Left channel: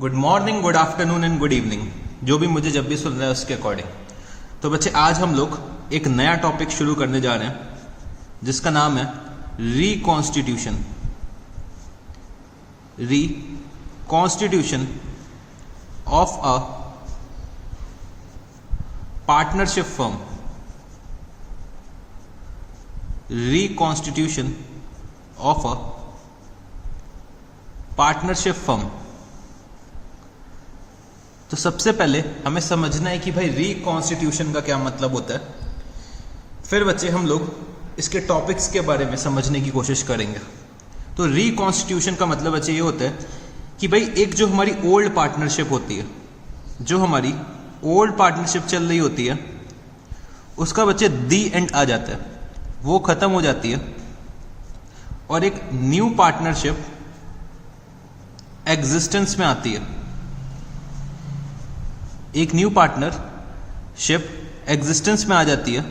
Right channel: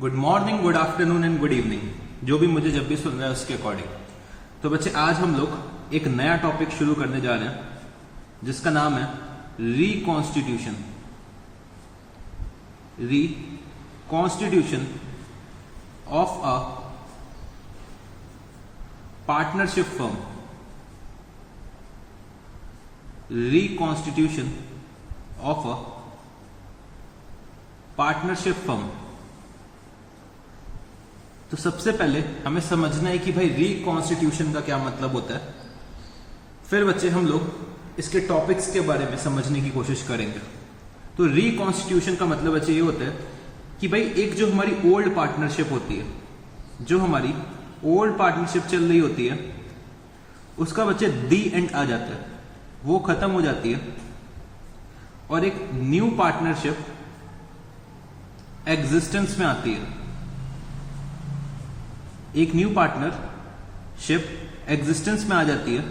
Good morning, good afternoon and good evening, जो भी मुझे जब भी सुन रहा है उसके अकॉर्डिंग। तो बच्चे, आज हम लोग एक नया टॉपिक शुरू करने जा रहे हैं जिसका नाम है reconstitution. Reconstitution of a partnership firm. Reconstitution of a partnership firm. तो सबसे पहले हमें समझना है कि भाई रिकॉन्स्टिट्यूशन का क्या मतलब होता है। फिर बच्चे हम लोग इसके टॉपिक्स के बारे में समझने की कोशिश करेंगे। तो रिकॉन्स्टिट्यूशन का मतलब बच्चे ये होता है कि भाई एक जो हमारी ओल्ड पार्टनरशिप होती है, जो हमारी ओल्ड पार्टनरशिप चल रही होती है, उसका बच्चे दी एंड आ जाता है, वो खत्म हो जाती है और एक न्यू पार्टनरशिप एग्जिस्टेंस में आती है। एक न्यू पार्टनरशिप एग्जिस्टेंस में आ जाती है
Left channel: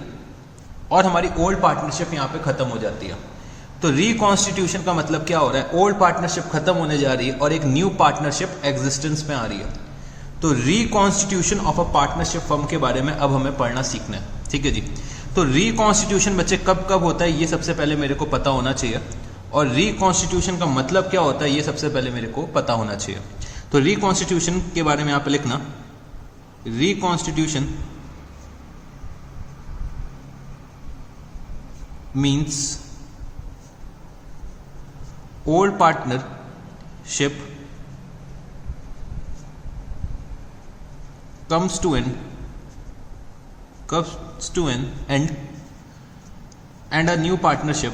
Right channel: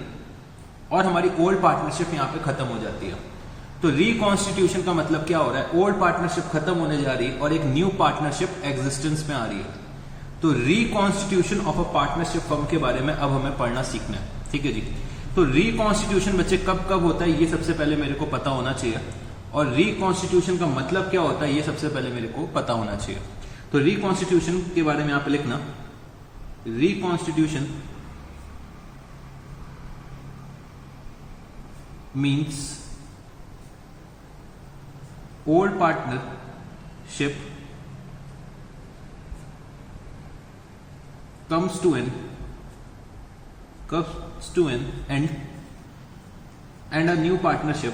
और हमारी ओल्ड पार्टनरशिप यहां पे खत्म हो जाती है। तो रिकॉन्स्टिट्यूशन का मतलब क्या हो रहा है? ओल्ड पार्टनरशिप खत्म होने जा रही है और एक न्यू पार्टनरशिप एग्जिस्टेंस में आ रही है। तो reconstitution of a partnership firm के बारे में अब हमें पढ़ना सीखना है, ठीक है जी। तो रिकॉन्स्टिट्यूशन बच्चे कब कब होता है, ये सबसे पहले मेरे को पता होना चाहिए। और रिकॉन्स्टिट्यूशन का मतलब क्या होता है, ये सबसे पहले मेरे को पता होना चाहिए। तो रिकॉन्स्टिट्यूशन के बारे में यहाँ पे लिखना, reconstitution means old partnership comes to an end and a new partnership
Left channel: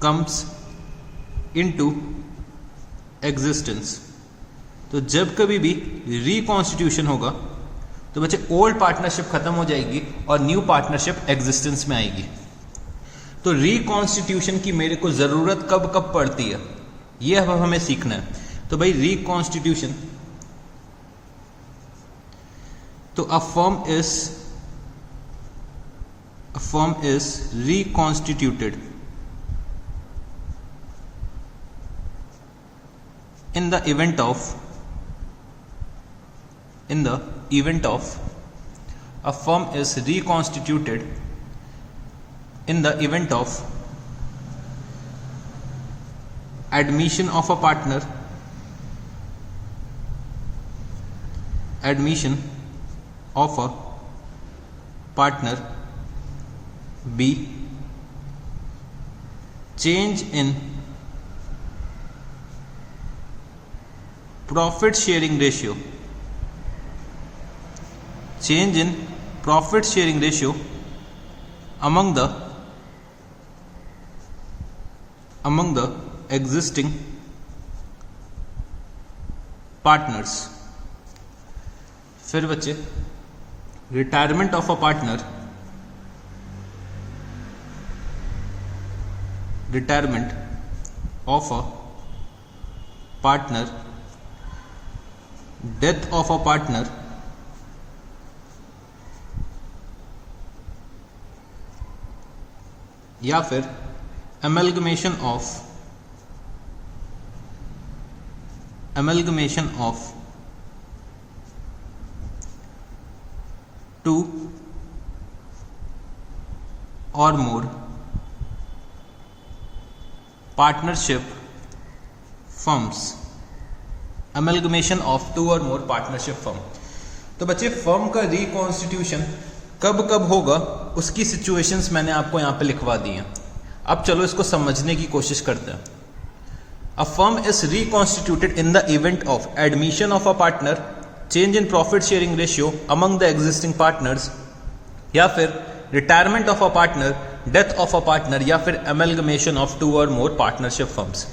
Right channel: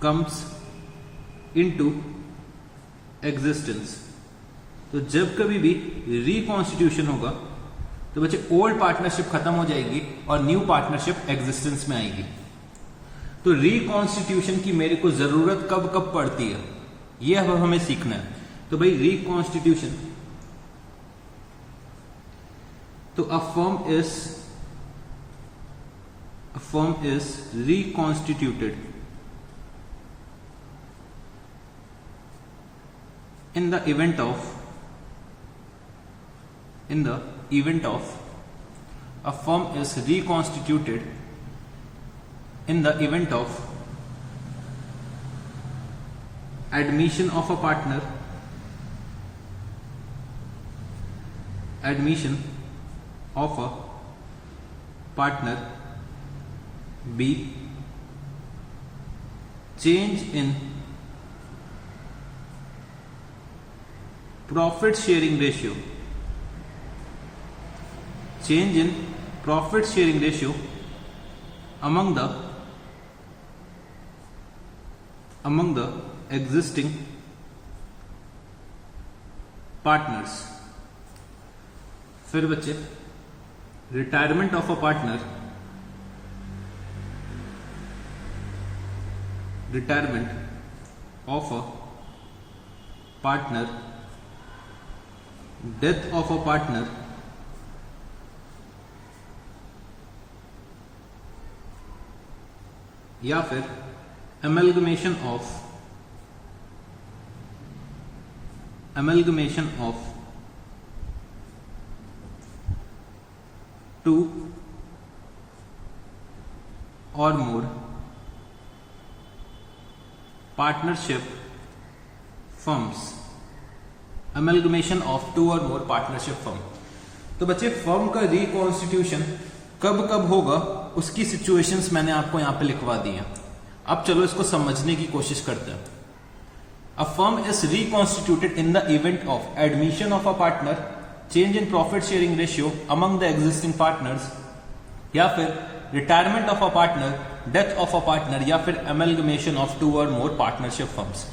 comes into existence. तो जब कभी भी रिकॉन्स्टिट्यूशन होगा तो बच्चे ओल्ड पार्टनरशिप खत्म हो जाएगी और न्यू पार्टनरशिप एग्जिस्टेंस में आएगी। तो रिकॉन्स्टिट्यूशन की मेरे को जरूरत कब कब पड़ती है, ये अब हमें सीखना है। तो भाई रिकॉन्स्टिट्यूशन, तो अ firm is reconstituted in the event of a firm is reconstituted in the event of admission of a partner B, change in profit sharing ratio among the existing partners। फिर बच्चे retirement of a partner, death of a partner, या फिर amalgamation of two or more partnership firms. Amalgamation of two or more partnership firm. तो बच्चे, firm का reconstitution कब कब होगा उसकी सिचुएशंस मैंने आपको यहां पे लिखवा दी हैं। अब चलो इसको समझने की कोशिश करते हैं। अ firm is reconstituted in the event of admission of a partner, change in profit sharing ratio among the existing partners, या फिर retirement of a partner, death of a partner, या फिर amalgamation of two or more partnership firms.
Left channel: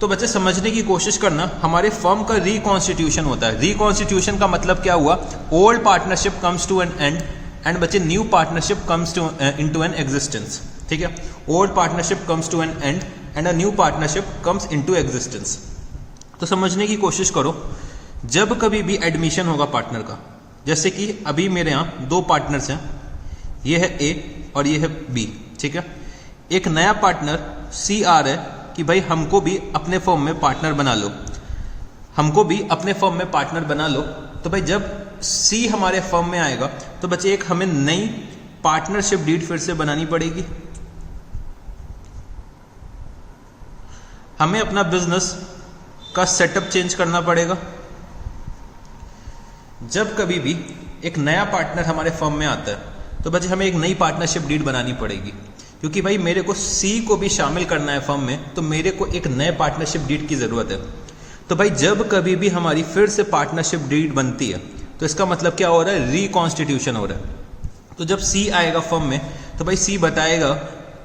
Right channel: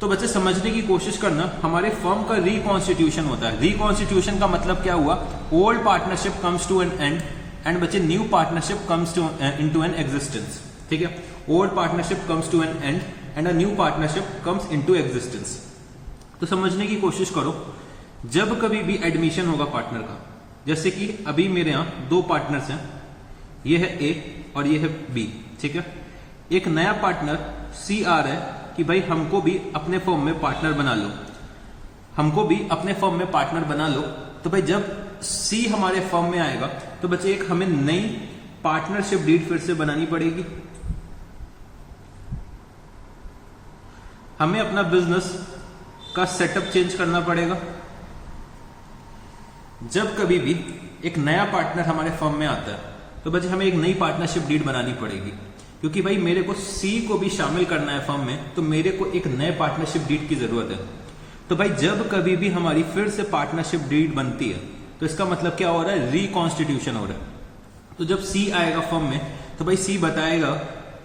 तो बच्चे समझने की कोशिश करना, हमारे फर्म का रिकॉन्स्टिट्यूशन होता है। रिकॉन्स्टिट्यूशन का मतलब क्या हुआ? Old partnership comes to an end and बच्चे new partnership comes to into an existence, ठीक है। Old partnership comes to an end and a new partnership comes into existence. तो समझने की कोशिश करो, जब कभी भी एडमिशन होगा पार्टनर का, जैसे कि अभी मेरे यहाँ दो पार्टनर्स हैं, ये है ए और ये है बी, ठीक है। एक नया पार्टनर सी आ रहा है कि भाई हमको भी अपने फर्म में पार्टनर बना लो, हमको भी अपने फर्म में पार्टनर बना लो। तो भाई जब सी हमारे फर्म में आएगा तो बच्चे एक हमें नई पार्टनरशिप डीड फिर से बनानी पड़ेगी। हमें अपना बिजनेस का सेटअप चेंज करना पड़ेगा। जब कभी भी एक नया पार्टनर हमारे फर्म में आता है तो बच्चे हमें एक नई पार्टनरशिप डीड बनानी पड़ेगी, क्योंकि भाई मेरे को सी को भी शामिल करना है फर्म में, तो मेरे को एक नए पार्टनरशिप डीड की जरूरत है। तो भाई जब कभी भी हमारी फिर से पार्टनरशिप डीड बनती है तो इसका मतलब क्या हो रहा है, रिकॉन्स्टिट्यूशन हो रहा है। तो जब सी आएगा फर्म में तो भाई सी बताएगा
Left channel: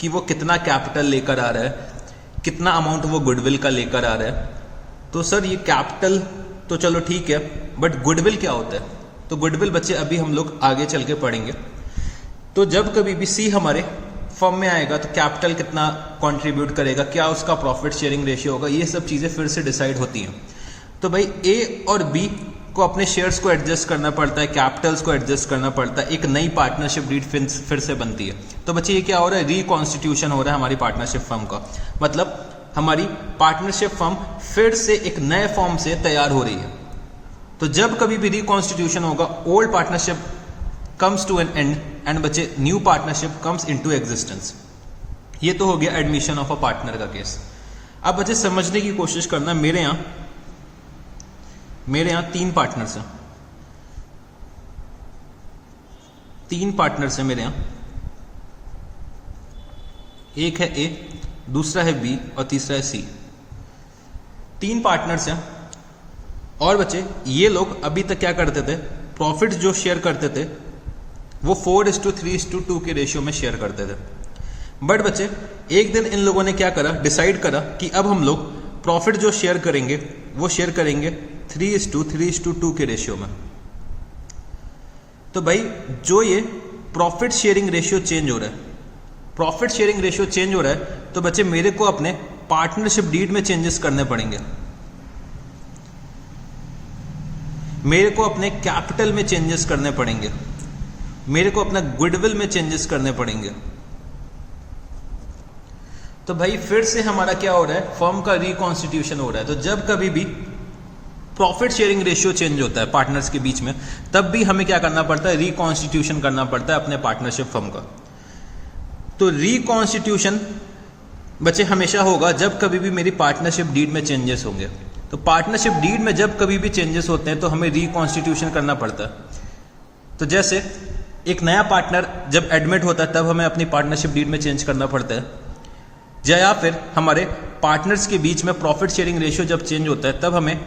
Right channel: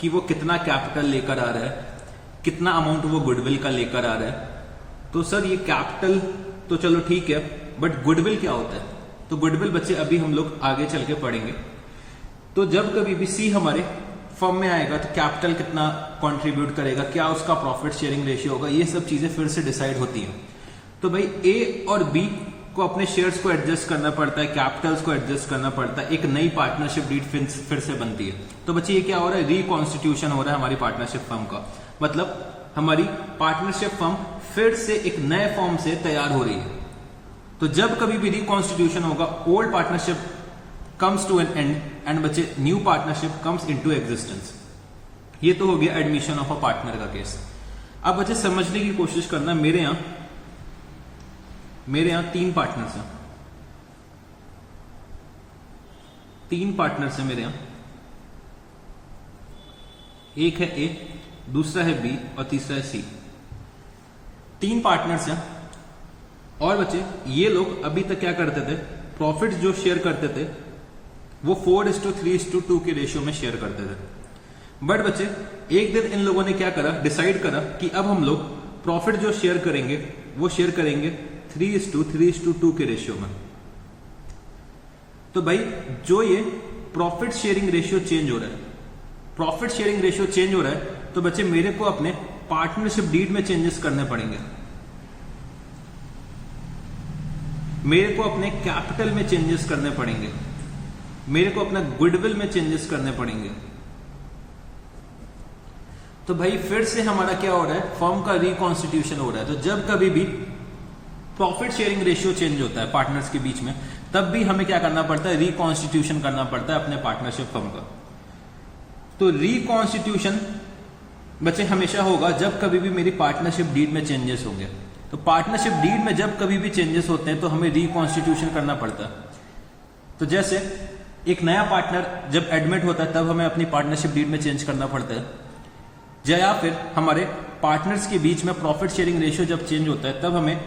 कि वो कितना कैपिटल लेकर आ रहा है, कितना अमाउंट वो गुडविल का लेकर आ रहा है। तो सर ये कैपिटल तो चलो ठीक है, बट गुडविल क्या होता है? तो गुडविल बच्चे अभी हम लोग आगे चल के पढ़ेंगे। तो जब कभी भी सी हमारे फर्म में आएगा तो कैपिटल कितना कंट्रीब्यूट करेगा, क्या उसका प्रॉफिट शेयरिंग रेशियो होगा, ये सब चीजें फिर से डिसाइड होती हैं। तो भाई ए और बी को अपने शेयर्स को एडजस्ट करना पड़ता है, कैपिटल्स को एडजस्ट करना पड़ता है, एक नई पार्टनरशिप डीड फिर से बनती है। तो बच्चे ये क्या हो रहा है, रिकॉन्स्टिट्यूशन हो रहा है हमारी पार्टनरशिप फर्म का। मतलब हमारी पार्टनरशिप फर्म फिर से एक नए फॉर्म से तैयार हो रही है। तो जब कभी भी रिकॉन्स्टिट्यूशन होगा, old partnership comes to an end and बच्चे new partnership comes into existence। ये तो हो गया एडमिशन ऑफ अ पार्टनर का केस। अब बच्चे समझने की कोशिश करना, मेरे यहां 3 पार्टनर्स हैं, 3 पार्टनर्स हैं मेरे यहां। एक है ए, दूसरा है बी और तीसरा है सी। 3 पार्टनर्स हैं। और बच्चे ये लोग अभी तक क्या करते थे, प्रॉफिट जो शेयर करते थे वो 4:3:2 के रेशियो में शेयर करते थे। बट बच्चे एक दिन इन लोगों ने क्या करा, डिसाइड करा कि अब हम लोग प्रॉफिट जो शेयर करेंगे वो शेयर करेंगे 3:3:2 के रेशियो में। तो भाई जो ये प्रॉफिट शेयरिंग रेशियो चेंज हो रहा है, प्रॉफिट शेयरिंग रेशियो चेंज हो रहा है, तो बच्चे मेरे को अपने पार्टनरशिप डीड में चेंजेस करने पड़ेंगे, मेरे को अपने कैपिटल में चेंजेस करने पड़ेंगे, मेरे को अपना गुडविल में चेंजेस करने पड़ेंगे। तो भाई फिर से हमारा क्या हो रहा है, फर्म का रिकॉन्स्टिट्यूशन हो रहा है। तो जब कभी भी प्रॉफिट शेयरिंग रेशियो चेंज होता है पार्टनर्स के बीच में, तब भी हमें क्या करना पड़ता है, रिकॉन्स्टिट्यूशन करना पड़ता है अपने पार्टनरशिप फर्म का। तो रिकॉन्स्टिट्यूशन बच्चे हमेशा होगा जब कभी भी मेरी पार्टनरशिप डीड में चेंजेस होंगे। तो पार्टनरशिप डीड में जब कभी भी चेंजेस होते हैं तो हमें रिकॉन्स्टिट्यूशन करना पड़ता है। तो जैसे एक नया पार्टनर जब एडमिट होता है तब हमें अपनी पार्टनरशिप डीड में चेंज करना पड़ता है, या फिर हमारे पार्टनर्स के बीच में प्रॉफिट शेयरिंग रेशियो जब चेंज होता है तब हमें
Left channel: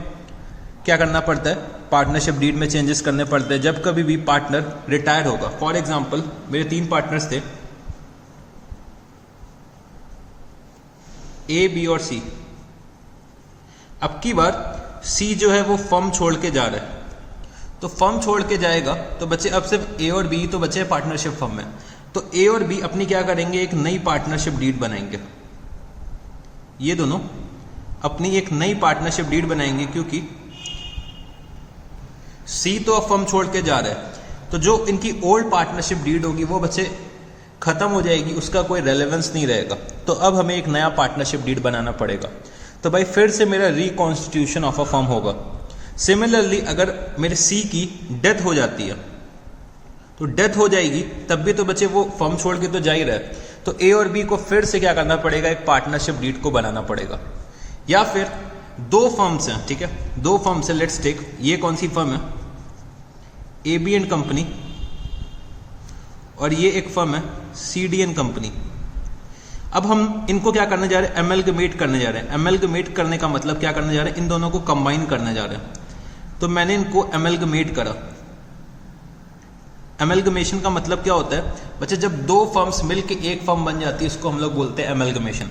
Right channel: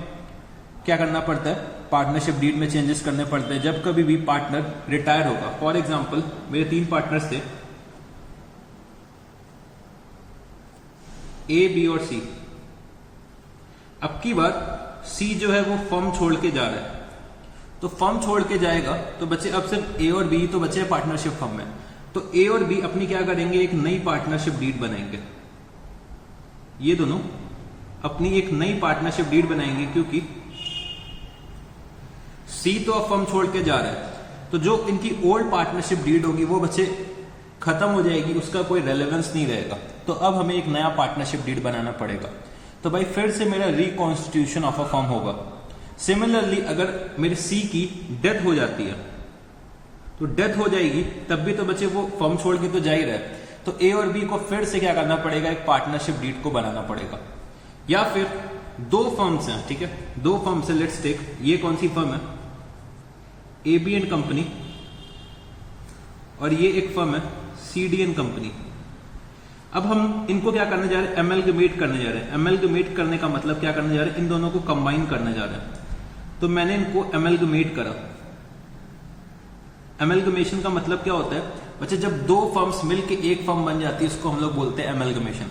क्या करना पड़ता है, पार्टनरशिप डीड में चेंजेस करने पड़ते हैं जब कभी भी पार्टनर रिटायर होगा। फॉर एग्जाम्पल मेरे 3 पार्टनर्स थे, ए, बी और सी। अब की बार सी जो है वो फर्म छोड़ के जा रहा है, तो फर्म छोड़ के जाएगा तो बच्चे अब सिर्फ ए और बी तो बच्चे पार्टनरशिप फर्म में। तो ए और बी अपनी क्या करेंगे, एक नई पार्टनरशिप डीड बनाएंगे। ये दोनों अपनी एक नई पार्टनरशिप डीड बनाएंगे, क्योंकि सी तो अब फर्म छोड़ के जा रहा है, तो जो इनकी ओल्ड पार्टनरशिप डीड होगी वो बच्चे खत्म हो जाएगी, उसका कोई रेलेवेंस नहीं रहेगा। तो अब हमें एक नया पार्टनरशिप डीड बनाना पड़ेगा। तो भाई फिर से मेरा रिकॉन्स्टिट्यूशन ऑफ अ फर्म होगा। सिमिलरली अगर मेरे सी की डेथ हो जाती है, तो डेथ हो जाएगी तब भी तो बच्चे वो फर्म छोड़ के तो जा ही रहे, तो ए और बी को फिर से क्या करना पड़ेगा, एक पार्टनरशिप डीड को बनाना पड़ेगा। या फिर 2 फर्म्स हैं, ठीक है, 2 फर्म्स हैं, लेट्स टेक, ये कौन सी फर्म है, ए बी एंड कंपनी, और ये एक फर्म है सी डी एंड कंपनी। अब हम इनको क्या करने जा रहे हैं, एमलगमेट करने जा रहे हैं। एमलगमेट करने का मतलब क्या करने जा रहे हैं, इन दोनों को कंबाइन करने जा रहे हैं। तो मैंने इनको एमलगमेट करा। एमलगमेशन का मतलब क्या होता है बच्चे, जब 2 फर्म्स मिलके एक फर्म बन जाती है उसको हम लोग बोलते हैं एमलगमेशन।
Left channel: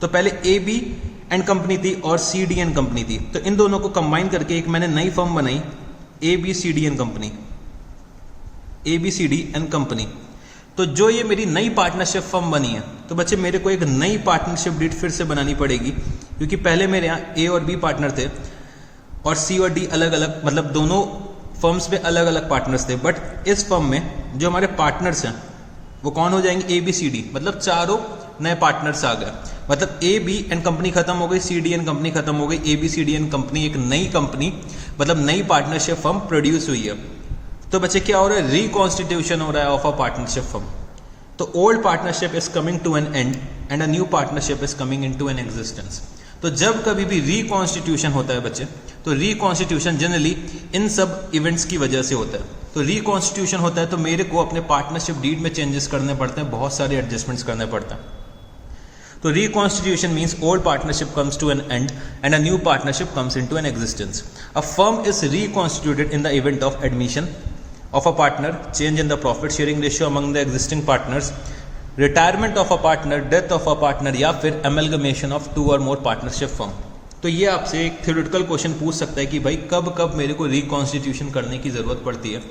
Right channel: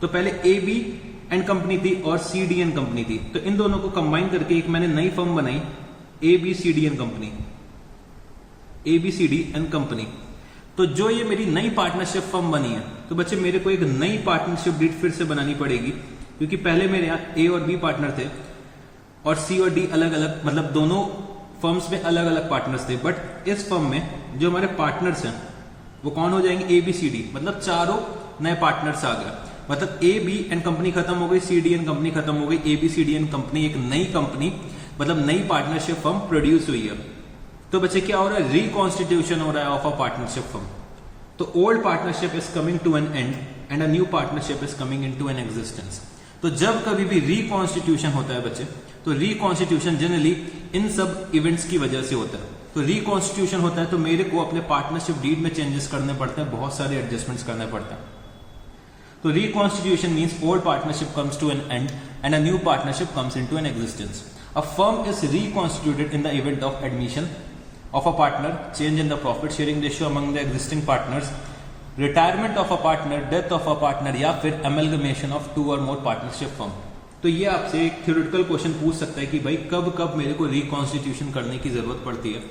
तो पहले ए बी एंड कंपनी थी और सी डी एंड कंपनी थी, तो इन दोनों को कंबाइन करके एक मैंने नई फर्म बनाई, A B C D and company, A B C D and company. तो जो ये मेरी नई पार्टनरशिप फर्म बनी है, तो बच्चे मेरे को एक नई पार्टनरशिप डीड फिर से बनानी पड़ेगी, क्योंकि पहले मेरे यहाँ ए और बी पार्टनर थे और सी और डी अलग अलग, मतलब दोनों फर्म्स में अलग अलग पार्टनर्स थे। बट इस फर्म में जो हमारे पार्टनर्स हैं वो कौन हो जाएंगे, ए बी सी डी, मतलब चारों नए पार्टनर्स आ गए। मतलब ए बी एन कंपनी खत्म हो गई, सी डी एन कंपनी खत्म हो गई, A B C D and company, एक नई कंपनी मतलब नई पार्टनरशिप फर्म प्रोड्यूस हुई है। तो बच्चे क्या हो रहा है, रिकॉन्स्टिट्यूशन हो रहा है ऑफ अ पार्टनरशिप फर्म। तो old partnership is coming to an end and a new partnership is coming in to an existence. तो जब कभी भी रिकॉन्स्टिट्यूशन होता है बच्चे, तो रिकॉन्स्टिट्यूशन जनरली इन सब इवेंट्स की वजह से होता है। तो रिकॉन्स्टिट्यूशन होता है तो मेरे को अपने पार्टनरशिप डीड में चेंजेस करने पड़ते हैं, बहुत सारे एडजस्टमेंट्स करने पड़ते हैं। तो reconstitution means old partnership comes to an end and a new partnership comes into an existence. A firm is reconstituted in the event of admission of a partner, change in the profit sharing ratio among the existing partners, retirement of a partner, death of a partner, या फिर amalgamation of two or more partnership firm। तो ये आपसे एक theoretical question पूछ सकता है कि भाई कब कब मेरे को रिकॉन्स्टिट्यूशन करने की जरूरत पड़ती है।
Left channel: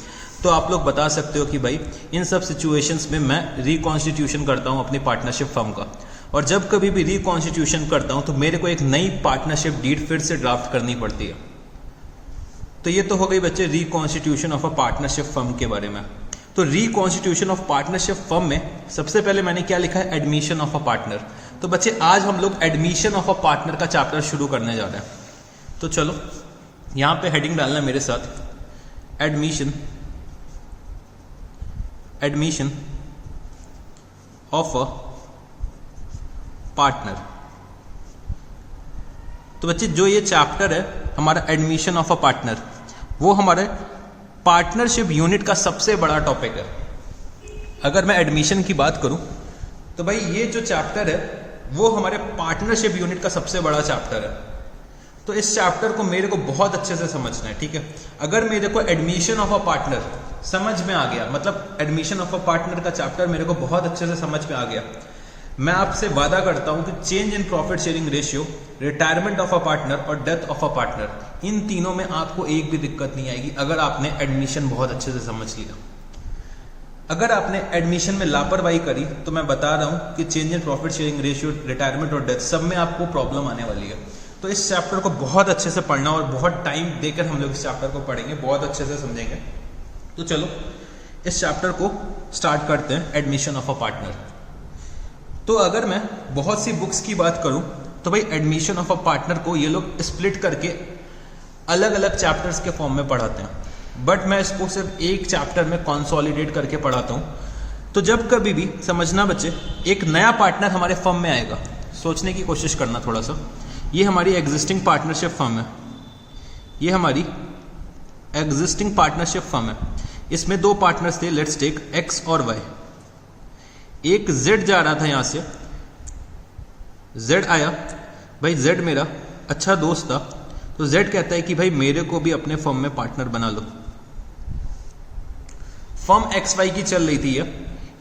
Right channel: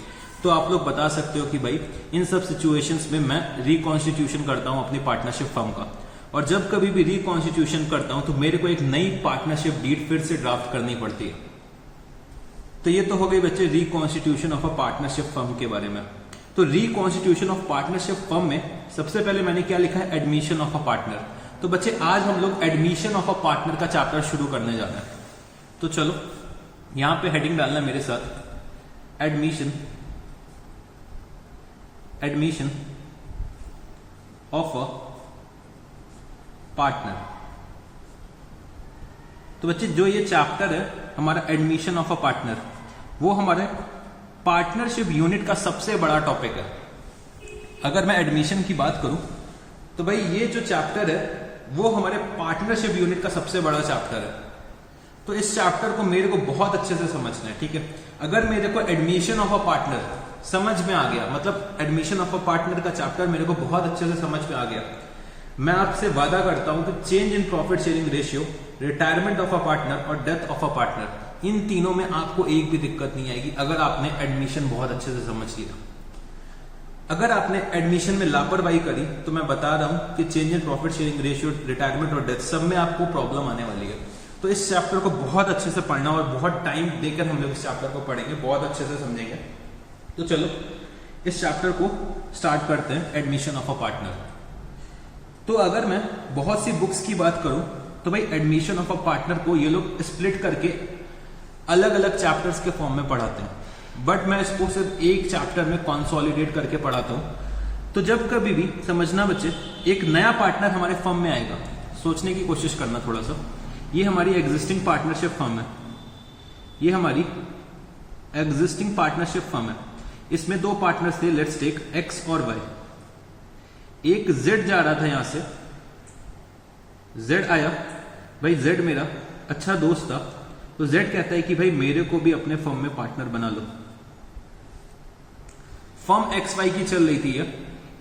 तो आप लोग बता सकते हो कि भाई इन सब सिचुएशंस में मैं रिकॉन्स्टिट्यूशन करता हूँ अपनी पार्टनरशिप फर्म का, और जब कभी भी रिकॉन्स्टिट्यूशन करता हूँ तो मेरे को एक नई पार्टनरशिप डीड फिर से ड्राफ्ट करनी पड़ती है। तो ये तो हो गई बच्चे reconstitution of a partnership firm के बारे में। तो रिकॉन्स्टिट्यूशन ऑफ पार्टनरशिप फर्म में सबसे पहले मैंने क्या लिखा है, एडमिशन ऑफ अ पार्टनर। तो बच्चे आज हम लोग एडमिशन ऑफ अ पार्टनर का चैप्टर शुरू करने जा रहे हैं। तो चलो यहां पे हेडिंग डालना है मेरे साथ, एडमिशन ऑफ अ पार्टनर। तो बच्चे जो ये चैप्टर है हमारा एडमिशन ऑफ अ पार्टनर, वो हमारे पार्टनरशिप यूनिट का सबसे बड़ा टॉपिक है। अगर मैं एडमिशन की बात करूं तो भाई ये जो चैप्टर है वो हमारे पार्टनरशिप यूनिट का सबसे बड़ा चैप्टर है। तो इस चैप्टर को मेरे को बहुत अच्छे से समझना है, ठीक है। अगर मेरे को एडमिशन ऑफ अ पार्टनर समझ में आ गया, मतलब एडमिशन ऑफ अ पार्टनर का चैप्टर मेरे को बहुत अच्छे से समझ में आ गया, मैं आपसे वादा करता हूं कि change in profit sharing ratio, retirement of a partner और डेथ ऑफ अ पार्टनर, इन तीनों में आपको एक भी दिक्कत नहीं आएगी अगर आपने एडमिशन बहुत अच्छे से समझ लिया। अगर आपने एडमिशन में लापरवाही करी तो मैं बता रहा हूं कि change in profit sharing ratio, retirement और डेथ सब में आपको प्रॉब्लम आने वाली है। तो इस चैप्टर को बहुत अच्छे से पढ़ना और बहुत टाइम देकर हम लोग इस चैप्टर को पढ़ेंगे, बहुत अच्छे से समझेंगे। तो चलो इस चैप्टर को स्टार्ट करते हैं, एडमिशन ऑफ अ पार्टनर। तो अगर मैं बहुत सी बुक्स की बात करूं तो भाई एडमिशन ऑफ अ पार्टनर को ये लोग स्प्लिट करके अलग अलग चैप्टर्स के फॉर्म में पढ़ाते हैं, बट मैं इसको सिर्फ एक चैप्टर में कंसोलिडेट करके पढ़ाता हूं। तो जब कभी भी समझना बच्चे, एक नया पार्टनर हमारे फर्म में आएगा, सोचने की कोशिश करना थोड़ा सा। ये हमारी एग्जिस्टिंग पार्टनरशिप फर्म है, ये हमारी एग्जिस्टिंग पार्टनरशिप फर्म है। इसमें दो पार्टनर्स थे, लेट्स टेक एक्स और वाई। एक जेड जा रहा था यहां से, जेड आया, भाई जेड मेरा अच्छा दोस्त था, तो जेड कहता है कि भाई मेरे को भी अपने फर्म में पार्टनर बना लो। फर्म एक्स वाई की चल रही थी ये,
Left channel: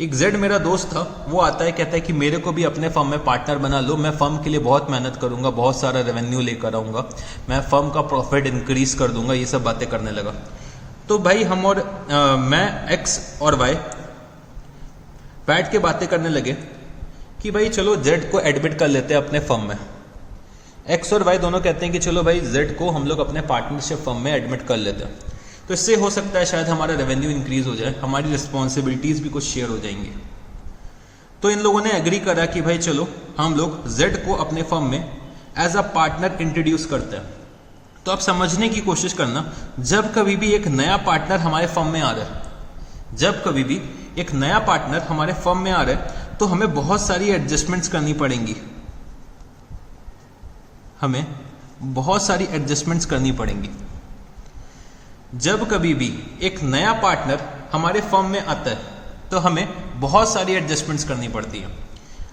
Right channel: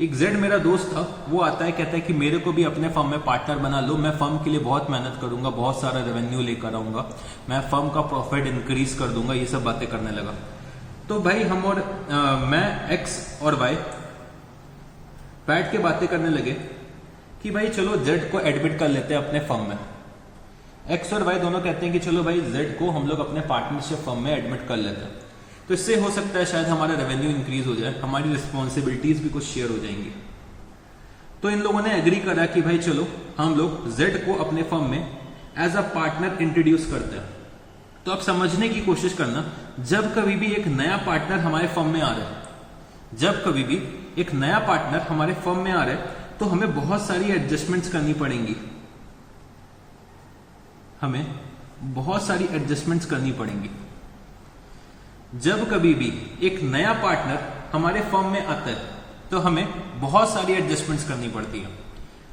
एक जेड मेरा दोस्त था, वो आता है कहता है कि मेरे को भी अपने फर्म में पार्टनर बना लो, मैं फर्म के लिए बहुत मेहनत करूंगा, बहुत सारा रेवेन्यू लेकर आऊंगा, मैं फर्म का प्रॉफिट इंक्रीज कर दूंगा, ये सब बातें करने लगा। तो भाई हम और मैं एक्स और वाई बैठ के बातें करने लगे कि भाई चलो जेड को एडमिट कर लेते हैं अपने फर्म में। एक्स और वाई दोनों कहते हैं कि चलो भाई जेड को हम लोग अपने पार्टनरशिप फर्म में एडमिट कर लेते हैं, तो इससे हो सकता है शायद हमारा रेवेन्यू इंक्रीज हो जाए, हमारी रिस्पॉन्सिबिलिटीज भी कुछ शेयर हो जाएंगी। तो इन लोगों ने एग्री करा कि भाई चलो हम लोग जेड को अपने फर्म में एज अ पार्टनर इंट्रोड्यूस करते हैं। तो आप समझने की कोशिश करना, जब कभी भी एक नया पार्टनर हमारे फर्म में आ रहा है, जब कभी भी एक नया पार्टनर हमारे फर्म में आ रहा है तो हमें बहुत सारी एडजस्टमेंट्स करनी पड़ेंगी, हमें बहुत सारी एडजस्टमेंट्स करनी पड़ेंगी। जब कभी भी एक नया पार्टनर हमारे फर्म में आता है तो हमें बहुत सारी एडजस्टमेंट्स करनी पड़ती है।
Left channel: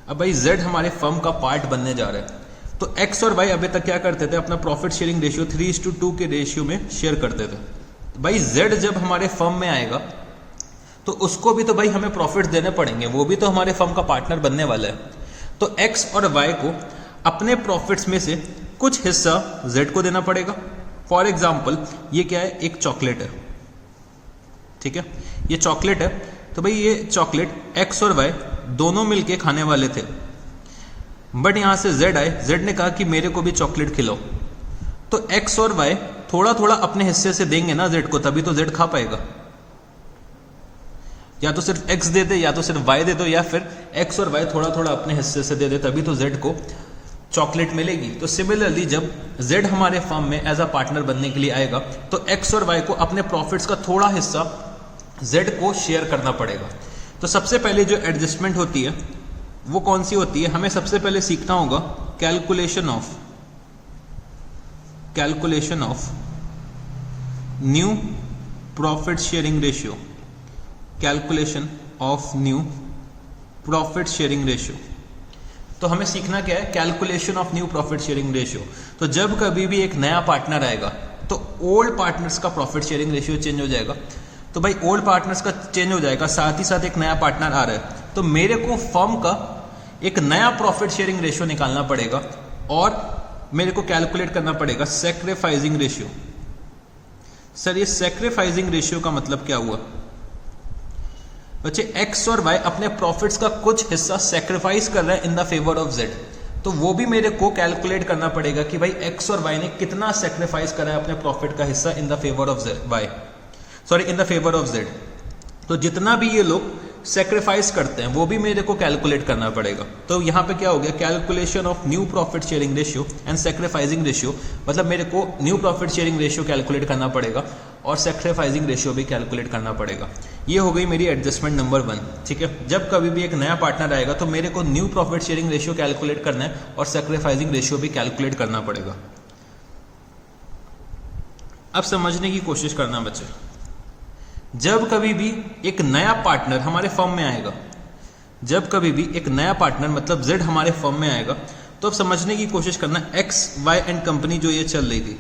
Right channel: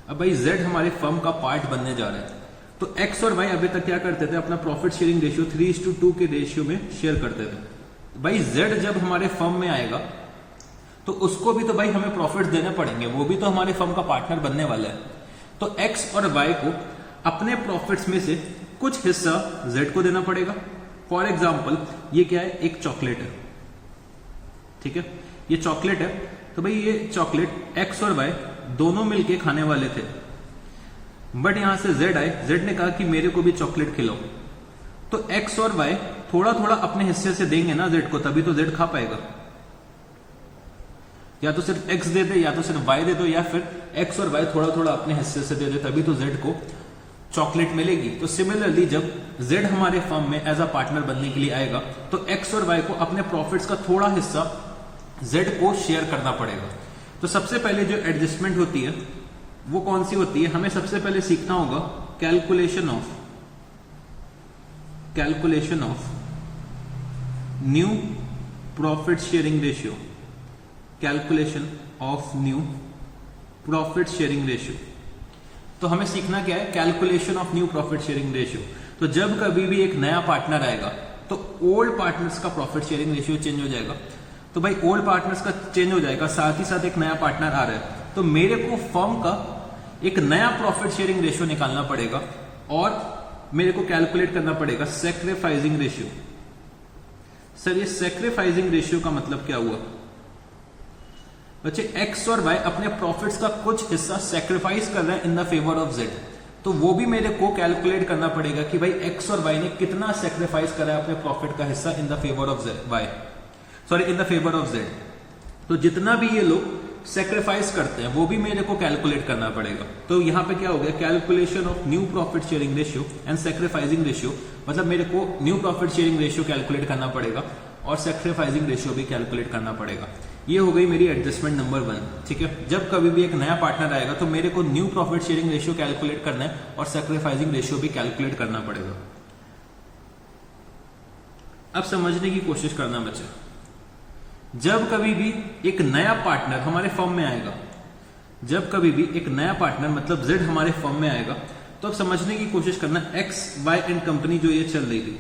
अब भाई जेड हमारे फर्म का पार्ट बनने जा रहा है, तो एक्स और वाई अभी तक क्या करते थे, अपना प्रॉफिट शेयरिंग रेशियो 3:2 के रेशियो में शेयर करते थे। भाई जेड जब हमारे फर्म में आएगा तो उसको भी तो भाई हमें प्रॉफिट देने पड़ेंगे, वो भी तो हमारे फर्म का पार्टनर बनने वाला है। तो एक्स और वाई को अपने प्रॉफिट्स में से कुछ हिस्सा जेड को देना पड़ेगा। फॉर एग्जाम्पल ये क्या है, एक चॉकलेट है, ठीक है, ये चॉकलेट है, तो भाई ये चॉकलेट एक्स और वाई दोनों मिलके खाने वाले थे, बट यहां से जेड आए, जेड ने कहा कि मेरे को भी चॉकलेट खिलाओ, तो एक्स और वाई थोड़ा थोड़ा अपने हिस्से से देंगे ना जेड को, तभी तो जेड खा पाएगा। या तो सिर्फ एक्स दे दे या तो सिर्फ वाई दे दो, या फिर एक्स और वाई थोड़ा थोड़ा अपने हिस्से से दे दे, तभी तो जेड को चॉकलेट मिलेगी। तो सिमिलरली जब जेड हमारे फर्म में एज अ पार्टनर बनने के लिए आएगा तो एक्स और वाई को अपने प्रॉफिट्स का थोड़ा हिस्सा जेड को शेयर करना पड़ेगा। तो सबसे पहले जो एडजस्टमेंट होती है वो कौन सी होती है, हमें सबसे पहले सीखना होगा calculation of new profit sharing ratio, calculation of new profit sharing ratio. तो हमें सीखना क्या है, calculation of new profit sharing ratio. तो जब कभी भी एक नया पार्टनर आएगा तो ओल्ड पार्टनर्स का प्रॉफिट शेयरिंग रेशियो चेंज हो जाएगा। तो भाई ओल्ड पार्टनर्स का चेंज हो जाएगा, साथ ही साथ एक नया पार्टनर आ रहा है, तो मेरे को फर्म का एक नया प्रॉफिट शेयरिंग रेशियो निकालना पड़ेगा और मेरे को कैलकुलेट करना पड़ेगा सैक्रिफाइसिंग रेशियो। सर ये सैक्रिफाइसिंग रेशियो का मतलब क्या हुआ बच्चे, एक्स और वाई अपने प्रॉफिट्स का कुछ हिस्सा सैक्रिफाइस कर रहे हैं इन द फेवर ऑफ जेड, तो वो भी मेरे को कैलकुलेट करना पड़ेगा कि भाई एक्स और वाई ने कितना सैक्रिफाइस करा है अपने प्रॉफिट का हिस्सा in the favour of Y, sorry in the favour of Z. तो जितना भी ये लोग सैक्रिफाइस करते हैं वो भी मेरे को कैलकुलेट करना पड़ेगा। तो यहाँ पे क्या हो गया, calculation of new profit sharing ratio and sacrificing ratio, मतलब मेरे को new profit sharing ratio calculate करना पड़ेगा और सैक्रिफाइसिंग रेशियो भी कैलकुलेट करना पड़ेगा। ये हो गई मेरी एडजस्टमेंट नंबर 1, ठीक है। जब कभी भी एक नया पार्टनर आएगा तो मेरे को new profit sharing ratio calculate करना है और सैक्रिफाइसिंग रेशियो भी कैलकुलेट करना पड़ेगा। अब समझने की कोशिश करना बच्चे, जब कभी भी एक नया पार्टनर हमारे फर्म में आएगा, जब कभी भी एक नया पार्टनर मतलब जेड हमारे फर्म में आएगा, तो अब समझने की कोशिश करना, एक्स वाई एंड कंपनी जो ये चल रही थी,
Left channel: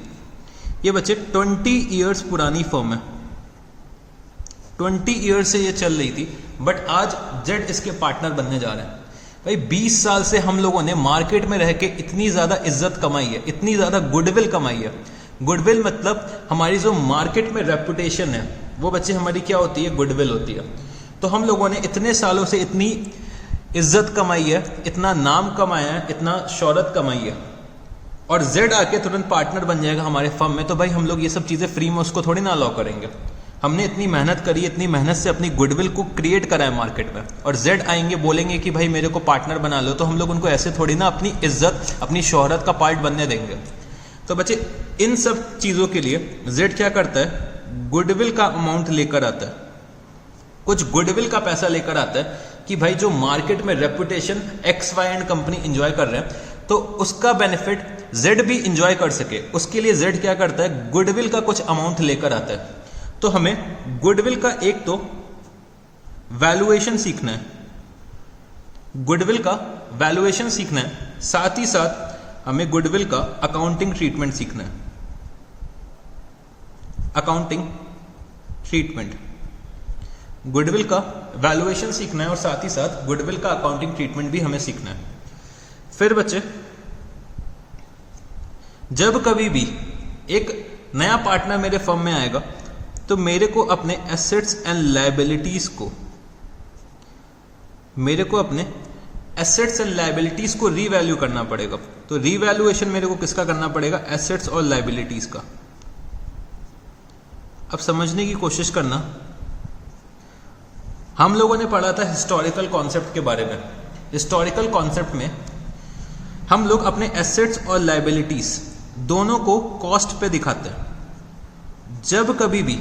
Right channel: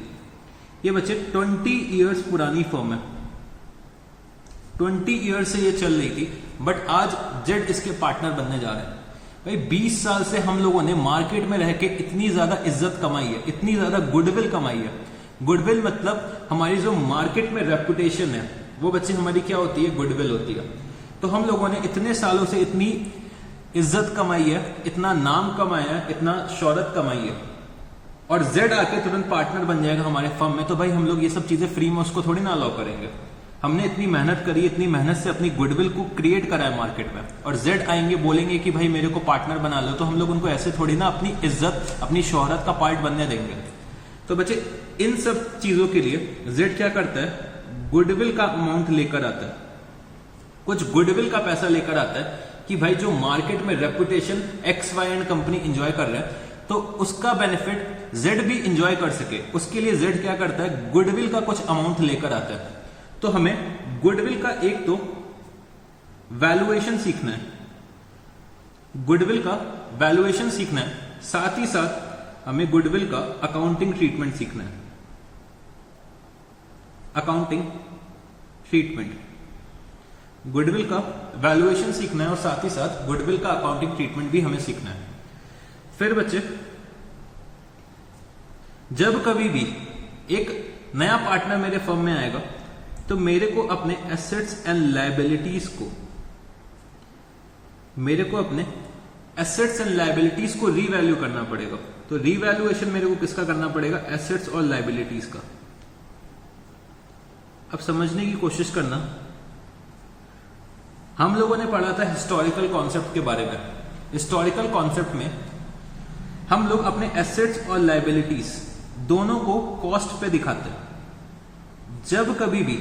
ये बच्चे 20 इयर्स पुरानी फर्म है, 20 इयर्स से ये चल रही थी, बट आज जेड इसके पार्टनर बनने जा रहे हैं। भाई 20 साल से हम लोगों ने मार्केट में रह के इतनी ज्यादा इज्जत कमाई है, इतनी ज्यादा गुडविल कमाई है। गुडविल मतलब हमारी जो मार्केट में रेपुटेशन है वो बच्चे हमारी क्या होती है, गुडविल होती है। तो हम लोगों ने इतने सालों से इतनी इज्जत कमाई है, इतना नाम कमाया है, इतना शोहरत कमाई है, और जेड आके तुरंत पार्टनर बन जाएगा हमारे फर्म में, तो भाई हम लोग ये सब चीजें फ्री में उसको थोड़ी ना अलाउ करेंगे। हमने इतनी मेहनत करी, इतनी मेहनत से अपनी गुडविल को क्रिएट करा है मार्केट में, और जेड आएंगे बोलेंगे कि भाई मेरे को पार्टनर बना लो, तो हम लोग उनको ऐसे थोड़ी ना अपनी इज्जत अपनी शोहरत का पार्ट बनने देंगे। तो बच्चे इन सब चीजों के लिए जेड क्या करता है, गुडविल का अमाउंट लेकर आता है, कुछ गुडविल का पैसा लेकर आता है कि भाई जो मार्केट में reputation X Y and company enjoy कर रहे हैं तो उसका बेनिफिट जेड भी एंजॉय कर सके, उसके लिए जेड क्या करता है, गुडविल का कुछ अमाउंट लेकर आता है। तो हमें गुडविल का एक तो वैल्यूएशन सीखना है, गुडविल का वैल्यूएशन सीखना है, साथ ही साथ हमें गुडविल का अकाउंटिंग ट्रीटमेंट सीखना है, अकाउंटिंग ट्रीटमेंट, गुडविल का वैल्यूएशन सीखना है और साथ ही साथ गुडविल का अकाउंटिंग ट्रीटमेंट भी हमें सीखना है। फिर बच्चे जब कभी भी एक नया पार्टनर मेरे फर्म में आएगा तो मेरे को अपने एसेट्स एंड लायबिलिटीज को, मेरे को अपने एसेट्स एंड लायबिलिटीज को रीवैल्यू करना पड़ेगा। तो रीवैल्यूएशन मेरे को किसका करना पड़ेगा, एसेट्स और लायबिलिटीज का। अब समझने की कोशिश करना, हम लोगों ने पढ़ा था हिस्टोरिकल कॉन्सेप्ट के बारे में। हिस्टोरिकल कॉन्सेप्ट में हम लोग अपने एसेट्स और लायबिलिटीज दोनों को कॉस्ट पे दिखाते हैं। जब कभी भी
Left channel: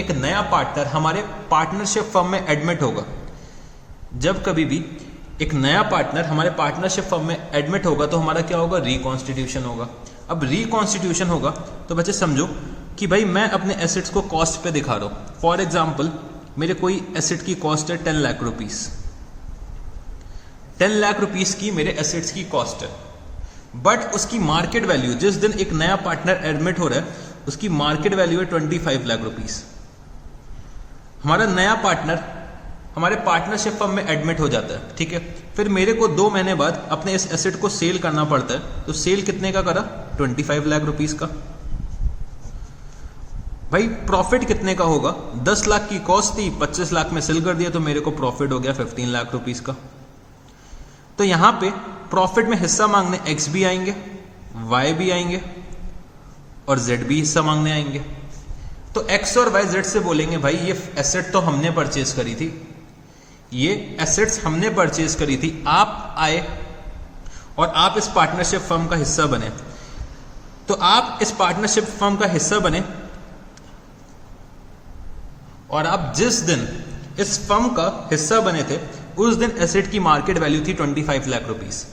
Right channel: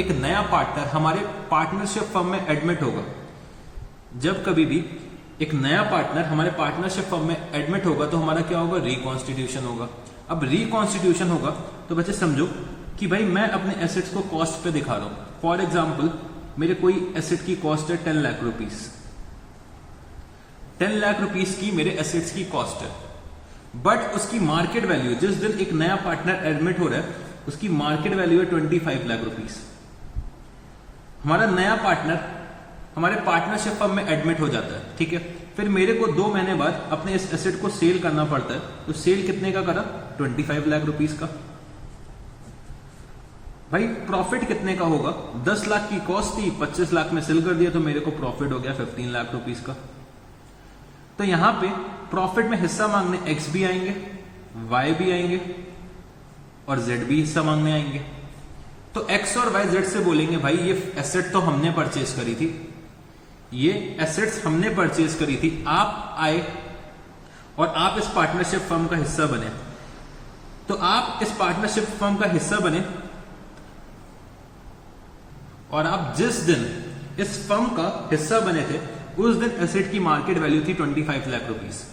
एक नया पार्टनर हमारे पार्टनरशिप फर्म में एडमिट होगा, जब कभी भी एक नया पार्टनर हमारे पार्टनरशिप फर्म में एडमिट होगा तो हमारा क्या होगा, रिकॉन्स्टिट्यूशन होगा। अब रिकॉन्स्टिट्यूशन होगा तो बच्चे समझो कि भाई मैं अपने एसेट्स को कॉस्ट पे दिखा रहा हूं। फॉर एग्जाम्पल मेरे कोई एसेट की कॉस्ट है 10 लाख रुपीस, 10 लाख रुपीस की मेरे एसेट्स की कॉस्ट है, बट उसकी मार्केट वैल्यू, जिस दिन एक नया पार्टनर एडमिट हो रहा है उसकी मार्केट वैल्यू है 25 लाख रुपीस। हमारा नया पार्टनर हमारे पार्टनरशिप फर्म में एडमिट हो जाता है, ठीक है। फिर मेरे को 2 महीने बाद अपने इस एसेट को सेल करना पड़ता है, तो सेल कितने का करा, 25 लाख रुपीस का। भाई प्रॉफिट कितने का होगा, 10 लाख की कॉस्ट थी, 25 लाख में सेल कर दिया तो मेरे को प्रॉफिट हो गया 15 लाख रुपीस का। तो यहां पे प्रॉफिट में हिस्सा मांगने एक्स भी आएंगे, वाई भी आएंगे और जेड भी हिस्सा मांगने आएंगे। तो एक्स और वाई जेड से बोलेंगे भाई ये एसेट तो हमने परचेज करी थी, ये एसेट्स हमने परचेज करी थी, आप आए और आप इस पार्टनरशिप फर्म का हिस्सा बने। तो आप इस पार्टनरशिप फर्म का हिस्सा बने और आप जिस दिन इस फर्म का हिस्सा बने थे उस दिन एसेट की मार्केट वैल्यू थी 25 लाख रुपीस।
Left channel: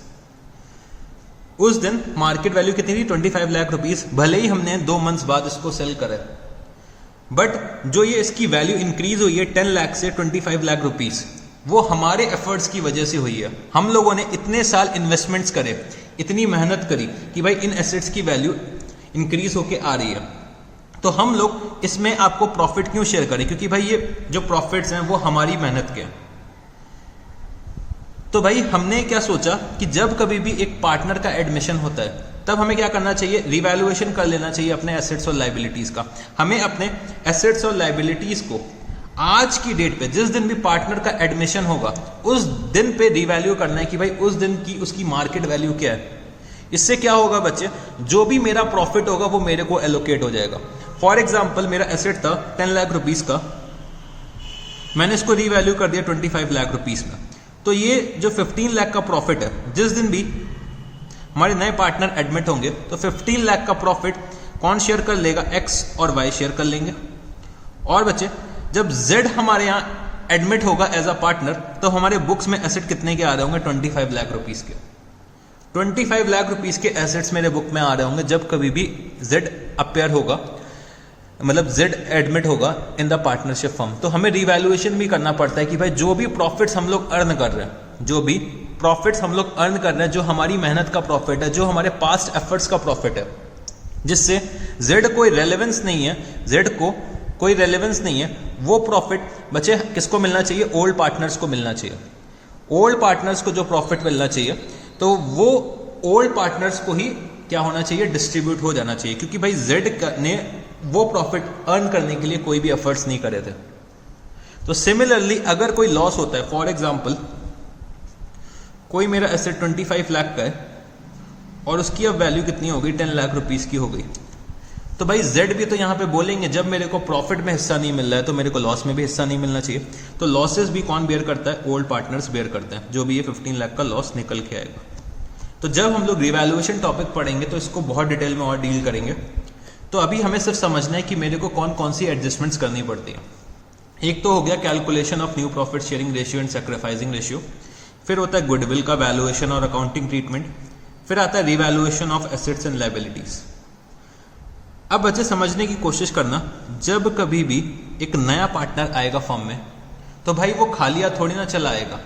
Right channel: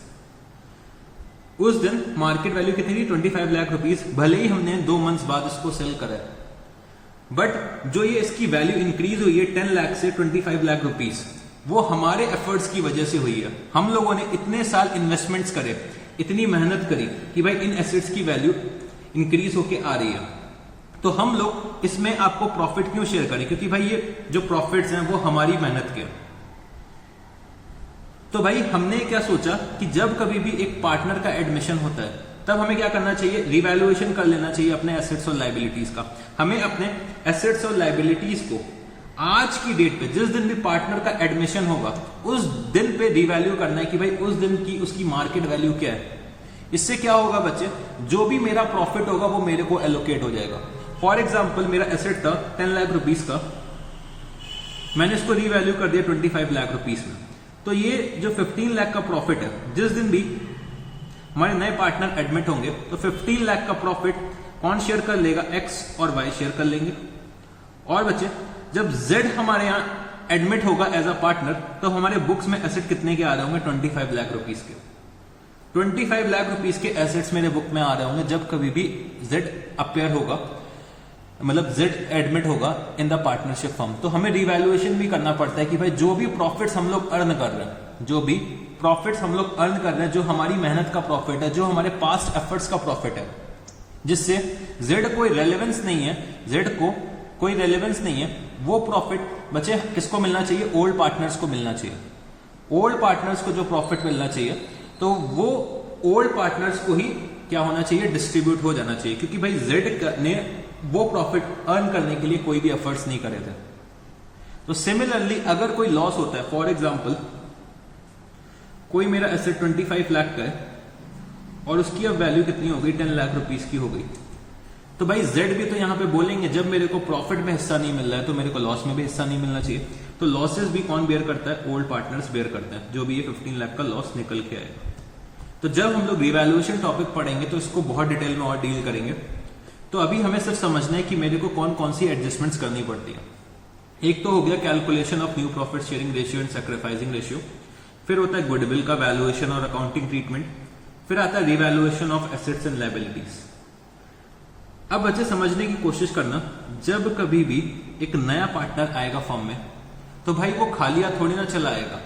उस दिन मार्केट वैल्यू कितनी थी? 25 लाख रुपीस। भले ही हमने 2 मंथ्स बाद इसको सेल करा, बट जो ये इसकी वैल्यू इंक्रीज हुई है 10 लाख से 25 लाख रुपीस, वो हमारे एफर्ट्स की वजह से हुई है। हम लोगों ने इतने साल इन्वेस्टमेंट्स करे, इतनी मेहनत करी कि भाई इन एसेट्स की वैल्यू इंक्रीज होके आ रही है। तो हम लोग इसमें आपको प्रॉफिट क्यों शेयर करें? क्योंकि भाई ये जो प्रॉफिट्स हैं वो हमारी मेहनत के। तो भाई हमने क्या सोचा कि जब कभी भी एक पार्टनर का एडमिशन होता है तब हमें क्या करना चाहिए? रिवैल्यूएशन कर लेना चाहिए अपने एसेट्स और लायबिलिटीज का। हमें अपने एसेट्स और लायबिलिटीज को आज की डेट पे, जिस दिन भी पार्टनर का एडमिशन होगा उस दिन पे रिवैल्यू करना है कि भाई उस दिन की उसकी मार्केट वैल्यू क्या है। इससे क्या होगा बच्चे, जो भी मेरा प्रॉफिट होगा वो मेरे को एलोकेट हो जाएगा। फॉर एग्जाम्पल मेरा एसेट था 10 लाख रुपीस का, मैंने इसको रिवैल्यू कर दिया 25 लाख रुपीस में। तो ये जो 15 लाख का प्रॉफिट है, जिस दिन भी हमारे नए पार्टनर एडमिट होंगे तो 15 लाख का प्रॉफिट कौन शेयर कर लेगा? एक्स और वाई शेयर कर लेंगे। और बच्चे जब जेड हमारे यहाँ एडमिट होगा एज अ पार्टनर तो हमारे बुक्स में एसेट कितने के आ रहे होंगे? 25 लाख रुपीस के। 25 लाख रुपीस के एसेट्स मेरे बुक में आ रहे होंगे जब कभी भी जेड अपेयर होगा, मतलब जेड एडमिट होगा इन द पार्टनरशिप फर्म। तो हमें रिवैल्यूएशन भी करना पड़ता है कि भाई जो भी प्रॉफिट्स हम लोग अर्न कर रहे हैं, जो भी प्रॉफिट्स हम लोग अर्न कर रहे हैं, जो हमारी मेहनत का प्रॉफिट है, जो हमारे पास्ट एफर्ट्स का प्रॉफिट है, जिससे जेड कोई रेलेवेंस नहीं है, जेड को कोई रेलेवेंस नहीं है, वो प्रॉफिट बच्चे किसको मिलना चाहिए? ओल्ड पार्टनर्स को मिलना चाहिए। ओल्ड पार्टनर्स को जो प्रॉफिट मिलना चाहिए तो वो ओल्ड पार्टनर्स को ही क्या होना चाहिए? डिस्ट्रीब्यूट हो जाना चाहिए, क्योंकि भाई जेड ने वो प्रॉफिट अर्न करने के लिए कोई भी एफर्ट्स नहीं करे थे। तो सिमिलरली अगर कोई लॉस होता है, फॉर एग्जांपल कोई मेरा एसेट 25 लाख का है और उसकी अब वैल्यू कितनी हो गई? 10 लाख रुपीस की हो गई। तो भाई जेड भी तो यहां पे बोलेंगे जब मेरे को प्रॉफिट में हिस्सा नहीं मिल रहा है तो मेरे को लॉस में भी हिस्सा नहीं मिलना चाहिए। तो लॉसेस भी कौन बेयर करता है? ओल्ड पार्टनर्स बेयर करते हैं, जो भी ये 15 लाख का लॉस निकल के आएगा। तो जब हम लोग रिवैल्यूएशन टॉपिक पढ़ेंगे तो इसको बहुत डिटेल में और डील करेंगे। तो अभी हमें सिर्फ समझना है कि मेरे को कौन कौन सी एडजस्टमेंट्स करनी पड़ती है। एक तो हो गया calculation of new profit sharing ratio and sacrificing ratio, फिर होता है गुडविल का वैल्यूएशन और अकाउंटिंग ट्रीटमेंट, फिर आता है revaluation of assets and liabilities. अब बच्चे समझने की कोशिश करना, जब कभी भी एक नया पार्टनर आएगा फर्म में तो भाई वो खाली हाथ थोड़ी ना चला आएगा।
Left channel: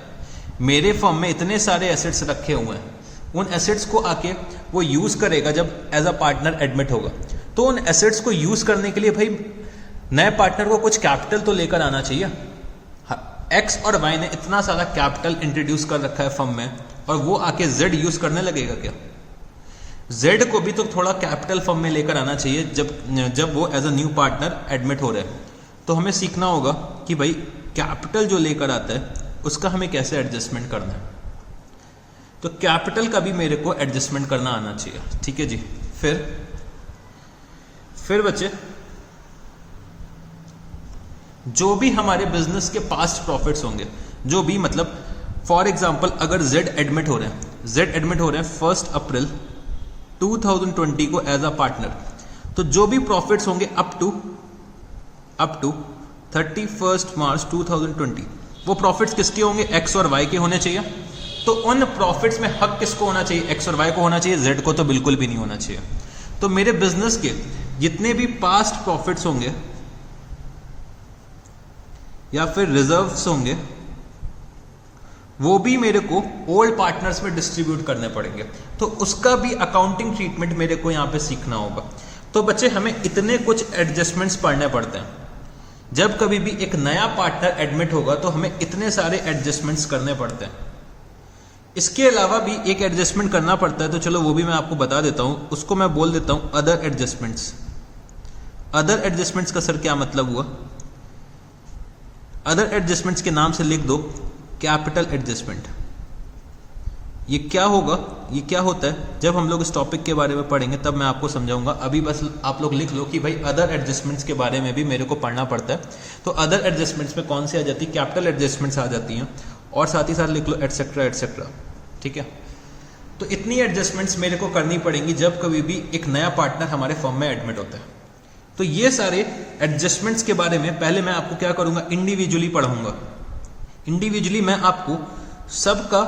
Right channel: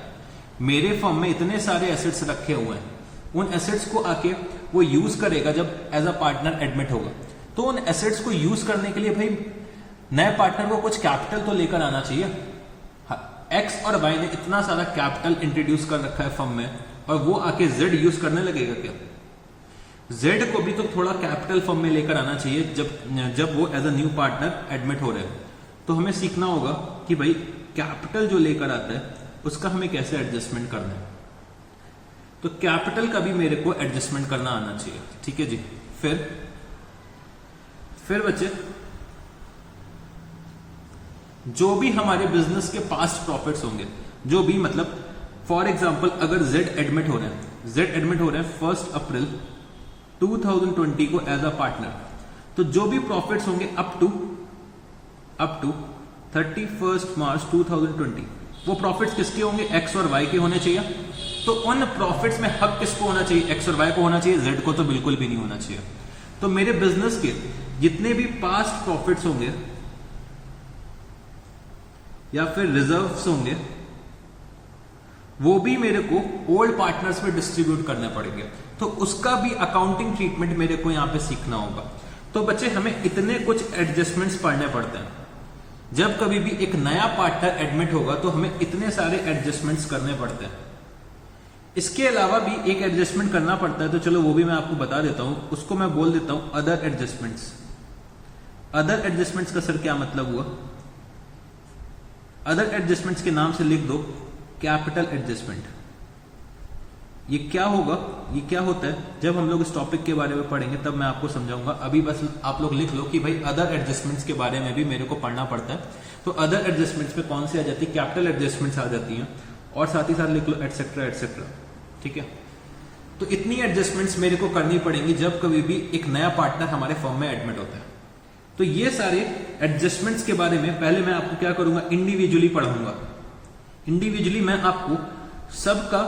मेरे फर्म में इतने सारे एसेट्स रखे हुए हैं, उन एसेट्स को आके वो यूज करेगा जब एज अ पार्टनर एडमिट होगा। तो उन एसेट्स को यूज करने के लिए भाई नए पार्टनर को कुछ कैपिटल तो लेकर आना चाहिए। एक्स और वाई ने इतना सारा कैपिटल इंट्रोड्यूस कर रखा है फर्म में और वो आके जेड यूज करने लगेगा क्या? जेड को भी तो थोड़ा कैपिटल फर्म में लेकर आना चाहिए जब वो as a new partner admit हो रहे हैं। तो हमें सीखना होगा कि भाई कैपिटल जो लेकर आता है उसका हमें कैसे एडजस्टमेंट करना है। तो कैपिटल का भी मेरे को एडजस्टमेंट करना आना चाहिए। ठीक है जी। फिर बच्चे जो भी हमारे बिजनेस के पास्ट प्रॉफिट्स होंगे, जो भी मतलब फॉर एग्जांपल अगर जेड एडमिट हो रहे हैं 1 अप्रैल 2020 को एज अ पार्टनर, तो जो भी प्रॉफिट्स होंगे अप टू 31 मार्च 2020 वो प्रॉफिट्स किसके होंगे? एक्स और वाई के होने चाहिए। तो उन प्रॉफिट्स में हक किसको होना चाहिए? एक्स और वाई को होना चाहिए, जेड को तो बिल्कुल भी नहीं होना चाहिए। तो मेरे बिजनेस के जितने भी पास्ट प्रॉफिट्स होंगे या फिर रिजर्व्स होंगे वो भी मेरे को ओल्ड पार्टनर्स में डिस्ट्रीब्यूट करने पड़ेंगे। तो उसका भी अकाउंटिंग ट्रीटमेंट मेरे को यहां पे सीखना होगा। तो बच्चे हमें इतने कुछ एडजस्टमेंट्स पढ़ने पड़ते हैं। जब कभी भी एक नया पार्टनर एडमिट होगा तो हमें इतने सारे एडजस्टमेंट्स करने पड़ते हैं। इसके अलावा भी एक एडजस्टमेंट करना पड़ता है, तो चलो वो भी मैं आपको बता देता हूं। उसको मैं बोल देता हूं अदर एडजस्टमेंट्स। अदर एडजस्टमेंट्स का सर क्या मतलब हुआ? अदर एडजस्टमेंट्स के नाम से लिख दो कैपिटल एडजस्टमेंट, ये क्या होगा, ये क्या होता है, जब हम लोग इस टॉपिक के बारे में पढ़ेंगे तब मैं आपको समझाऊंगा। अभी बस आप लोग लिख लो कि भाई अदर एडजस्टमेंट्स के बारे में भी मेरे को पढ़ना पड़ता है। तो अदर एडजस्टमेंट्स में कौन सी आ जाती है, कैपिटल एडजस्टमेंट्स आ जाती हैं, और साथ ही साथ लिख लो एटसेट्रा एटसेट्रा, ठीक है। तो इतनी एडजस्टमेंट्स मेरे को करनी पड़ेंगी जब कभी भी एक नया पार्टनर हमारे फर्म में एडमिट होता है। तो ये सारे एडजस्टमेंट्स के बारे में पहले मैं आपको क्या करूंगा, इंडिविजुअली पढ़ाऊंगा। इंडिविजुअली मैं आपको सबका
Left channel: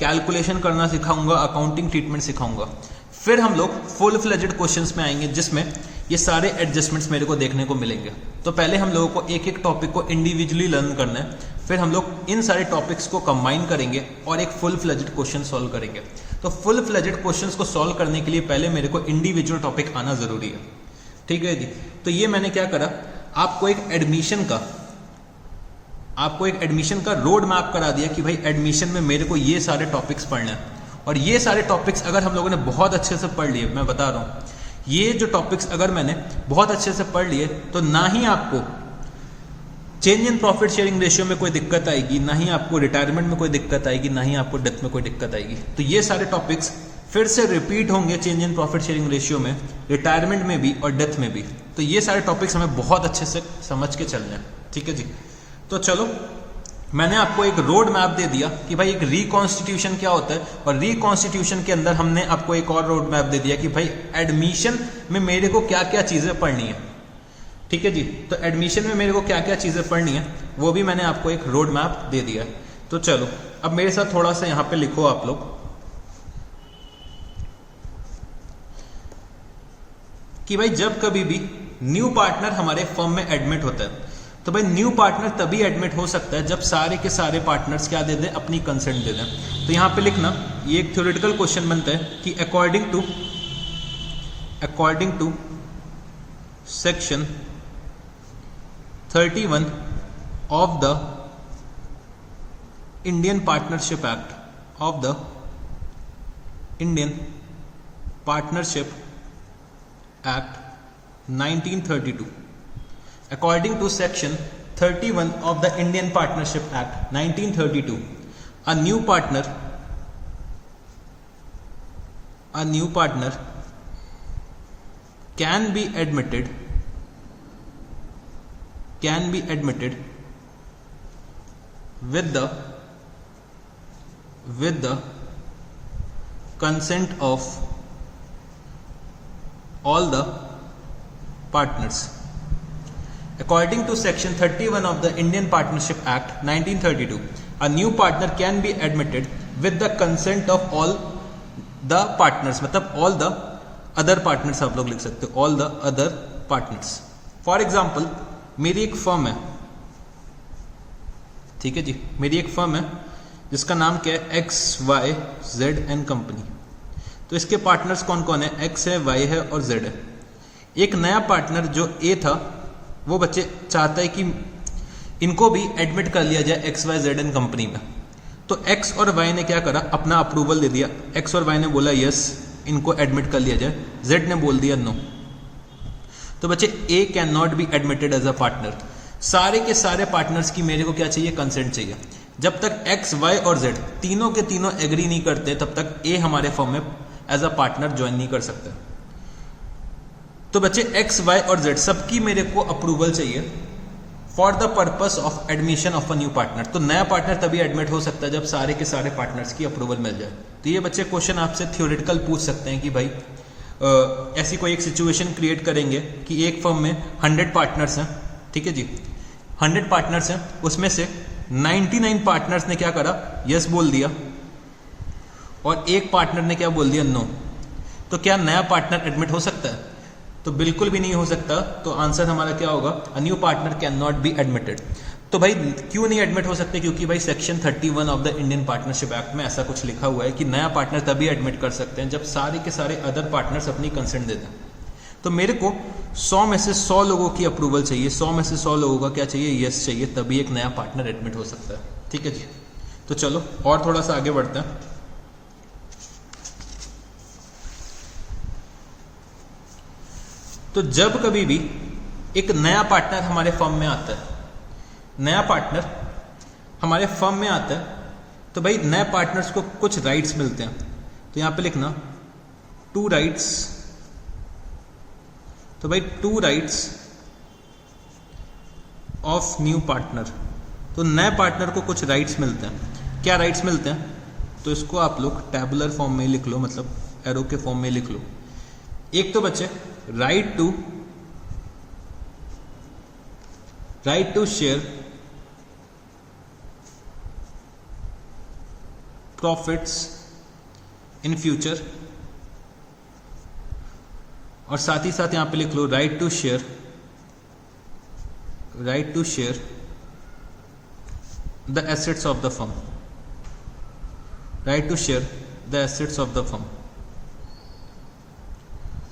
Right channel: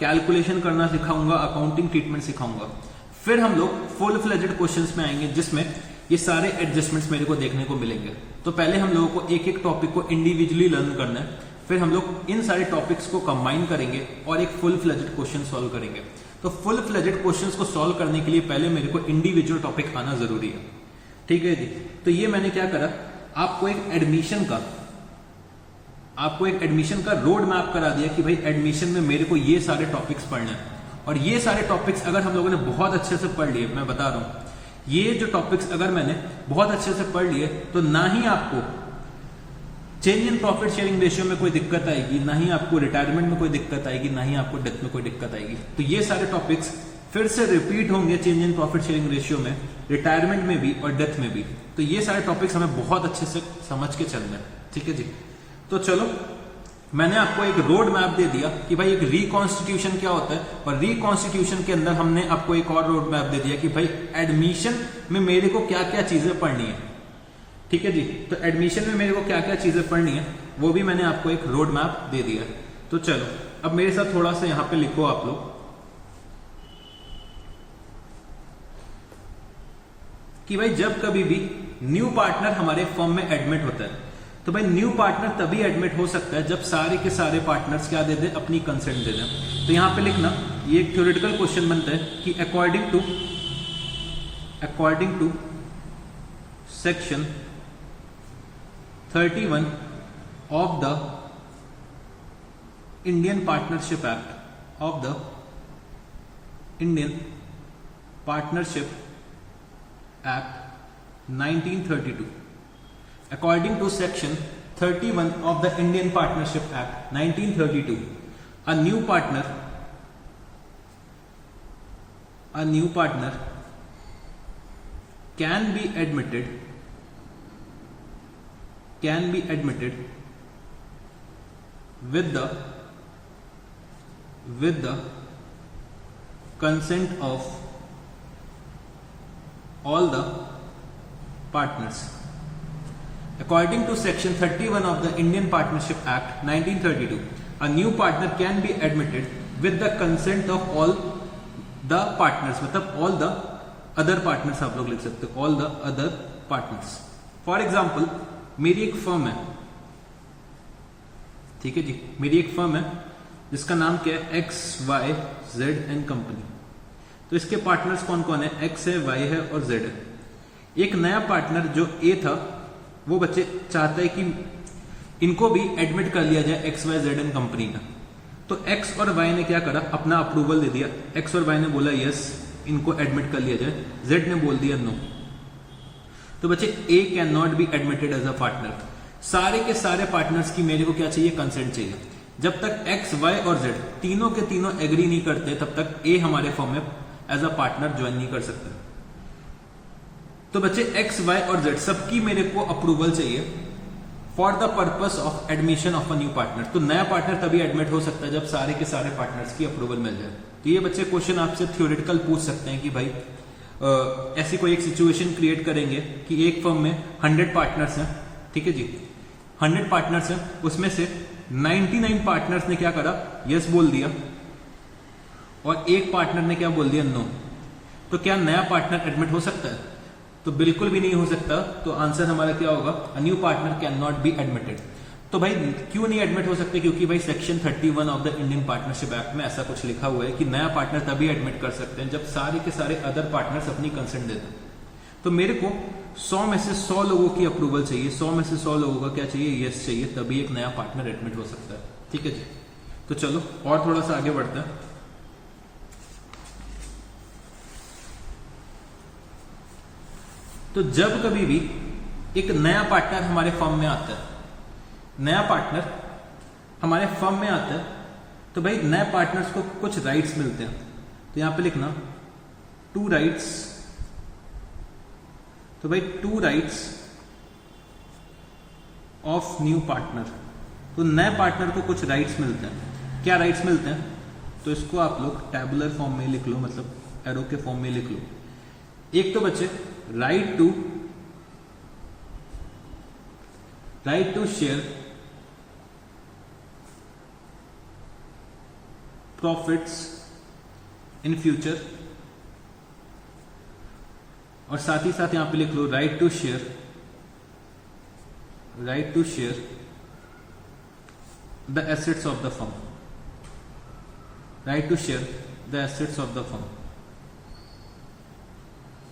कैलकुलेशन करना सिखाऊंगा, अकाउंटिंग ट्रीटमेंट सिखाऊंगा। फिर हम लोग फुल फ्लेजेड क्वेश्चंस में आएंगे जिसमें ये सारे एडजस्टमेंट्स मेरे को देखने को मिलेंगे। तो पहले हम लोगों को एक एक टॉपिक को इंडिविजुअली लर्न करना है, फिर हम लोग इन सारे टॉपिक्स को कंबाइन करेंगे और एक फुल फ्लेजेड क्वेश्चन सॉल्व करेंगे। तो फुल फ्लेजेड क्वेश्चंस को सॉल्व करने के लिए पहले मेरे को इंडिविजुअल टॉपिक आना जरूरी है, ठीक है जी। तो ये मैंने क्या करा, आपको एक एडमिशन का रोड मैप करा दिया कि भाई एडमिशन में मेरे को ये सारे टॉपिक्स पढ़ने हैं। और ये सारे टॉपिक्स अगर हम लोगों ने बहुत अच्छे से पढ़ लिए, मैं बता रहा हूं, ये जो टॉपिक्स अगर मैंने बहुत अच्छे से पढ़ लिए तो ना ही आपको change in profit sharing ratio में कोई दिक्कत आएगी, ना ही आपको रिटायरमेंट में कोई दिक्कत आएगी, ना ही आपको डेथ में कोई दिक्कत आएगी। तो ये सारे टॉपिक्स फिर से रिपीट होंगे change in profit sharing ratio में, रिटायरमेंट में भी और डेथ में भी। तो ये सारे टॉपिक्स हमें बहुत अच्छे से समझ के चलने हैं, ठीक है जी। तो चलो, मैंने आपको एक रोड मैप दे दिया कि भाई एक रिकॉन्स्टिट्यूशन क्या होता है, और रिकॉन्स्टिट्यूशन के अंदर हमने आपको एक और रोड मैप दे दिया कि भाई एडमिशन में मेरे को क्या क्या चीजें पढ़नी है, ठीक है जी। तो एडमिशन में मेरे को क्या क्या चीजें पढ़नी है वो भी मैंने आपको एक रोड मैप दे दिया। तो चलो अब मेरे साथ थोड़ा सा यहां पे लिखो आप लोग कि भाई जब कभी भी न्यू पार्टनर हमारे फर्म में एडमिट होता है, तो भाई न्यू पार्टनर तभी एडमिट हो सकता है जब सारे के सारे पार्टनर्स क्या दे दें, अपनी कंसेंट दे दें। तो यहां पे लिखना, ये एक थ्योरेटिकल क्वेश्चन बनता है कि according to section 31 of the Indian partnership act Act 1932. According to Section 31 of the Indian Partnership Act 1932, a new partner can be admitted with the consent of all the partners. According to Section 31 of the Indian Partnership Act 1932, a new partner can be admitted with the consent of all the partners, मतलब all the other partners आप लोग लिख सकते हो, all the other partners. For example, मेरी एक firm है, ठीक है जी, मेरी एक फर्म है जिसका नाम क्या है, XYZ कंपनी। तो इसके पार्टनर्स कौन कौन है, X है, Y है और Z है। एक नया पार्टनर जो A था वो बच्चे चाहता है कि इनको भी एडमिट कर लिया जाए XYZ कंपनी में। तो X और Y ने क्या करा, अपना अप्रूवल दे दिया। X और Y ने बोला यस, इनको एडमिट कर लिया जाए, Z ने बोल दिया नो। तो बच्चे A can not be admitted as a partner. सारे के सारे पार्टनर्स की मेरे को क्या चाहिए, कंसेंट चाहिए। जब तक X, Y और Z तीनों के तीनों एग्री नहीं करते तब तक A हमारे फर्म में एज अ पार्टनर ज्वाइन नहीं कर सकता। तो बच्चे X, Y और Z सबकी मेरे को अप्रूवल चाहिए for the purpose of admission of a new partner. तो नया पार्टनर तभी एडमिट हो सकता है जब सारे के सारे पार्टनर्स की अप्रूवल मिल जाए। तो ये बच्चे क्वेश्चन आपसे थ्योरेटिकल पूछ सकते हैं कि भाई ऐसी कोई एक सिचुएशन क्रिएट करेंगे कि एक फर्म में 100 पार्टनर्स हैं, ठीक है जी, 100 पार्टनर्स हैं, उसमें से 99 पार्टनर्स ने क्या करा, यस बोल दिया, और एक पार्टनर ने क्या बोल दिया, नो। तो क्या नया पार्टनर एडमिट हो सकता है? तो बिल्कुल भी नहीं हो सकता। तो आंसर हमारा क्या होगा, अ new partner can not be admitted. तो भाई क्यों नहीं एडमिट हो सकते, क्योंकि भाई section 31 of the Indian partnership act में ऐसा कुछ लिखा हुआ है कि नया पार्टनर तभी एडमिट कर सकते हैं जब सारे के सारे अदर पार्टनर्स अपनी कंसेंट दे दें। तो मेरे को 100 में से 100 लोगों की अप्रूवल चाहिए, 100 में से 100 लोगों का क्या चाहिए, यस चाहिए, तभी एक नया पार्टनर एडमिट हो सकता है, ठीक है जी। तो चलो और थोड़ा सा आगे बढ़ते हैं। तो जब कभी भी एक नया पार्टनर हमारे फर्म में आता है, नया पार्टनर हमारे फर्म में आता है, तो भाई नए पार्टनर्स को कुछ राइट्स मिलते हैं, तो यहां पे लिखना 2 राइट्स। तो भाई 2 राइट्स ऑफ न्यू पार्टनर, तो नए पार्टनर को कुछ राइट्स मिलते हैं। क्या राइट्स मिलते हैं? तो इसको आप लोग टैबुलर फॉर्म में लिख लो, मतलब एरो के फॉर्म में लिख लो। एक तो बच्चे right to share profits in future, और साथ ही साथ यहां पे लिख लो right to share the assets of the firm, right to share the assets of the firm.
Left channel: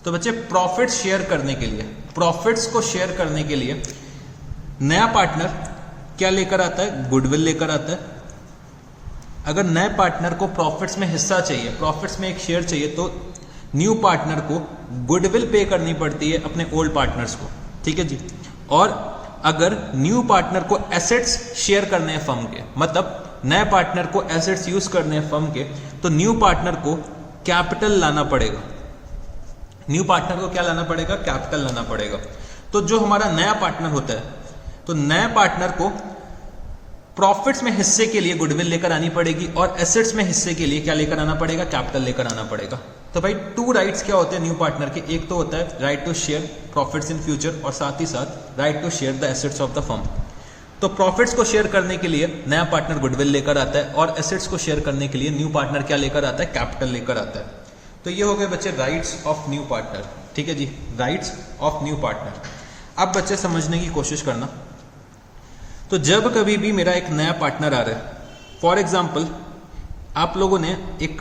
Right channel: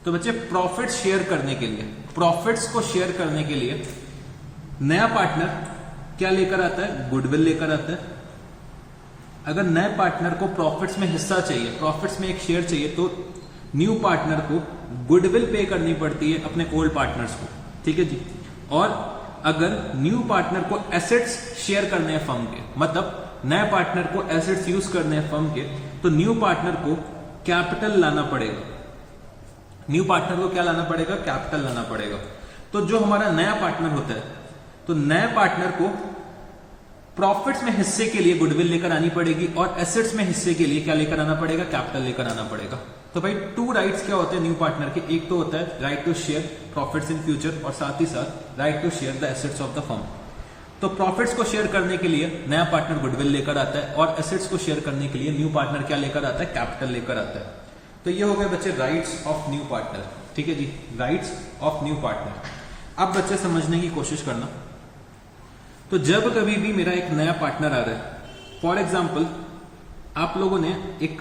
तो बच्चे प्रॉफिट्स शेयर करने के लिए, प्रॉफिट्स को शेयर करने के लिए नया पार्टनर क्या लेकर आता है? गुडविल लेकर आता है। अगर नए पार्टनर को प्रॉफिट्स में हिस्सा चाहिए, प्रॉफिट्स में एक शेयर चाहिए, तो न्यू पार्टनर को गुडविल पे करनी पड़ती है अपने ओल्ड पार्टनर्स को, ठीक है जी। और अगर न्यू पार्टनर को एसेट्स शेयर करने हैं फर्म के, मतलब नए पार्टनर को एसेट्स यूज करने हैं फर्म के, तो न्यू पार्टनर को कैपिटल लाना पड़ेगा। न्यू पार्टनर को क्या लाना पड़ेगा? कैपिटल लाना पड़ेगा। तो जो हमारा नया पार्टनर होता है, तो नए पार्टनर को प्रॉफिट्स में हिस्से के लिए गुडविल लेकर आनी पड़ेगी, और एसेट्स में हिस्से के लिए क्या लेकर आना पड़ेगा? कैपिटल लेकर आना पड़ेगा। तो भाई 2 राइट्स क्या होते हैं न्यू पार्टनर के? एक तो होता है right to share profits in future, और साथ ही साथ right to share the assets of the firm. तो प्रॉफिट्स को शेयर करने के लिए नया पार्टनर गुडविल लेकर आता है, और एसेट्स को शेयर करने के लिए न्यू पार्टनर क्या लेकर आता है? कैपिटल लेकर आता है। तो ये हो गए बच्चे राइट्स ऑफ न्यू पार्टनर, ठीक है जी, राइट्स ऑफ न्यू पार्टनर। अब बच्चे समझने की कोशिश करना। तो जब कभी भी मेरा एक नया पार्टनर आ रहा है, फॉर एग्जाम्पल आप लोगों ने एक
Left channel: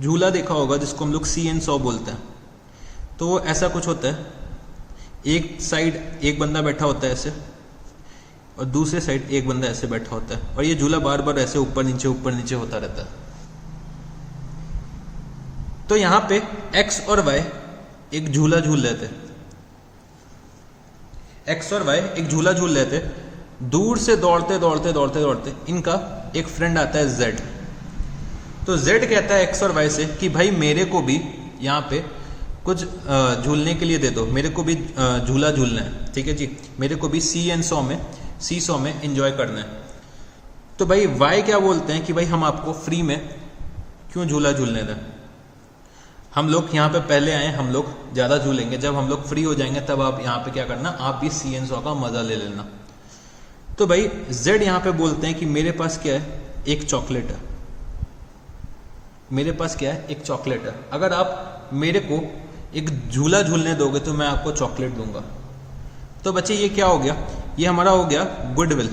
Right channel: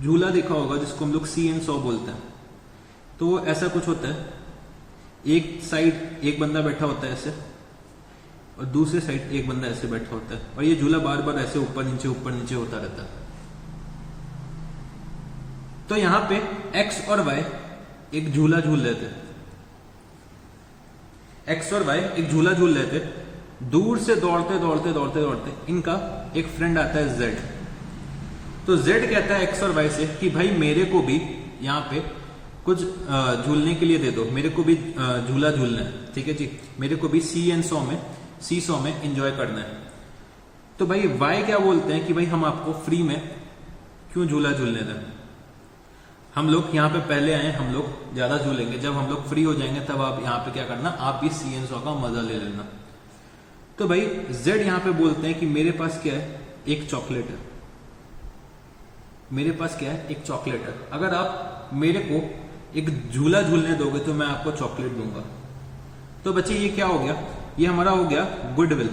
झूला देखा होगा जिसको हम लोग सी एंड सॉ बोलते हैं। तो ऐसा कुछ होता है, एक साइड एक बंदा बैठा होता है ऐसे, और दूसरे साइड एक बंदा ऐसे बैठा होता है, और ये झूला बार बार ऐसे ऊपर नीचे होता रहता है। तो यहां पे एक्स और वाई एक झूला झूल रहे थे, एक्स और वाई एक झूला झूल रहे थे। दूर से दौड़ते इनका एक फ्रेंड आता है जेड। तो जेड कहता है एक्स और वाई से कि भाई मेरे को भी यहाँ पे कुछ झूलने के लिए दे दो, मेरे को भी झूला झूलना है, ठीक है जी, मेरे को भी सी सॉ में एंजॉय करना है। तो भाई वाई क्या बोलते हैं कि भाई हम आपको फ्री में क्यों झूला झूलने दें, हम लोग यहाँ पे पहले आए, हम लोग ज्यादा झूलेंगे, जब हम लोग फ्री हो जाएंगे तब आप यहाँ पे क्या करना, आप भी सी एंड सॉ का मजा ले लेना। तो भाई जेड यहाँ पे बोलते हैं कि मेरे पास क्या है, एक चॉकलेट है, मेरे पास क्या है, एक चॉकलेट है। अगर आप मेरे को एक झूला झूलने दोगे तो मैं आपको चॉकलेट दूंगा। तो बच्चे ये क्या हो गया, ये हमारा हो गया गुडविल।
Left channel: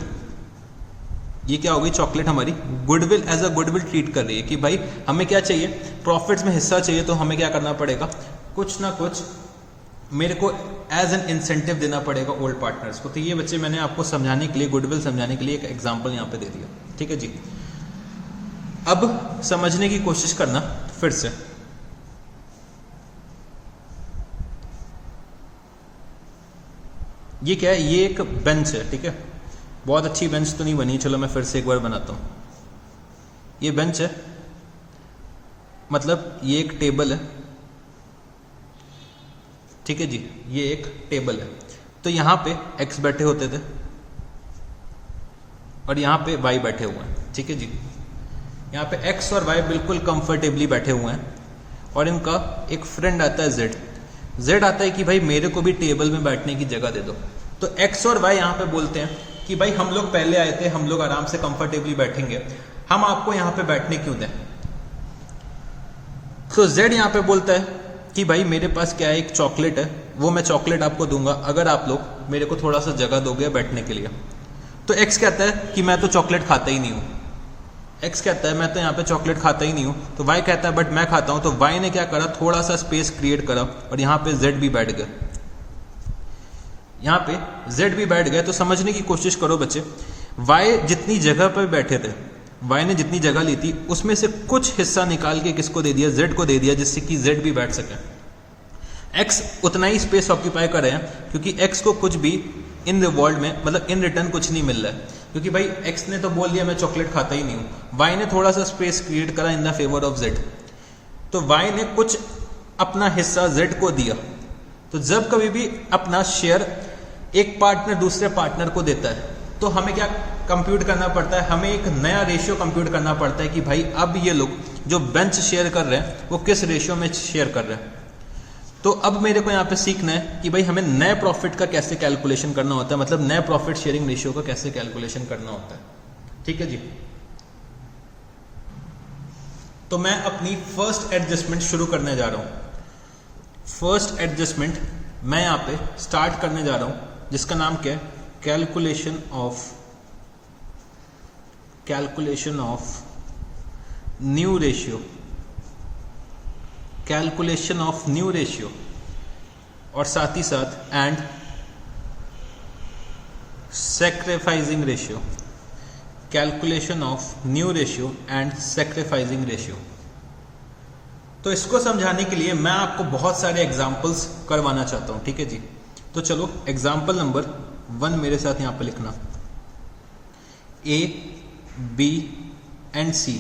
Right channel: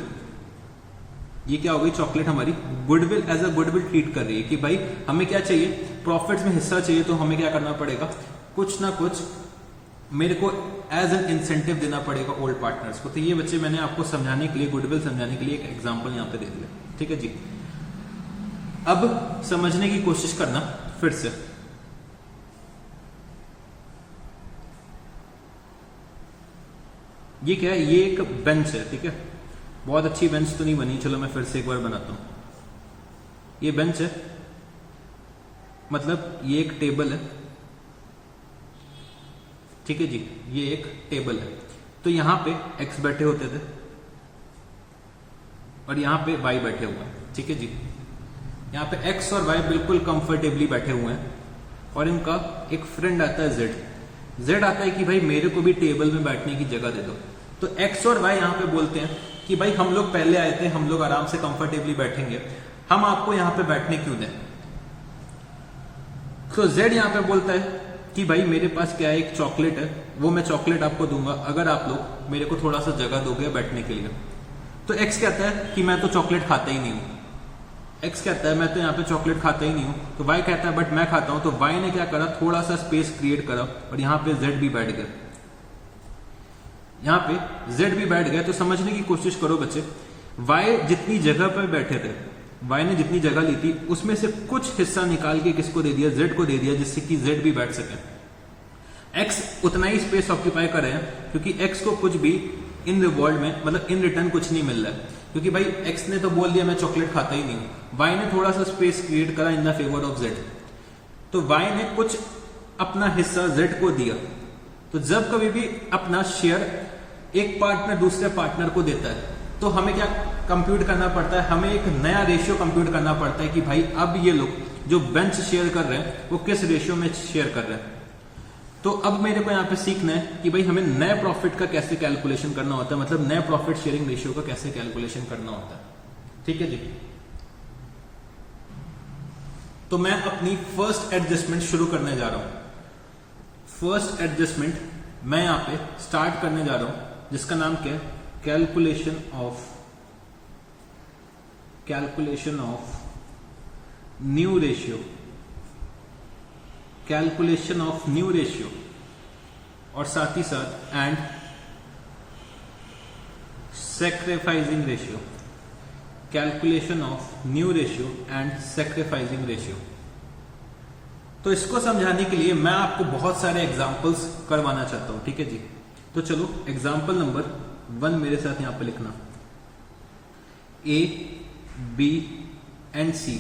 ये क्या हो गई, चॉकलेट हमारी goodwill, as a goodwill treat कर रही है कि भाई हमें क्या चाहिए, प्रॉफिट्स में हिस्सा चाहिए, तो हमें क्या करना पड़ेगा, कुछ ना कुछ मेरे को एज एन इंसेंटिव देना पड़ेगा ओल्ड पार्टनर्स को। तो ये बच्चे मैंने आपको समझाने के लिए, गुडविल समझाने के लिए एक एग्जांपल यहाँ पे दे दिया, ठीक है जी। अब समझने की कोशिश करना फिर से। ये क्या है, ये एक बेंच है, ठीक है, बहुत अच्छी बेंच तो नहीं बनी, चलो मैं फिर से एक बार बनाता हूं। ये बेंच है, मतलब ये एक टेबल है, ठीक है जी, ये एक टेबल है। तो यहां पे एक्स बैठे होते थे और यहां पे वाई बैठे हुए हैं, ठीक है जी। यहाँ पे एक्स और वाई बिल्कुल कंफर्टेबली बैठे हुए हैं, और इनका एक फ्रेंड आता है जेड। जेड आता है कि भाई मेरे को भी टेबल में बैठने की जगह दे दो। तो एक्स और वाई यहाँ पे बोलते हैं कि भाई हम लोग पहले आए थे, हम लोग आराम से कंफर्टेबली बैठेंगे, हम आपको यहाँ पे बैठने क्यों दें। तो जेड यहाँ पे बोलता है कि भाई मेरे पास क्या है, एक चॉकलेट है, वो मैं चॉकलेट आपको दूंगा अगर आप लोग मेरे को थोड़ा सा जगह दोगे बैठने के लिए। तो एक्स कहता है कि मैं तो चॉकलेट खाता ही नहीं हूँ। एक्स कहता है मैं तो यहाँ पे चॉकलेट खाता ही नहीं हूँ। तो वाई कहता है बट मैं खाता हूँ। तो वाई ने क्या करा, थोड़ा सा स्पेस क्रिएट करा और यहाँ पे जेड भी बैठ गया, यहाँ पे जेड भी बैठ गया। तो समझने की कोशिश करो बच्चे, वाई जितनी जगह पर बैठे थे, वाई ने जितनी जगह ली थी उसमें से कुछ हिस्सा निकाल के किसको दे दिया, जेड को दे दिया, जिससे कि जेड भी बैठ सके। एक्स उतना ही स्पेस ऑक्यूपाई कर रहे हैं क्योंकि एक्स को कुछ भी इन द वर्ल्ड में, मतलब इन रिटर्न कुछ नहीं मिल रहा है। क्योंकि भाई एक्स ने तो बोल दिया मैं चॉकलेट खाता ही नहीं हूं, वाई ने थोड़ा सा स्पेस क्रिएट करा इन द फेवर ऑफ जेड, तो वाई ने कुछ अपना हिस्सा जेड को दिया। तो जब कभी भी अपना शेयर एक पार्टनर दूसरे पार्टनर को देता है तो हमें क्या कंप्यूट करना पड़ता है, हमें एक नया रेशियो कंप्यूट करना पड़ता है कि भाई अब ये लोग जो बेंच शेयर कर रहे हैं वो किस रेशियो में शेयर कर रहे हैं। तो अब मेरे को यहाँ पे सीखना है कि भाई हमें नए प्रॉफिट का कैसे कैलकुलेशन करना होता है, मतलब नए प्रॉफिट शेयरिंग रेशियो का कैसे कैलकुलेशन करना होता है। ठीक है जी। तो मैं अपनी फर्स्ट एडजस्टमेंट शुरू करने जा रहा हूं। फर्स्ट एडजस्टमेंट मैं यहां पे स्टार्ट करने जा रहा हूं जिसका नाम क्या है, calculation of new ratio, calculation of new ratio, और साथ ही साथ and sacrificing ratio, calculation of new ratio and sacrificing ratio. तो इसको समझाने के लिए मैं आपको बहुत सारे एग्जांपल्स करवाना चाहता हूं। ठीक है जी। तो चलो एग्जांपल नंबर 1 मेरे साथ यहां पे लिखना। A, B and C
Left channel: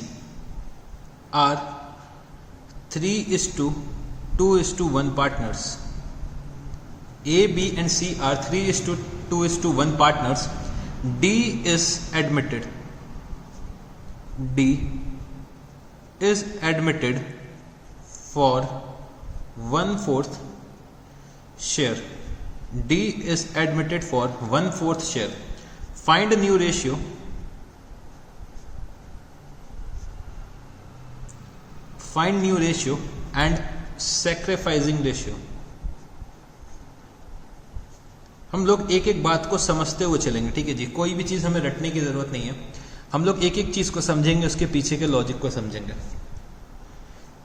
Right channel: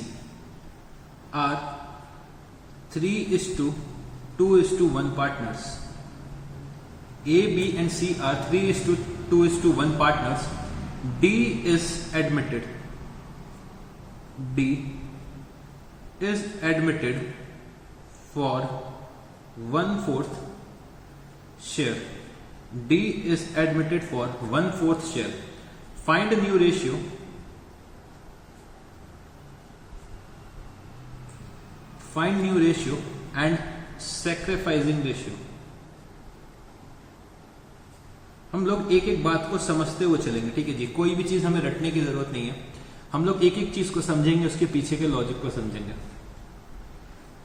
are 3:2:1 partners. A, B and C are 3:2:1 partners. D is admitted for 1/4 share. D is admitted for 1/4 share. Find a new ratio. Find new ratio and sacrificing ratio. हम लोग एक एक बात को समझते हुए चलेंगे। ठीक है जी। कोई भी चीज हमें रटने की जरूरत नहीं है, हम लोग एक एक चीज को समझेंगे, उसके पीछे के लॉजिक को समझेंगे।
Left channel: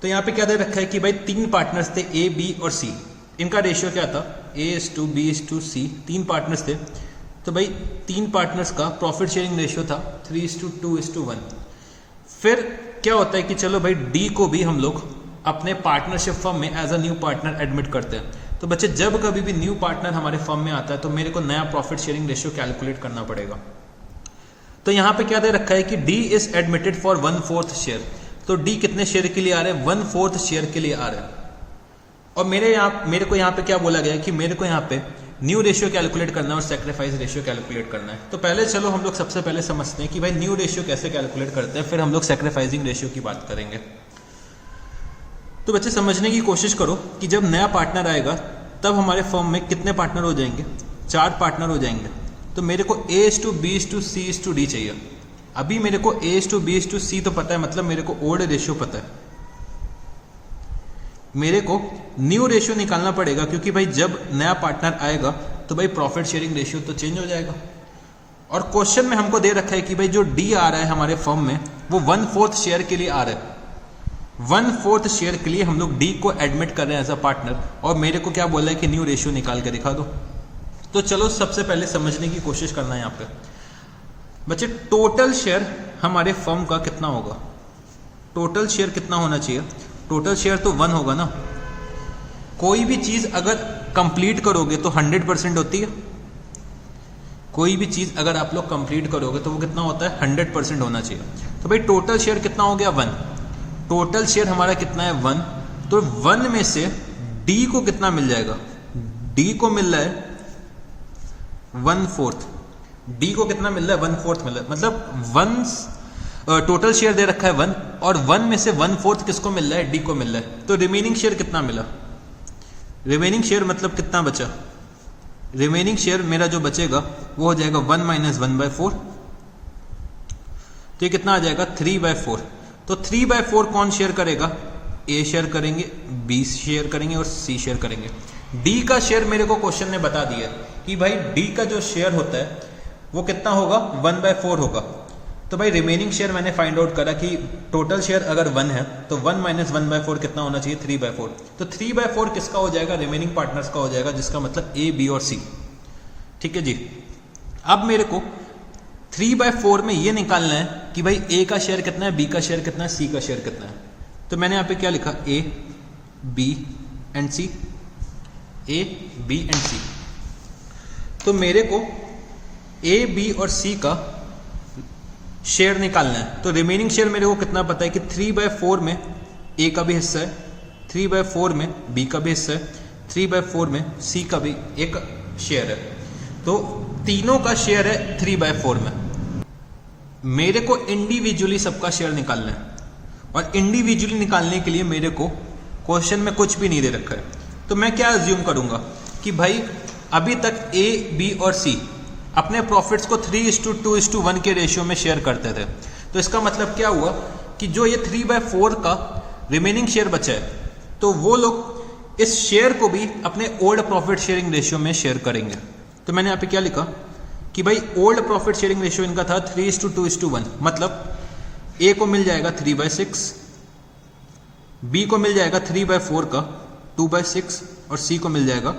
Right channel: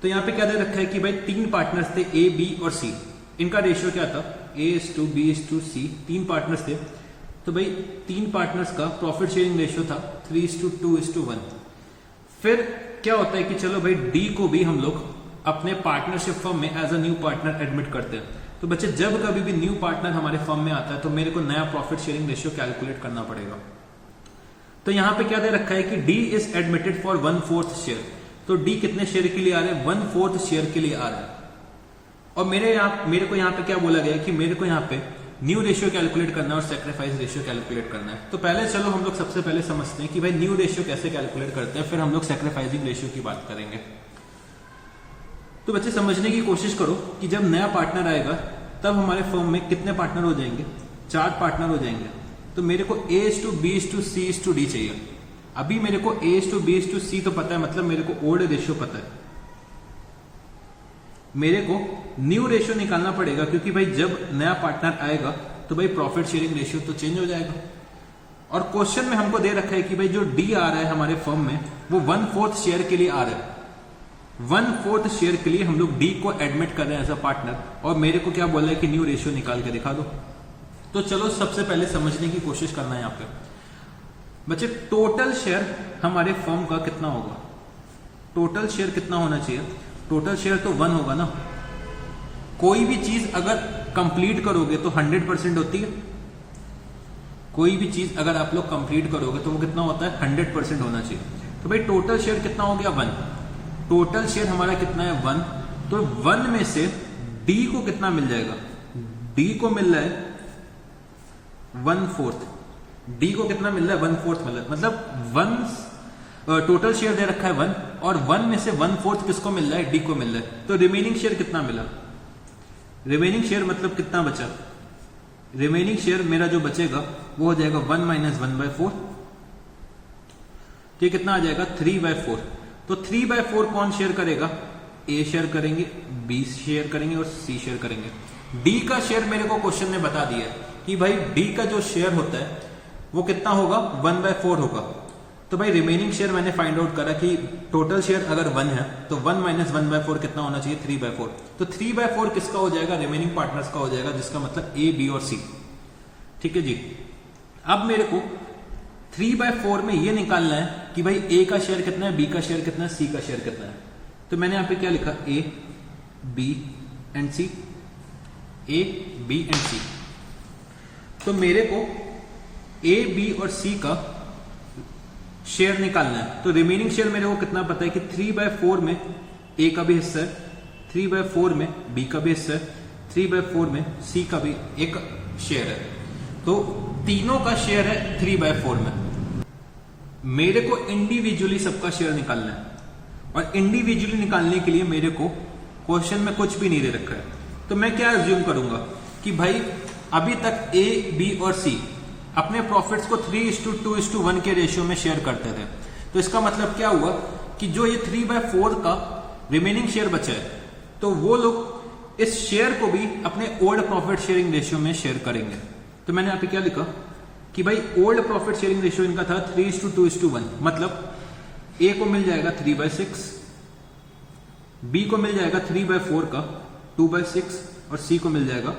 तो यहाँ पे क्या दे रखा है कि भाई 3 पार्टनर्स थे ए, बी और सी। इनका रेशियो क्या था, A:B:C। 3 पार्टनर्स थे, तो भाई 3 पार्टनर्स का प्रॉफिट शेयरिंग रेशियो था 3:2:1। फिर क्या होता है कि चलो भाई डी को भी हम लोग अपने पार्टनरशिप फर्म में as a new partner admit करते हैं। तो बच्चे जब कभी भी न्यू पार्टनर हमारे फर्म में आता है तो मेरे को नया प्रॉफिट शेयरिंग रेशियो कैलकुलेट करना पड़ेगा। तो यहां पे क्या दे रखा है कि D is admitted for 1/4 share. तो डी कितने शेयर के लिए आ रहे हैं, 1/4 शेयर के लिए आ रहे हैं। और मेरे को यहाँ पे क्या बोला गया है कि मेरे को यहाँ पे न्यू रेशियो कैलकुलेट करना है और सैक्रिफाइस रेशियो कैलकुलेट करना है। तो पहले चलो हम लोग सबसे पहले समझते हैं कि भाई न्यू रेशियो कैसे कैलकुलेट करते हैं, फिर हम लोग सैक्रिफाइसिंग रेशियो की बात करेंगे। तो बच्चे समझने की कोशिश करो कि जब नया पार्टनर आएगा तब हमारे फर्म में कितने पार्टनर हो जाएंगे, 4 पार्टनर हो जाएंगे। तो मेरे को A:B:C:D चाहिए। अभी मेरे को A:B:C तो पता है, मतलब मेरे को ओल्ड रेशियो पता है। मेरे को न्यू रेशियो निकालना पड़ेगा क्योंकि भाई जब नया पार्टनर आएगा तो भाई प्रॉफिट शेयरिंग रेशियो तो चेंज हो जाएगा। और क्वेश्चन में हमको दे रखा है कि भाई जो डी आ रहा है हमारे फर्म में वो 1/4 शेयर के लिए आ रहा है। 1/4 शेयर के लिए हम लोग डी को एडमिट कर रहे हैं एज अ पार्टनर, और मेरे को क्या बोला है कि न्यू रेशियो निकाल के दिखा दो। तो चलो सबसे पहले समझने की कोशिश करना है यहाँ पे। बच्चे टोटल शेयर हमारे फर्म का कितना होगा, टोटल शेयर कितना होना चाहिए, टोटल शेयर तो 1 होगा ना। कोई भी चीज अगर कंप्लीट करोगे तो 100% होती है। कोई भी चीज अगर आप लोग कंप्लीट करोगे तो वो कितना होता है, 100% होना चाहिए। तो भाई टोटल शेयर कितना हो गया, 1। टोटल शेयर हमारा कितना है, 1। तो 1 में से डी को कितना मिल जाएगा, डी को मिल रहा है 1/4। डी को कितना मिल रहा है, 1/4 मिल रहा है। मतलब टोटल शेयर दे रखा है 1 और 1 में से 1/4 किसको मिल रहा है, डी को मिल रहा है। तो रिमेनिंग शेयर कितना मिला, रिमेनिंग शेयर मतलब कितना बचा, रिमेनिंग शेयर मेरा जो बचेगा वो हो जाएगा 1 - 1/4। तो ये कितना आ जाएगा, 3/4। तो 3/4 कौन शेयर करेगा, ए शेयर करेंगे, बी शेयर करेंगे और सी शेयर करेंगे। डी का शेयर मेरे को क्वेश्चन में बता दिया कि भाई डी का जो शेयर होता है वो कितना होगा, 1/4 होगा। तो भाई रिमेनिंग शेयर मैंने फाइंड आउट करा कि टोटल शेयर अगर 1 है तो 1 - 1/4 कितना होना चाहिए, 3/4। तो 3/4 किसका हो जाएगा, रिमेनिंग पार्टनर्स का हो जाएगा, जिसका मतलब ए, बी और सी। ठीक है जी। अब मेरे को 3/4 में ये निकालना है कि भाई ए का शेयर कितना है, बी का शेयर कितना है, सी का शेयर कितना है। तो मैंने यहां पे क्या लिखा, A, B and C, A, B and C. तो मेरे को ए, बी और सी का शेयर निकालना है। तो रिमेनिंग शेयर मेरे को कितना पता है कि 3/4 में ए का भी हिस्सा है, 3/4 में बी का भी हिस्सा है, 3/4 में सी का भी एक शेयर है। तो तीनों का शेयर है 3/4 में। मेरे को इंडिविजुअली सबका शेयर निकालना है, और इंडिविजुअली निकालने के लिए मेरे को क्वेश्चन में कुछ भी नहीं दे रखा है। तो मैं क्या अज्यूम करूंगा कि भाई अभी तक ए, बी और सी अपने प्रॉफिट्स को 3:2:1 के रेशियो में शेयर करते थे। तो इसका मतलब क्या हुआ कि जो ये 3/4 का रिमेनिंग शेयर बचा है, तो वो लोग इस शेयर को भी अपने ओल्ड प्रॉफिट शेयरिंग रेशियो में शेयर करेंगे। तो मैंने यहाँ पे क्या लिखा कि भाई ओल्ड प्रॉफिट शेयरिंग रेशियो इनका था 3:2:1, मतलब ए को मिल जाएगा 3/6, बी को मिल जाएगा 3/4 का 2/6 और सी को मिल जाएगा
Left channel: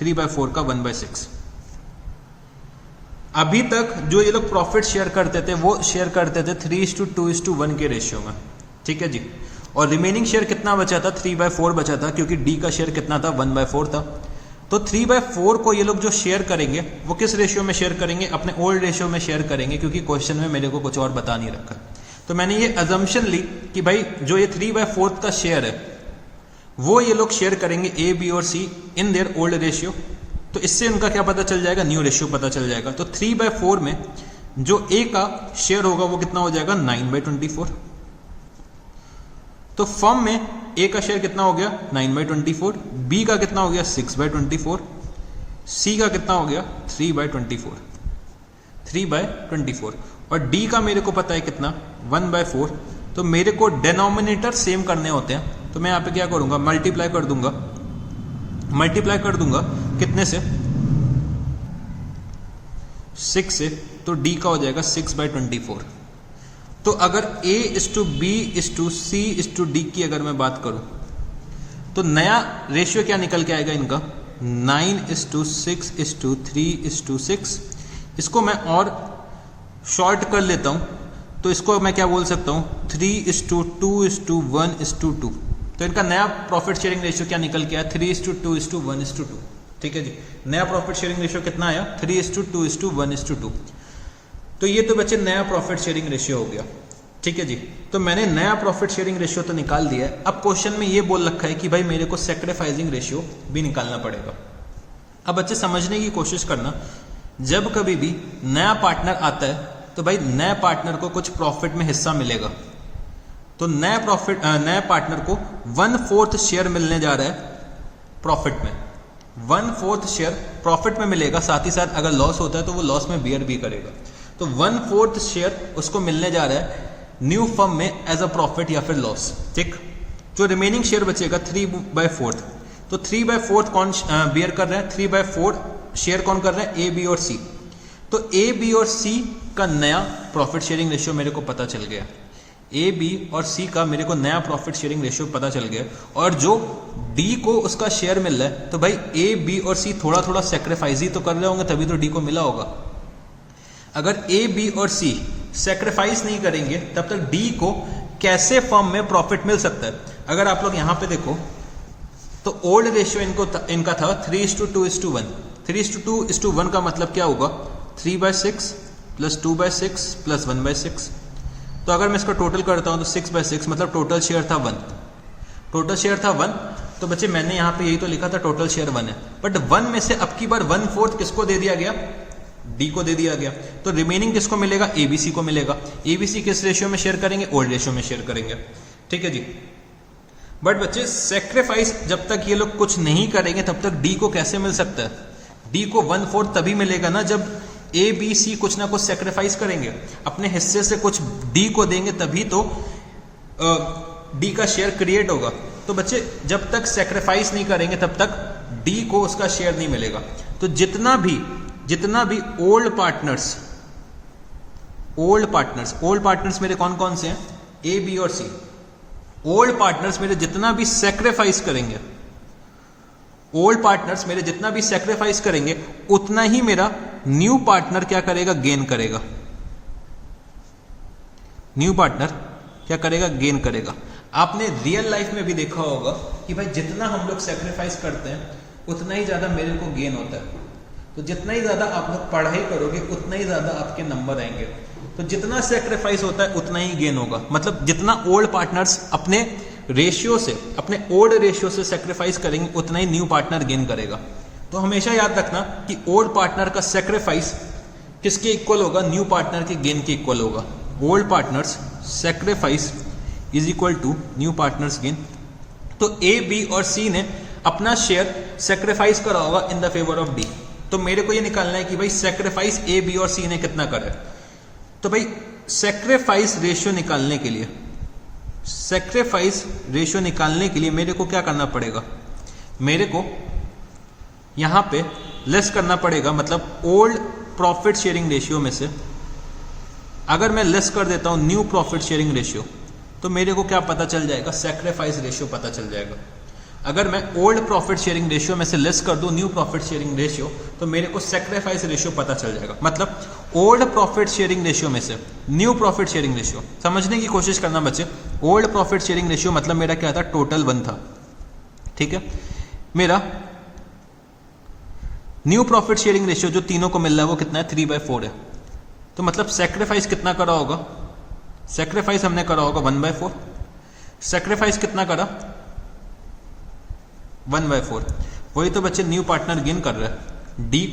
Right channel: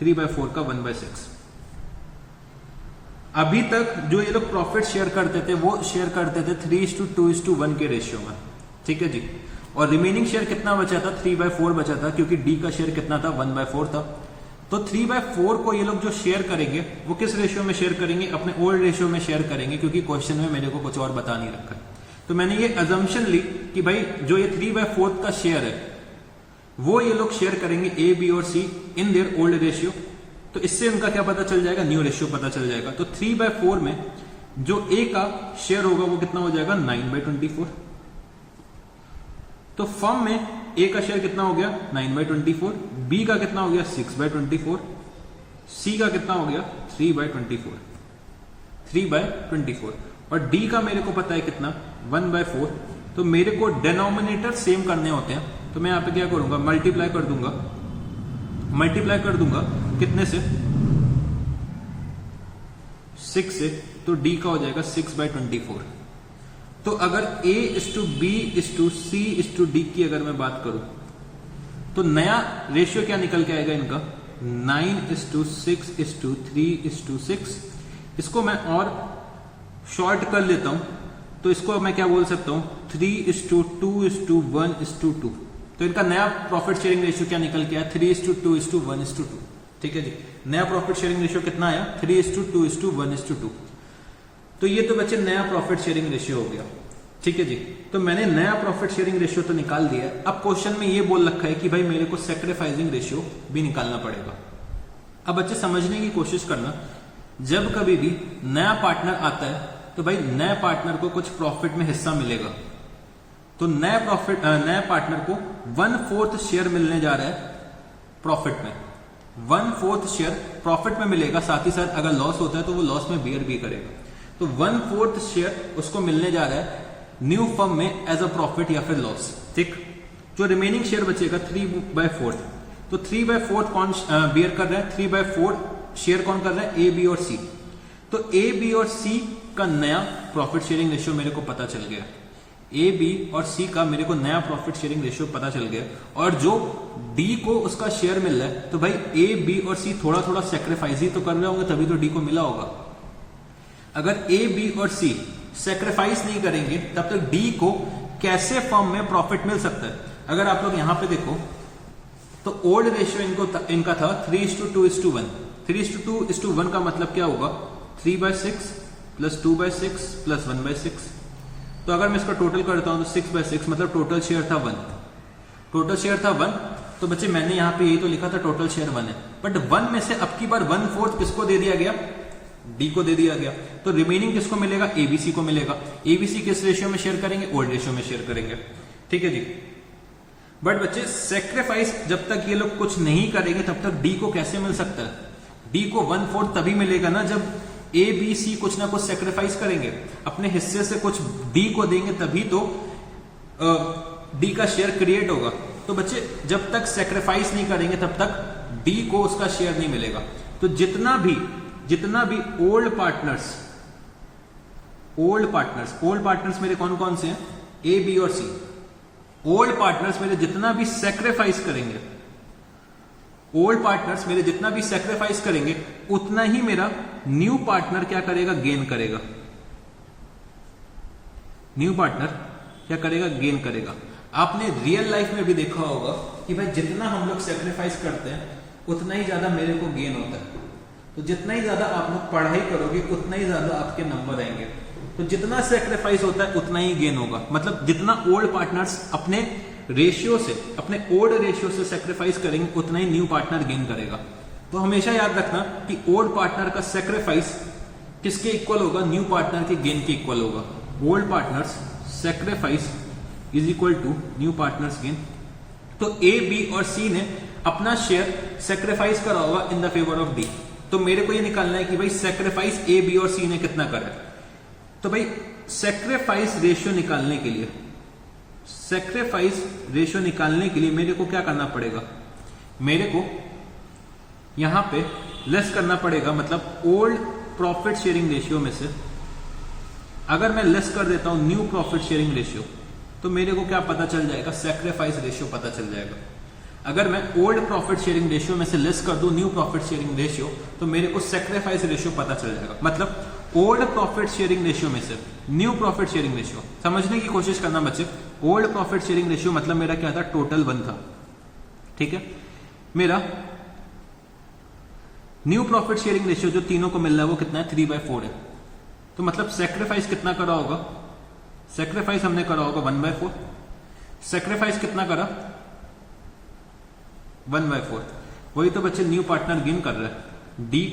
3/4 का 1/6। अभी तक जो ये लोग प्रॉफिट शेयर करते थे वो शेयर करते थे 3:2:1 के रेशियो में, ठीक है जी। और रिमेनिंग शेयर कितना बचा था? 3/4 बचा था, क्योंकि डी का शेयर कितना था? 1/4 था। तो 3/4 को ये लोग जो शेयर करेंगे वो किस रेशियो में शेयर करेंगे? अपने ओल्ड रेशियो में शेयर करेंगे, क्योंकि क्वेश्चन में मेरे को कुछ और बता नहीं रखा। तो मैंने ये अजम्पशन ली कि भाई जो ये 3/4 का शेयर है वो ये लोग शेयर करेंगे ए, बी और सी इन देयर ओल्ड रेशियो। तो इससे उनका क्या पता चल जाएगा? न्यू रेशियो पता चल जाएगा। तो 3/4 में जो ए का शेयर होगा वो कितना हो जाएगा? 9/24। तो फर्म में ए का शेयर कितना हो गया? 9/24। बी का कितना हो गया? 6/24। सी का कितना हो गया? 3/24। 3/24। और डी का मेरे को पता है कितना? 1/4। तो मेरे को डिनोमिनेटर सेम करने होते हैं, तो मैं यहां पे क्या करूंगा? मल्टीप्लाई कर दूंगा। मल्टीप्लाई कर दूंगा कितने से? 6 से। तो डी का हो जाएगा 6/24। तो अगर A:B:C:D की अगर मैं बात करूं तो नया रेशियो क्या निकल के आएगा इनका? 9:6:3:6। इसको मैं और शॉर्ट कर लेता हूं, तो इसको मैं क्या बोल सकता हूं? 3:2:1:2। तो इनका नया प्रॉफिट शेयरिंग रेशियो क्या निकल के आया? 3:2:1:2। ठीक है जी। नया प्रॉफिट शेयरिंग रेशियो कितना आया? 3:2:1:2। तो ये तो बच्चे नया प्रॉफिट शेयरिंग रेशियो हो गया, ठीक है जी। तो मैंने नया प्रॉफिट शेयरिंग रेशियो तो निकाल दिया है। अब क्वेश्चन में ये बोल रखा है कि भाई मेरे को सैक्रिफाइसिंग रेशियो भी निकालना पड़ेगा। अब बच्चे समझने की कोशिश करना, जब कभी भी नया पार्टनर आता है तो भाई नए पार्टनर को कुछ प्रॉफिट में हिस्सा मिलेगा। तो नए पार्टनर को 1/4 शेयर मिलने जा रहा है प्रॉफिट में। 1/4 शेयर प्रॉफिट में मिलेगा, साथ ही साथ अगर लॉस होता है तो वो लॉस में बियर भी करेगा। तो 1/4 शेयर उसको मिलने जा रहा है न्यू फर्म में एज अ प्रॉफिट या फिर लॉस, ठीक। जो रिमेनिंग शेयर बचेगा 3/4। तो 3/4 कौन बियर कर रहा है? 3/4 शेयर कौन कर रहा है? ए, बी और सी। तो ए, बी और सी का नया प्रॉफिट शेयरिंग रेशियो मेरे को पता चल गया। ए, बी और सी का मेरे को नया प्रॉफिट शेयरिंग रेशियो पता चल गया। और जो डी को उसका शेयर मिल रहा है, तो भाई ए, बी और सी थोड़ा थोड़ा सेक्रीफाइस ही तो कर रहे होंगे, तभी तो डी को मिला होगा। अगर ए, बी और सी सेक्रीफाइस नहीं करेंगे तब तक डी को कैसे फर्म में प्रॉफिट मिल सकता है? अगर आप लोग यहां पे देखो तो ओल्ड रेशियो इनका था 3:2:1। 3:2:1 का मतलब क्या होगा? 3/6 + 2/6 + 1/6। तो अगर मैं इसका टोटल करता हूं तो 6/6 मतलब टोटल शेयर था 1। टोटल शेयर था 1। तो बच्चे मैंने यहां पे यही तो लिखा था टोटल शेयर 1 है, बट 1 में से अब की बार 1/4 किसको दे दिया गया? डी को दे दिया गया। तो रिमेनिंग किसको मिलेगा? एबीसी को मिलेगा। एबीसी किस रेशियो में शेयर करेंगे? ओल्ड रेशियो में शेयर करेंगे, ठीक है जी। बट बच्चे सेक्रीफाइस जब तक ये लोग कुछ नहीं करेंगे तब तक डी को कैसे मिल सकता है? डी को 1/4 तभी मिलेगा ना जब ए, बी, सी कुछ ना कुछ सेक्रीफाइस करेंगे, अपने हिस्से से कुछ डी को देंगे, तभी तो डी का शेयर क्रिएट होगा। तो बच्चे जब तक सेक्रीफाइस नहीं करेंगे तब तक डी को उसका शेयर नहीं मिलेगा। तो जितना भी ओल्ड पार्टनर्स मेरे कौन कौन से हैं? ए, बी और सी। ओल्ड पार्टनर्स मेरे जितना भी सेक्रीफाइस करेंगे, उतना ही मेरा न्यू पार्टनर क्या करेगा? गेन करेगा। न्यू पार्टनर क्या करेगा? गेन करेगा। आपने रियल लाइफ में भी देखा होगा कि भाई जितना हम लोग सेक्रीफाइस करते हैं उतना ही ज्यादा मेरे को गेन होता है। तो जितना ही ज्यादा आप लोग पढ़ाई करोगे उतना ही ज्यादा आपके नंबर आएंगे। तो जितना सेक्रीफाइस होता है उतना ही गेन होगा, मतलब जितना ओल्ड पार्टनर्स अपने रेशियो से, अपने ओल्ड रेशियो से सेक्रीफाइस करेंगे उतना ही न्यू पार्टनर गेन करेगा। तो हमेशा याद रखना कि ओल्ड पार्टनर का सेक्रीफाइस किसके इक्वल होगा, न्यू पार्टनर के गेन के इक्वल होगा। Old partners sacrifice is equal to new partners gain. तो ए, बी और सी ने अपना शेयर सेक्रीफाइस करा होगा इन द फेवर ऑफ डी। तो मेरे को ये निकालना है कि भाई सेक्रीफाइस ए, बी और सी ने कितना करा है। तो भाई सेक्रीफाइस रेशियो निकालने के लिए, सेक्रीफाइस रेशियो निकालने के लिए मेरे को क्या करना पड़ेगा, मेरे को यहां पे लेस करना पड़ेगा, मतलब ओल्ड प्रॉफिट शेयरिंग रेशियो में से अगर मैं लेस कर देता हूं न्यू प्रॉफिट शेयरिंग रेशियो, तो मेरे को क्या पता चल जाएगा, सेक्रीफाइस रेशियो पता चल जाएगा। अगर मैं ओल्ड प्रॉफिट शेयरिंग रेशियो में से लेस कर दूं न्यू प्रॉफिट शेयरिंग रेशियो, तो मेरे को सेक्रीफाइस रेशियो पता चल जाएगा। मतलब ओल्ड प्रॉफिट शेयरिंग रेशियो में से न्यू प्रॉफिट शेयरिंग रेशियो, समझने की कोशिश करना बच्चे। ओल्ड प्रॉफिट शेयरिंग रेशियो मतलब मेरा क्या था, टोटल 1 था, ठीक है। मेरा न्यू प्रॉफिट शेयरिंग रेशियो जो तीनों को मिल रहा है वो कितना है, 3/4 है। तो मतलब सेक्रीफाइस कितना करा होगा, सेक्रीफाइस हमने करा होगा 1/4। सेक्रीफाइस कितना करा, 1/4। वही तो बच्चे न्यू पार्टनर गेन कर रहा है। डी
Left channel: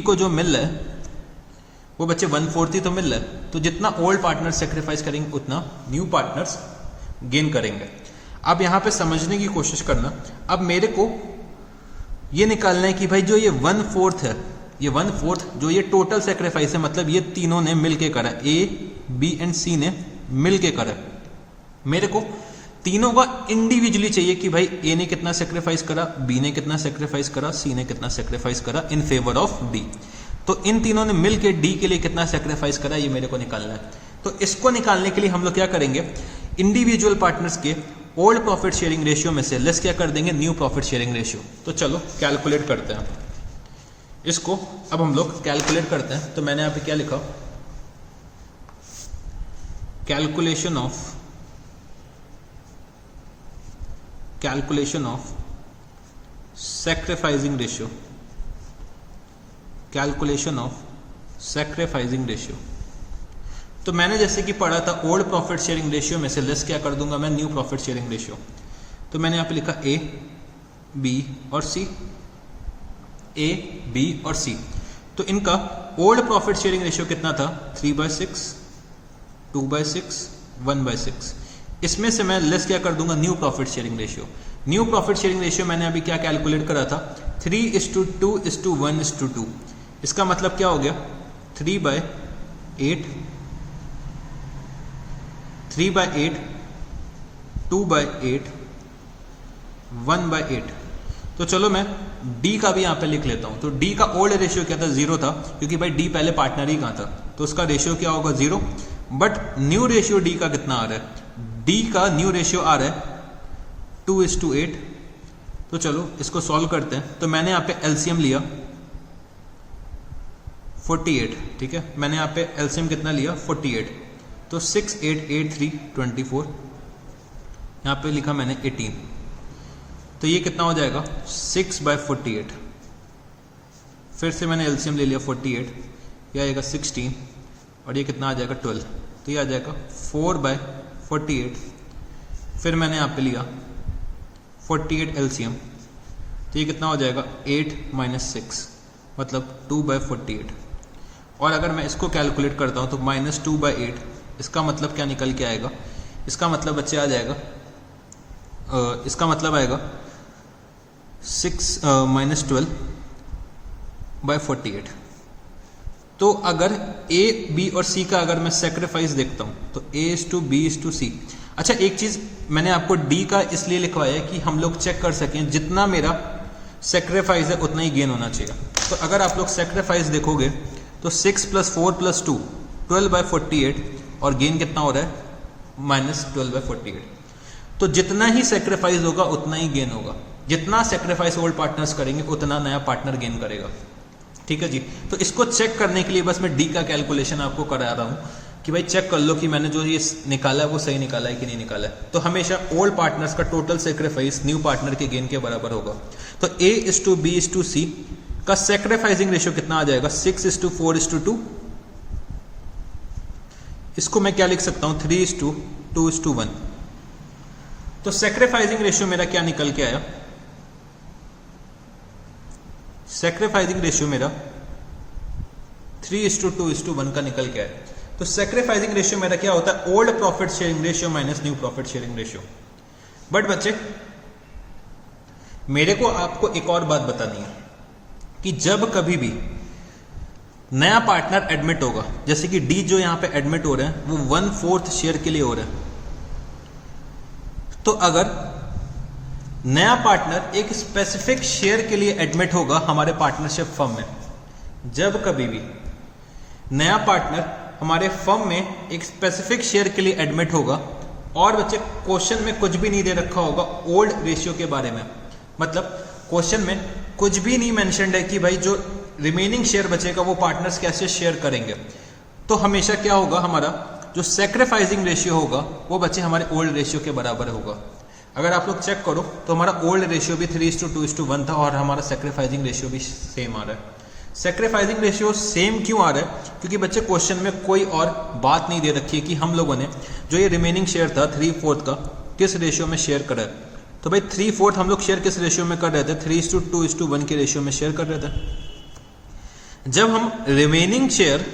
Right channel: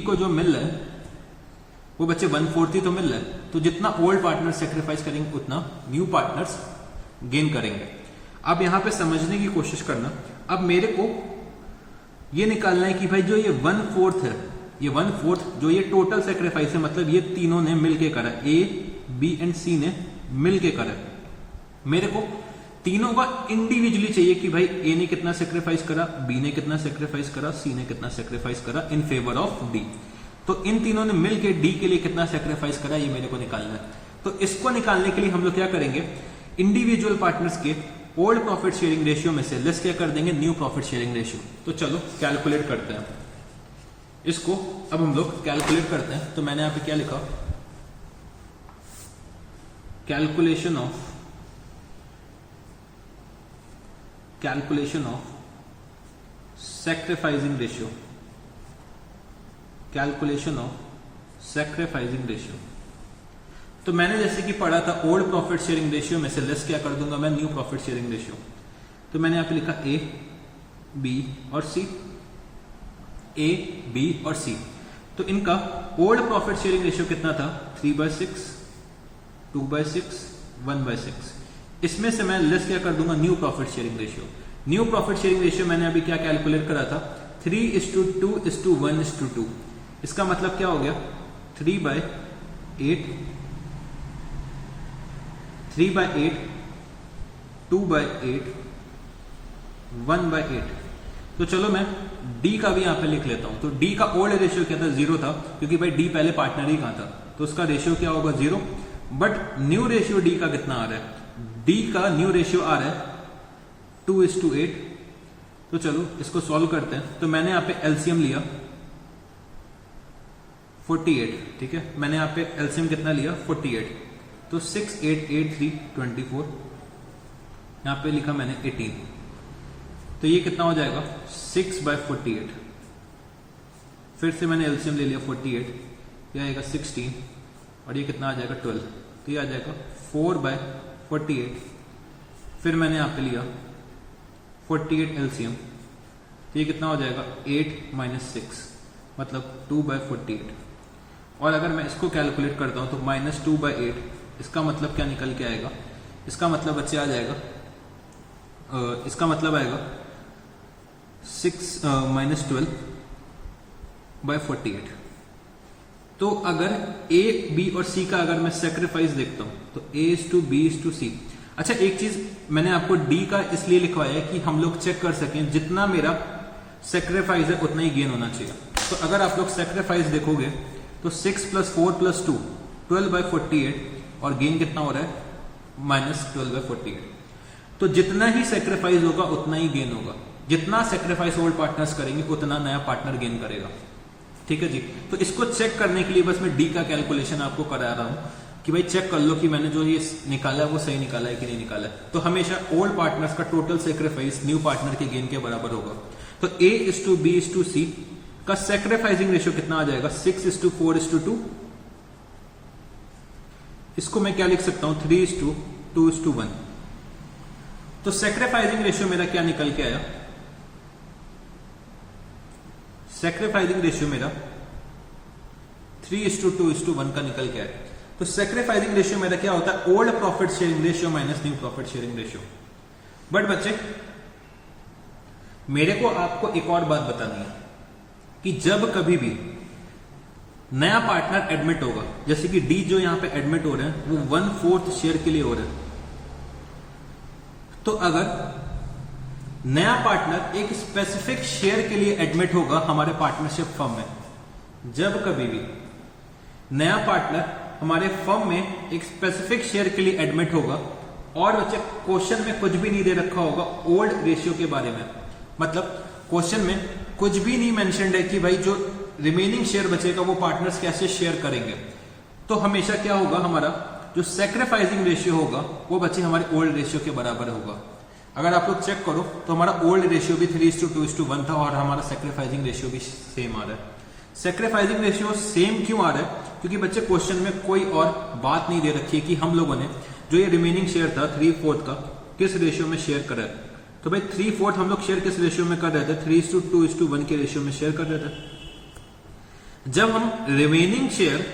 को जो मिल रहा है वो बच्चे 1/4 ही तो मिल रहा है। तो जितना ओल्ड पार्टनर सेक्रीफाइस करेंगे उतना न्यू पार्टनर्स गेन करेंगे। अब यहां पे समझने की कोशिश करना, अब मेरे को ये निकालना है कि भाई जो ये 1/4 है, ये 1/4 जो ये टोटल सेक्रीफाइस है, मतलब ये तीनों ने मिलके करा, ए, बी एंड सी ने मिलके करा। मेरे को तीनों का इंडिविजुअली चाहिए कि भाई ए ने कितना सेक्रीफाइस करा, बी ने कितना सेक्रीफाइस करा, सी ने कितना सेक्रीफाइस करा इन फेवर ऑफ डी। तो इन तीनों ने मिलके डी के लिए कितना सेक्रीफाइस करा ये मेरे को निकालना है। तो इसको निकालने के लिए हम लोग क्या करेंगे, इंडिविजुअल पार्टनर्स के ओल्ड प्रॉफिट शेयरिंग रेशियो में से लेस क्या कर देंगे, न्यू प्रॉफिट शेयरिंग रेशियो। तो चलो कैलकुलेट करते हैं इसको। अब हम लोग कैलकुलेट करते हैं। तो मैंने यहां पे क्या लिखा, calculation of sacrificing ratio, calculation of sacrificing ratio. तो मैंने जैसे कि पढ़ा था ओल्ड प्रॉफिट शेयरिंग रेशियो में से लेस क्या कर दूंगा मैं, न्यू प्रॉफिट शेयरिंग रेशियो। तो मैंने यहां पे लिखा ए, बी और सी, ए, बी और सी। तो इनका ओल्ड प्रॉफिट शेयरिंग रेशियो कितना था, 3/6, 2/6, 1/6। इसमें से मैं लेस क्या कर दूंगा, new profit sharing ratio. New profit sharing ratio मैंने अभी क्या कैलकुलेट करा था, 3:2:1:2। इसका मतलब क्या हो गया, 3/8, 3/8, 2/8, 1/8। तो चलो मैं डी का भी यहां पे लिख लेता हूं। तो डी का ओल्ड रेशियो क्या था, 0 था, क्योंकि भाई डी पहले पार्टनर ही कहां था, तो उसका रेशियो क्या होगा, 0। बट न्यू रेशियो डी का कितना आ रहा है, डी का न्यू रेशियो आ रहा है 2:8। तो चलो इसको सॉल्व करते हैं। तो मैंने यहां पे एलसीएम लिया 48, ठीक है। मैंने यहां पे एलसीएम कितना लिया, 48। तो 6, 8, 8, 3, 24, यहां पे लिखा मैंने 18। तो ये कितना हो जाएगा, 6/48। फिर से मैंने एलसीएम ले लिया 48, ये आएगा 16, और ये कितना आ जाएगा 12। तो ये आ जाएगा 4/48। फिर मैंने यहाँ पे लिया 48 एलसीएम, तो ये कितना हो जाएगा 8 - 6, मतलब 2/48। और अगर मैं इसको कैलकुलेट करता हूँ तो -2/8, इसका मतलब क्या निकल के आएगा, इसका मतलब बच्चे आ जाएगा, इसका मतलब आएगा 6 - 12/48। तो अगर ए, बी और सी का अगर मैं सेक्रीफाइस देखता हूं तो A:B:C। अच्छा एक चीज मैंने आपको डी का इसलिए लिखवाया है कि हम लोग चेक कर सकें जितना मेरा सेक्रीफाइस है उतना ही गेन होना चाहिए। तो अगर आप लोग सेक्रीफाइस देखोगे तो 6 + 4 + 2 12/48, और गेन कितना हो रहा है, -12/48। तो जितना ही सेक्रीफाइस होगा उतना ही गेन होगा। जितना सेक्रीफाइस ओल्ड पार्टनर्स करेंगे उतना नया पार्टनर गेन करेगा, ठीक है जी। तो इसको चेक करने के लिए बस मैं डी का कैलकुलेशन आपको करा रहा हूं कि भाई चेक कर लो कि मैंने जो ये निकाला है वो सही निकाला है कि नहीं निकाला है। तो हमेशा ओल्ड पार्टनर्स का टोटल सेक्रीफाइस न्यू पार्टनर के गेन के बराबर होगा। तो A:B:C का सेक्रीफाइसिंग रेशियो कितना आ जाएगा? 6:4:2। इसको मैं क्या लिख सकता हूं? 3:2:1। तो सेक्रीफाइसिंग रेशियो मेरा क्या निकल के आया? सेक्रीफाइसिंग रेशियो मेरा 3:2:1 का निकल के आया। तो सेक्रीफाइसिंग रेशियो मेरा क्या होता है? Old profit sharing ratio minus new profit sharing ratio. But बच्चे मेरे को आपको एक और बात बतानी है कि जब कभी भी नया पार्टनर एडमिट होगा, जैसे कि डी जो यहां पे एडमिट हो रहे हैं वो 1/4 शेयर के लिए हो रहे हैं, तो अगर नया पार्टनर एक स्पेसिफिक शेयर के लिए एडमिट होगा हमारे पार्टनरशिप फर्म में, जब कभी भी नया पार्टनर हमारे फर्म में एक स्पेसिफिक शेयर के लिए एडमिट होगा और बच्चे क्वेश्चन में कुछ भी नहीं दे रखा होगा ओल्ड रेशियो के बारे में, मतलब क्वेश्चन में कुछ भी नहीं मेंशन्ड है कि भाई जो रिमेनिंग शेयर बचेगा वो पार्टनर्स कैसे शेयर करेंगे, तो हमेशा क्या होगा? हमारा जो सेक्रीफाइसिंग रेशियो होगा वो बच्चे हमारे ओल्ड रेशियो के बराबर होगा। अगर आप लोग चेक करो तो हमारा ओल्ड रेशियो भी 3:2:1 था और हमारा सेक्रीफाइसिंग रेशियो भी सेम आ रहा है। सेक्रीफाइसिंग रेशियो सेम क्यों आ रहा है? क्योंकि बच्चे क्वेश्चन में कोई और बात नहीं दे रखी है कि हम लोगों ने जो ये रिमेनिंग शेयर था 3/4 का किस रेशियो में शेयर करा है। तो भाई 3/4 हम लोग शेयर किस रेशियो में कर रहे थे? 3:2:1 के रेशियो में शेयर कर रहे थे। जब हम रिमेनिंग शेयर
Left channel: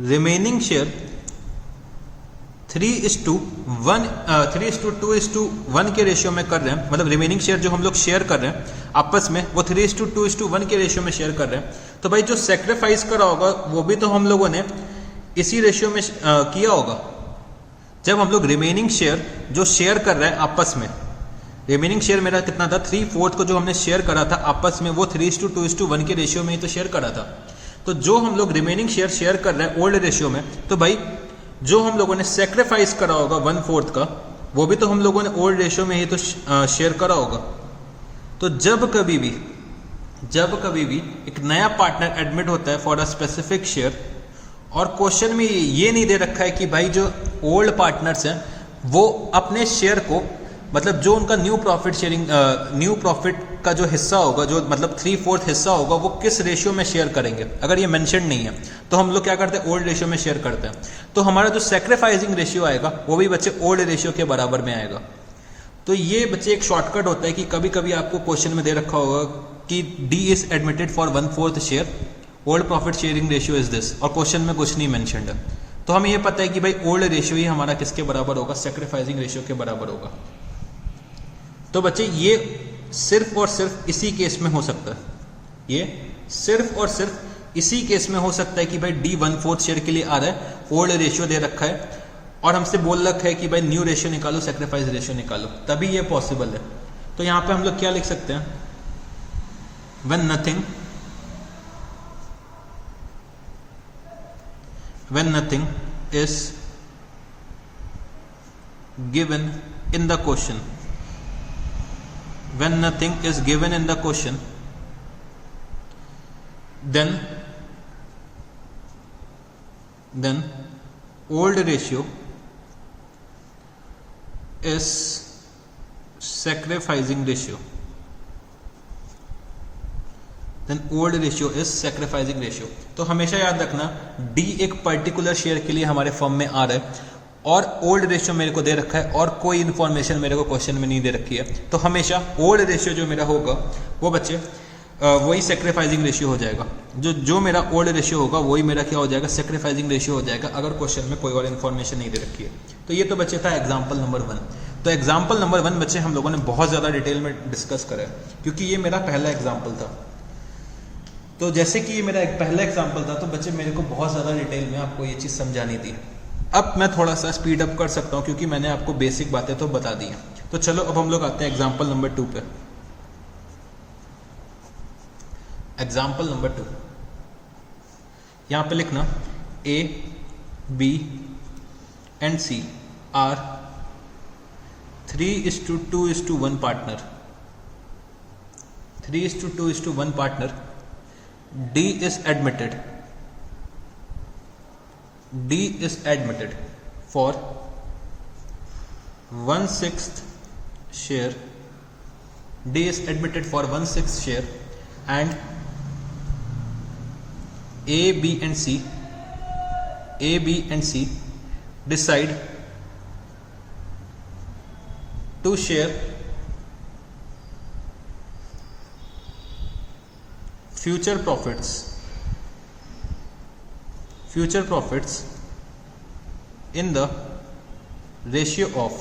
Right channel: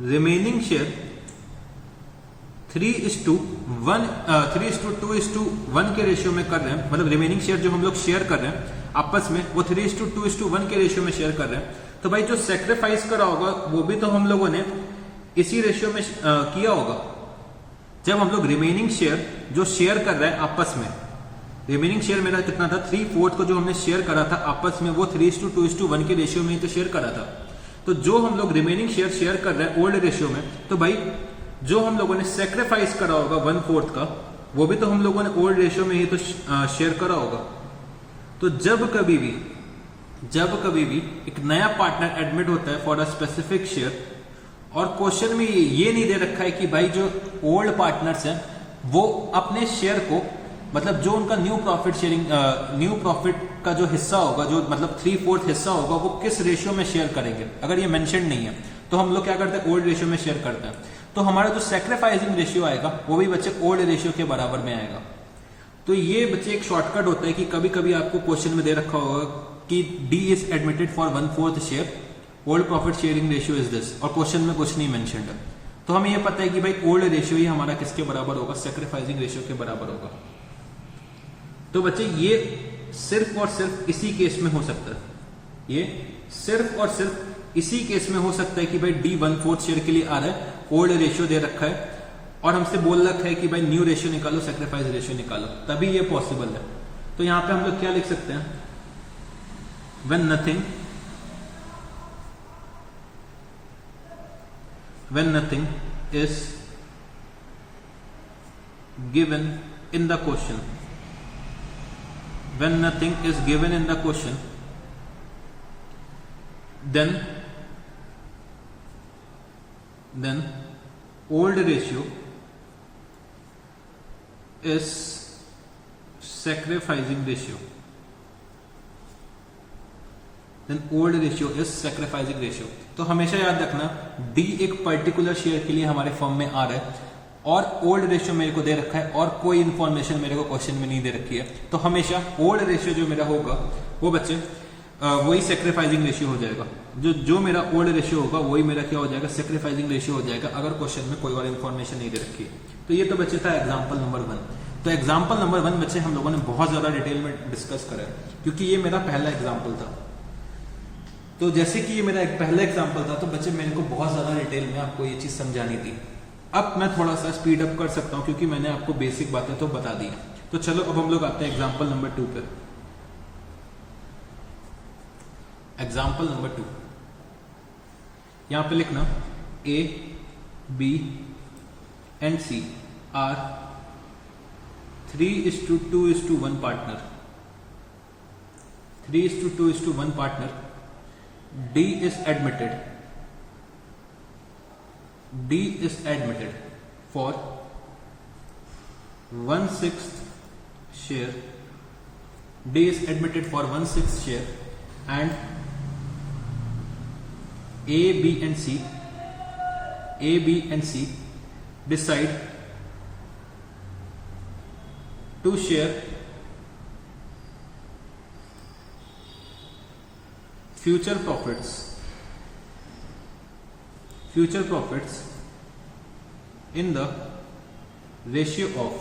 3:2:1 के रेशियो में कर रहे हैं, मतलब रिमेनिंग शेयर जो हम लोग शेयर कर रहे हैं आपस में वो 3:2:1 के रेशियो में शेयर कर रहे हैं, तो भाई जो सेक्रीफाइस करा होगा वो भी तो हम लोगों ने इसी रेशियो में किया होगा। जब हम लोग रिमेनिंग शेयर जो शेयर कर रहे हैं आपस में, रिमेनिंग शेयर मेरा कितना था? 3/4 को जो हमने शेयर करा था आपस में वो 3:2:1 के रेशियो में ही तो शेयर करा था। तो जो हम लोग रिमेनिंग शेयर कर रहे हैं ओल्ड रेशियो में, तो भाई जो हम लोगों ने सेक्रीफाइस करा होगा 1/4 का वो भी तो हम लोगों ने ओल्ड रेशियो में ही तो शेयर करा होगा। तो जब कभी भी एक नया पार्टनर एडमिट होता है फॉर अ स्पेसिफिक शेयर और क्वेश्चन में ये नहीं दे रखा है कि भाई जो ओल्ड पार्टनर्स हैं वो अपने शेयर को, मतलब जो उनका न्यू प्रॉफिट का जो हिस्सा होगा, जो मतलब 3/4 हिस्सा होगा, वो किस रेशियो में शेयर करेंगे, अगर ये मेंशन नहीं है तो हम लोग क्या करते हैं? ओल्ड रेशियो में शेयर करते हैं। तो हमारा जो सेक्रीफाइसिंग रेशियो आएगा वो भी बच्चे ओल्ड रेशियो के बराबर में आएगा। तो ये बच्चे एक शॉर्टकट होता है कि कभी कभी आपको क्वेश्चन में दे रखा होगा कि D is admitted for 1/4 share, old profit sharing ratio is this, और क्वेश्चन में कुछ नहीं मेंशन्ड है, तो हमें ये पता है कि भाई ओल्ड रेशियो ही हमारा किसके बराबर होगा? सेक्रीफाइसिंग रेशियो के बराबर होगा। तो बच्चे ये सिर्फ और सिर्फ इसी केस में हो सकता है, ये सिर्फ और सिर्फ इसी केस में हो सकता है कि भाई डी 1/4 शेयर के लिए आ रहा है, ओल्ड रेशियो दे रखा है और हमसे बोल रखा है कि भाई न्यू रेशियो निकालो, सेक्रीफाइस रेशियो निकालो, तभी ये पॉसिबल है। तो यहां पे हम लोग क्या लिख सकते हैं? when nothing is given in the question, when nothing is given in the question, then old ratio is sacrificing ratio, then old ratio is sacrificing ratio। तो हमेशा याद रखना डी एक पर्टिकुलर शेयर के लिए हमारे फॉर्म में आ रहा है और ओल्ड रेशियो मेरे को दे रखा है और कोई इन्फॉर्मेशन मेरे को क्वेश्चन में नहीं दे रखी है, तो हमेशा ओल्ड रेशियो जो मेरा होगा वो बच्चे वही सेक्रीफाइसिंग रेशियो हो जाएगा। जो मेरा ओल्ड रेशियो होगा वही मेरा क्या हो जाएगा? सेक्रीफाइसिंग रेशियो हो जाएगा, अगर क्वेश्चन में कोई और इन्फॉर्मेशन नहीं दे रखी है। तो ये तो बच्चे था एग्जाम्पल नंबर 1। तो एग्जाम्पल नंबर 1 बच्चे हम लोगों ने बहुत ज्यादा डिटेल में डिस्कस करा है क्योंकि ये मेरा पहला एग्जाम्पल था। तो जैसे कि ये मेरा एक पहला एग्जाम्पल था तो बच्चे मेरे को बहुत ज्यादा डिटेल में आपको ये चीज समझानी थी। अब मैं थोड़ा सा स्पीड अप कर सकता हूँ क्योंकि मैंने आपको बेसिक बातें तो बता दी हैं। तो चलो अब हम लोग आते हैं एग्जाम्पल नंबर 2 पे। एग्जाम्पल नंबर 2 यहां पे लिखना A, B and C are 3:2:1 partner, 3:2:1 partner। D is admitted for 1/6 share D is admitted for 1/6 share and A, B and C decide to share future profits in the ratio of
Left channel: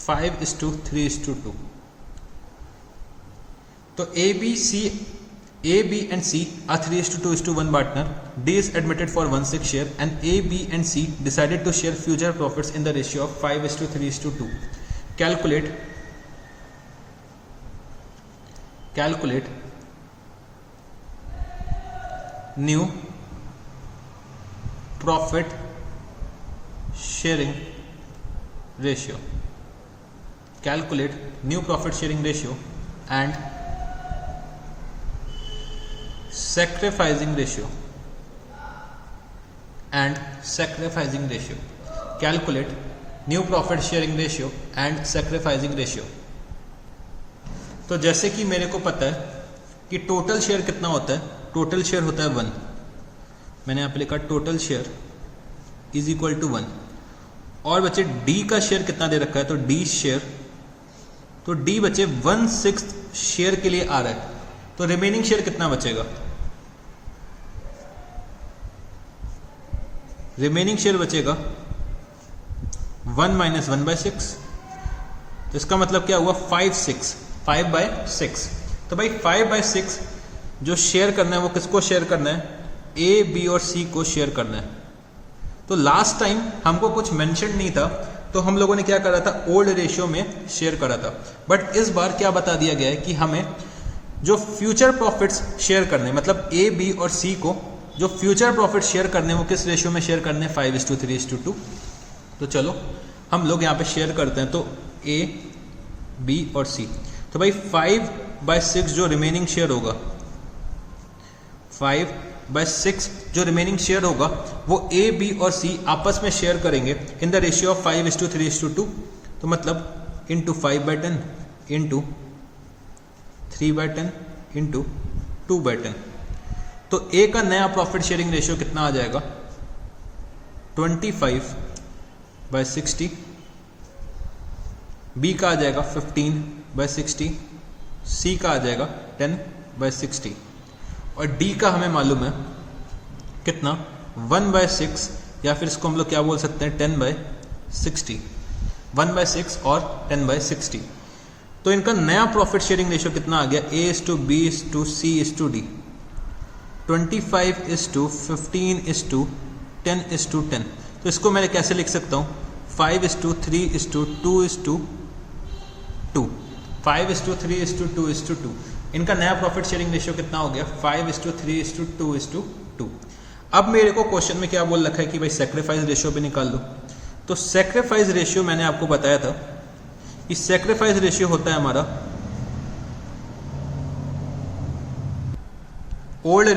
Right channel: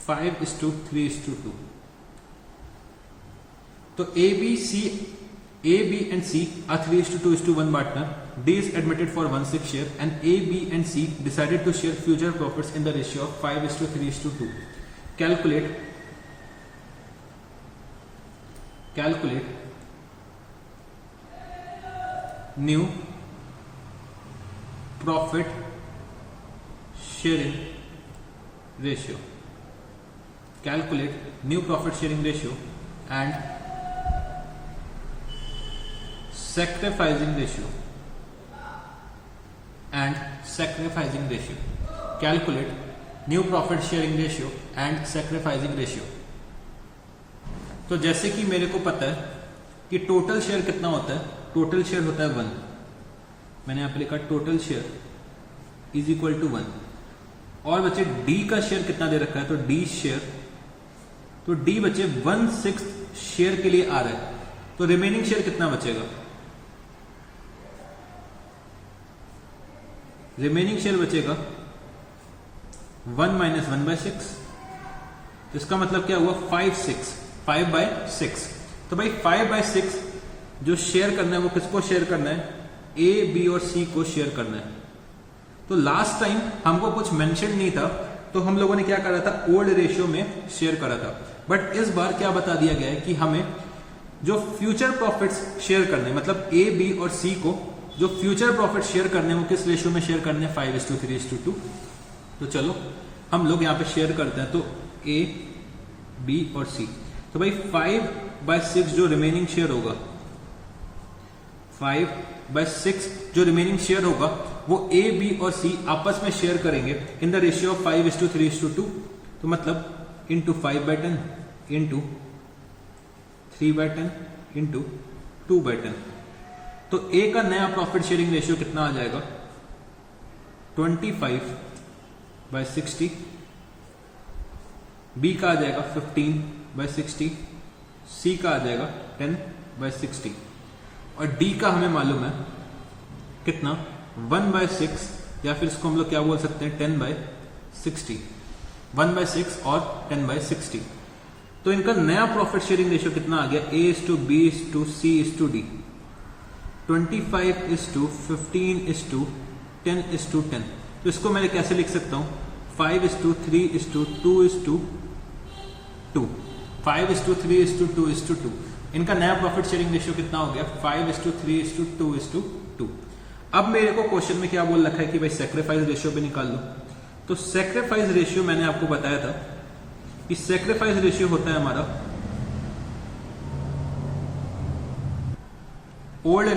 5:3:2. तो A, B and C are 3:2:1 partner. D is admitted for 1/6 share and A, B and C decided to share future profits in the ratio of 5:3:2. Calculate new profit sharing ratio. Calculate new profit sharing ratio and sacrificing ratio. Calculate new profit sharing ratio and sacrificing ratio. तो जैसे कि मेरे को पता है कि total share कितना होता है, टोटल शेयर होता है 1. मैंने यहाँ पे लिखा total share is equal to 1. और बच्चे डी का शेयर कितना दे रखा है, तो डी शेयर, तो डी बचे 1/6 शेयर के लिए आ रहा है. तो रिमेनिंग शेयर कितना बचेगा, रिमेनिंग शेयर बचेगा 1 - 1/6. तो इसका मतलब क्या हुआ 5/6. तो भाई 5/6 जो शेयर करना है वो किसको शेयर करना है, ए, बी और सी को शेयर करना है. तो लास्ट टाइम हमको कुछ मेंशन नहीं था, तो हम लोगों ने क्या करा था, ओल्ड रेशियो में शेयर करा था. बट इस बार क्या बता दिया गया है कि हमें जो फ्यूचर प्रॉफिट्स शेयर करने, मतलब ए, बी और सी को जो फ्यूचर प्रॉफिट शेयर करने वो किस रेशियो में शेयर करने, 5:3:2. तो चलो हम लोग यहाँ पे शेयर करते हैं. तो ए, बी और सी, तो भाई 5/6 जो रिमेनिंग शेयर होगा, 5/6 जो रिमेनिंग शेयर होगा वो ए, बी और सी आपस में शेयर करेंगे इन द रेशियो ऑफ 5:3:2. तो मतलब इंटू 5/10 इंटू 3/10 इंटू 2/10. तो ए का नया प्रॉफिट शेयरिंग रेशियो कितना आ जाएगा, 25/60. बी का आ जाएगा 15/60. सी का आ जाएगा 10/60. और डी का हमें मालूम है कितना, 1/6, या फिर इसको हम लोग क्या बोल सकते हैं, 10/60. 1/6 और 10/60. तो इनका नया प्रॉफिट शेयरिंग रेशियो कितना आ गया, A:B:C:D. 25:15:10:10. तो इसको मैं कैसे लिख सकता हूं, 5:3:2:2. 5:3:2:2. इनका नया प्रॉफिट शेयरिंग रेशियो कितना हो गया, 5:3:2:2. अब मेरे को क्वेश्चन में क्या बोल रखा है कि भाई सैक्रिफाइस रेशियो भी निकाल लो. तो सैक्रिफाइस रेशियो मैंने आपको बताया था कि सैक्रिफाइस रेशियो होता है हमारा old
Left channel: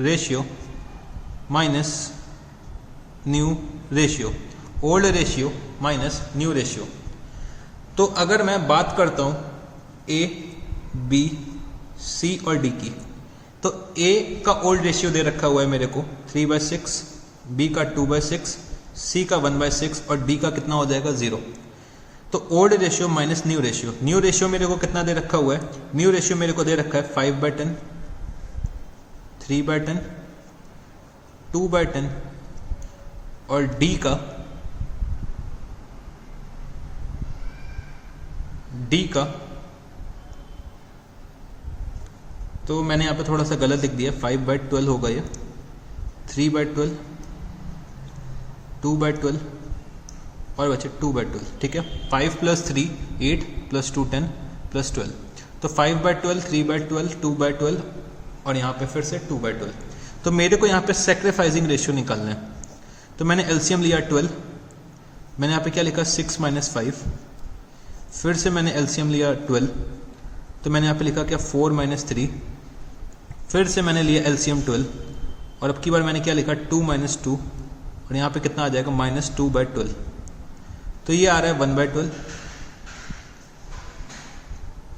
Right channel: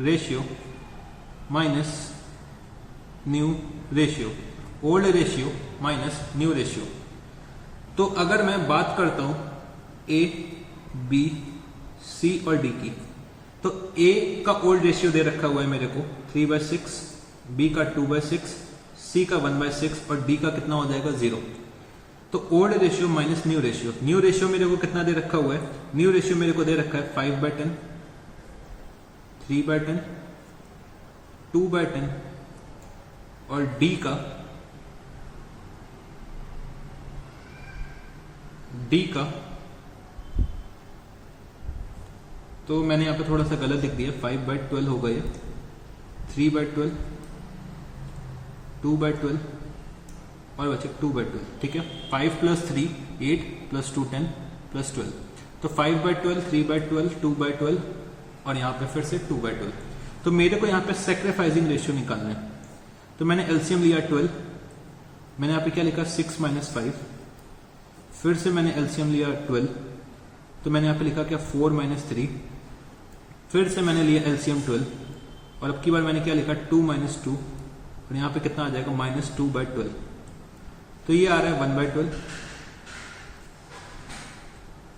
ratio minus new ratio. Old ratio minus new ratio. तो अगर मैं बात करता हूं ए, बी, सी और डी की, तो ए का ओल्ड रेशियो दे रखा हुआ है मेरे को 3/6, बी का 2/6, सी का 1/6 और डी का कितना हो जाएगा 0. तो old ratio minus new ratio. New ratio मेरे को कितना दे रखा हुआ है, न्यू रेशियो मेरे को दे रखा है 5/10, 3/10, 2/10 और डी का तो मैंने यहाँ पे थोड़ा सा गलत लिख दिया, 5/12 होगा ये, 3/12, 2/12 और बचे 2/12. ठीक है, 5 + 3 8 + 2 10 + 12. तो 5/12, 3/12, 2/12 और यहाँ पे फिर से 2/12. तो मेरे को यहाँ पे सैक्रिफाइसिंग रेशियो निकालना है. तो मैंने एलसीएम लिया 12. मैंने यहाँ पे क्या लिखा, 6 - 5. फिर से मैंने एलसीएम लिया 12. तो मैंने यहाँ पे लिखा क्या, 4 - 3. फिर से मैंने लिया एलसीएम 12 और अब की बार मैंने क्या लिखा, 2 - 2 और यहाँ पे कितना आ जाएगा -2/12। तो ये आ रहा है 1/12,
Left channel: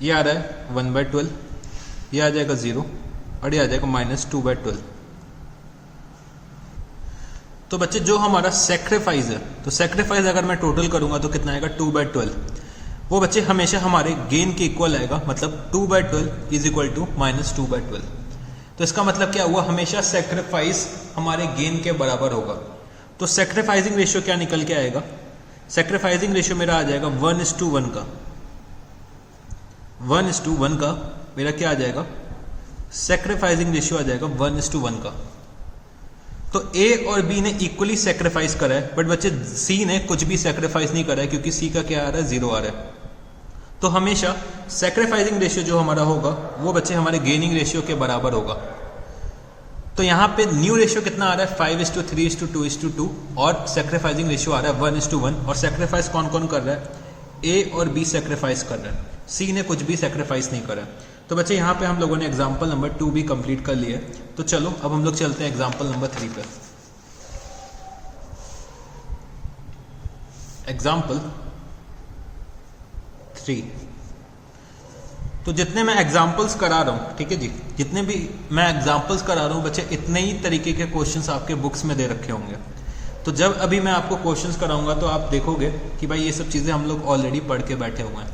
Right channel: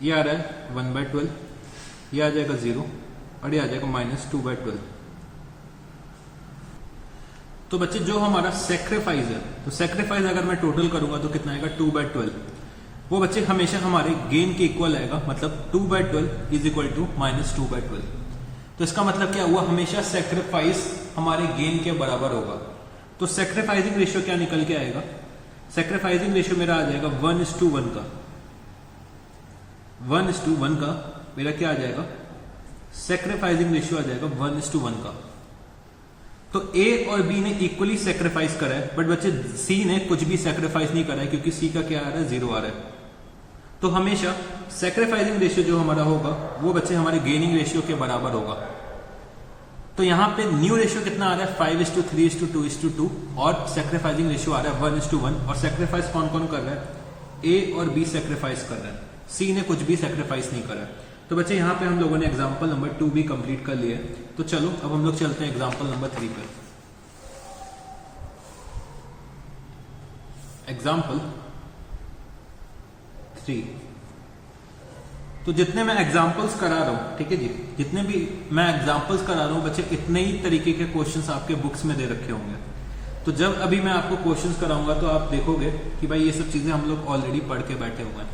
ये आ रहा है 1/12, ये आ जाएगा 0 और ये आ जाएगा -2/12। तो बच्चे जो हमारा सेक्रीफाइस है, तो सेक्रीफाइस अगर मैं टोटल करूंगा तो कितना आएगा 2/12। वो बच्चे हमेशा हमारे गेन के इक्वल आएगा, मतलब 2/12 इज इक्वल टू -2/12। तो इसका मतलब क्या हुआ, हमेशा सेक्रीफाइस हमारे गेन के बराबर होगा। तो सेक्रीफाइसिंग रेशियो क्या निकल के आएगा, सेक्रीफाइसिंग रेशियो मेरा आ जाएगा 1:1 का, 1:1 का मेरा क्या आ जाएगा, सेक्रीफाइसिंग रेशियो आ जाएगा 1:1 का। तो ए और बी ने इक्वली सेक्रीफाइस करा है, बट बच्चे सी ने कुछ भी सेक्रीफाइस नहीं करा है, क्योंकि सी का क्या आ रहा है, 0 आ रहा है। तो हमेशा सेक्रीफाइसिंग रेशियो जो हमारा होगा वो बच्चे हमारे गेनिंग रेशियो के बराबर होगा। तो यहाँ पे न्यू रेशियो कितना आ रहा है, 5:3:2:2 और सेक्रीफाइसिंग रेशियो आ रहा है 1:1। और सेक्रीफाइस कौन कौन कर रहा है, ए और बी सेक्रीफाइस कर रहे हैं, सी ने कुछ भी सेक्रीफाइस नहीं करा है। तो बच्चे यहाँ पे हम लोगों ने एग्जाम्पल नंबर 2 भी कंप्लीट कर लिया। तो चलो अब हम लोग चलते हैं एग्जाम्पल नंबर 3 पे। एग्जाम्पल 3। तो जितने मैं एग्जाम्पल्स करा रहा हूं, ठीक है जी, जितने भी मैं एग्जाम्पल्स करा रहा हूं बच्चे, इतने ही तरीके के क्वेश्चंस आपके बुक्स में दे रखे होंगे। तो जब अभी मैं आपको क्वेश्चंस कराऊंगा तो आप देखोगे कि भाई ये सब चीजें हम लोग ऑलरेडी पढ़ के बैठे हुए हैं।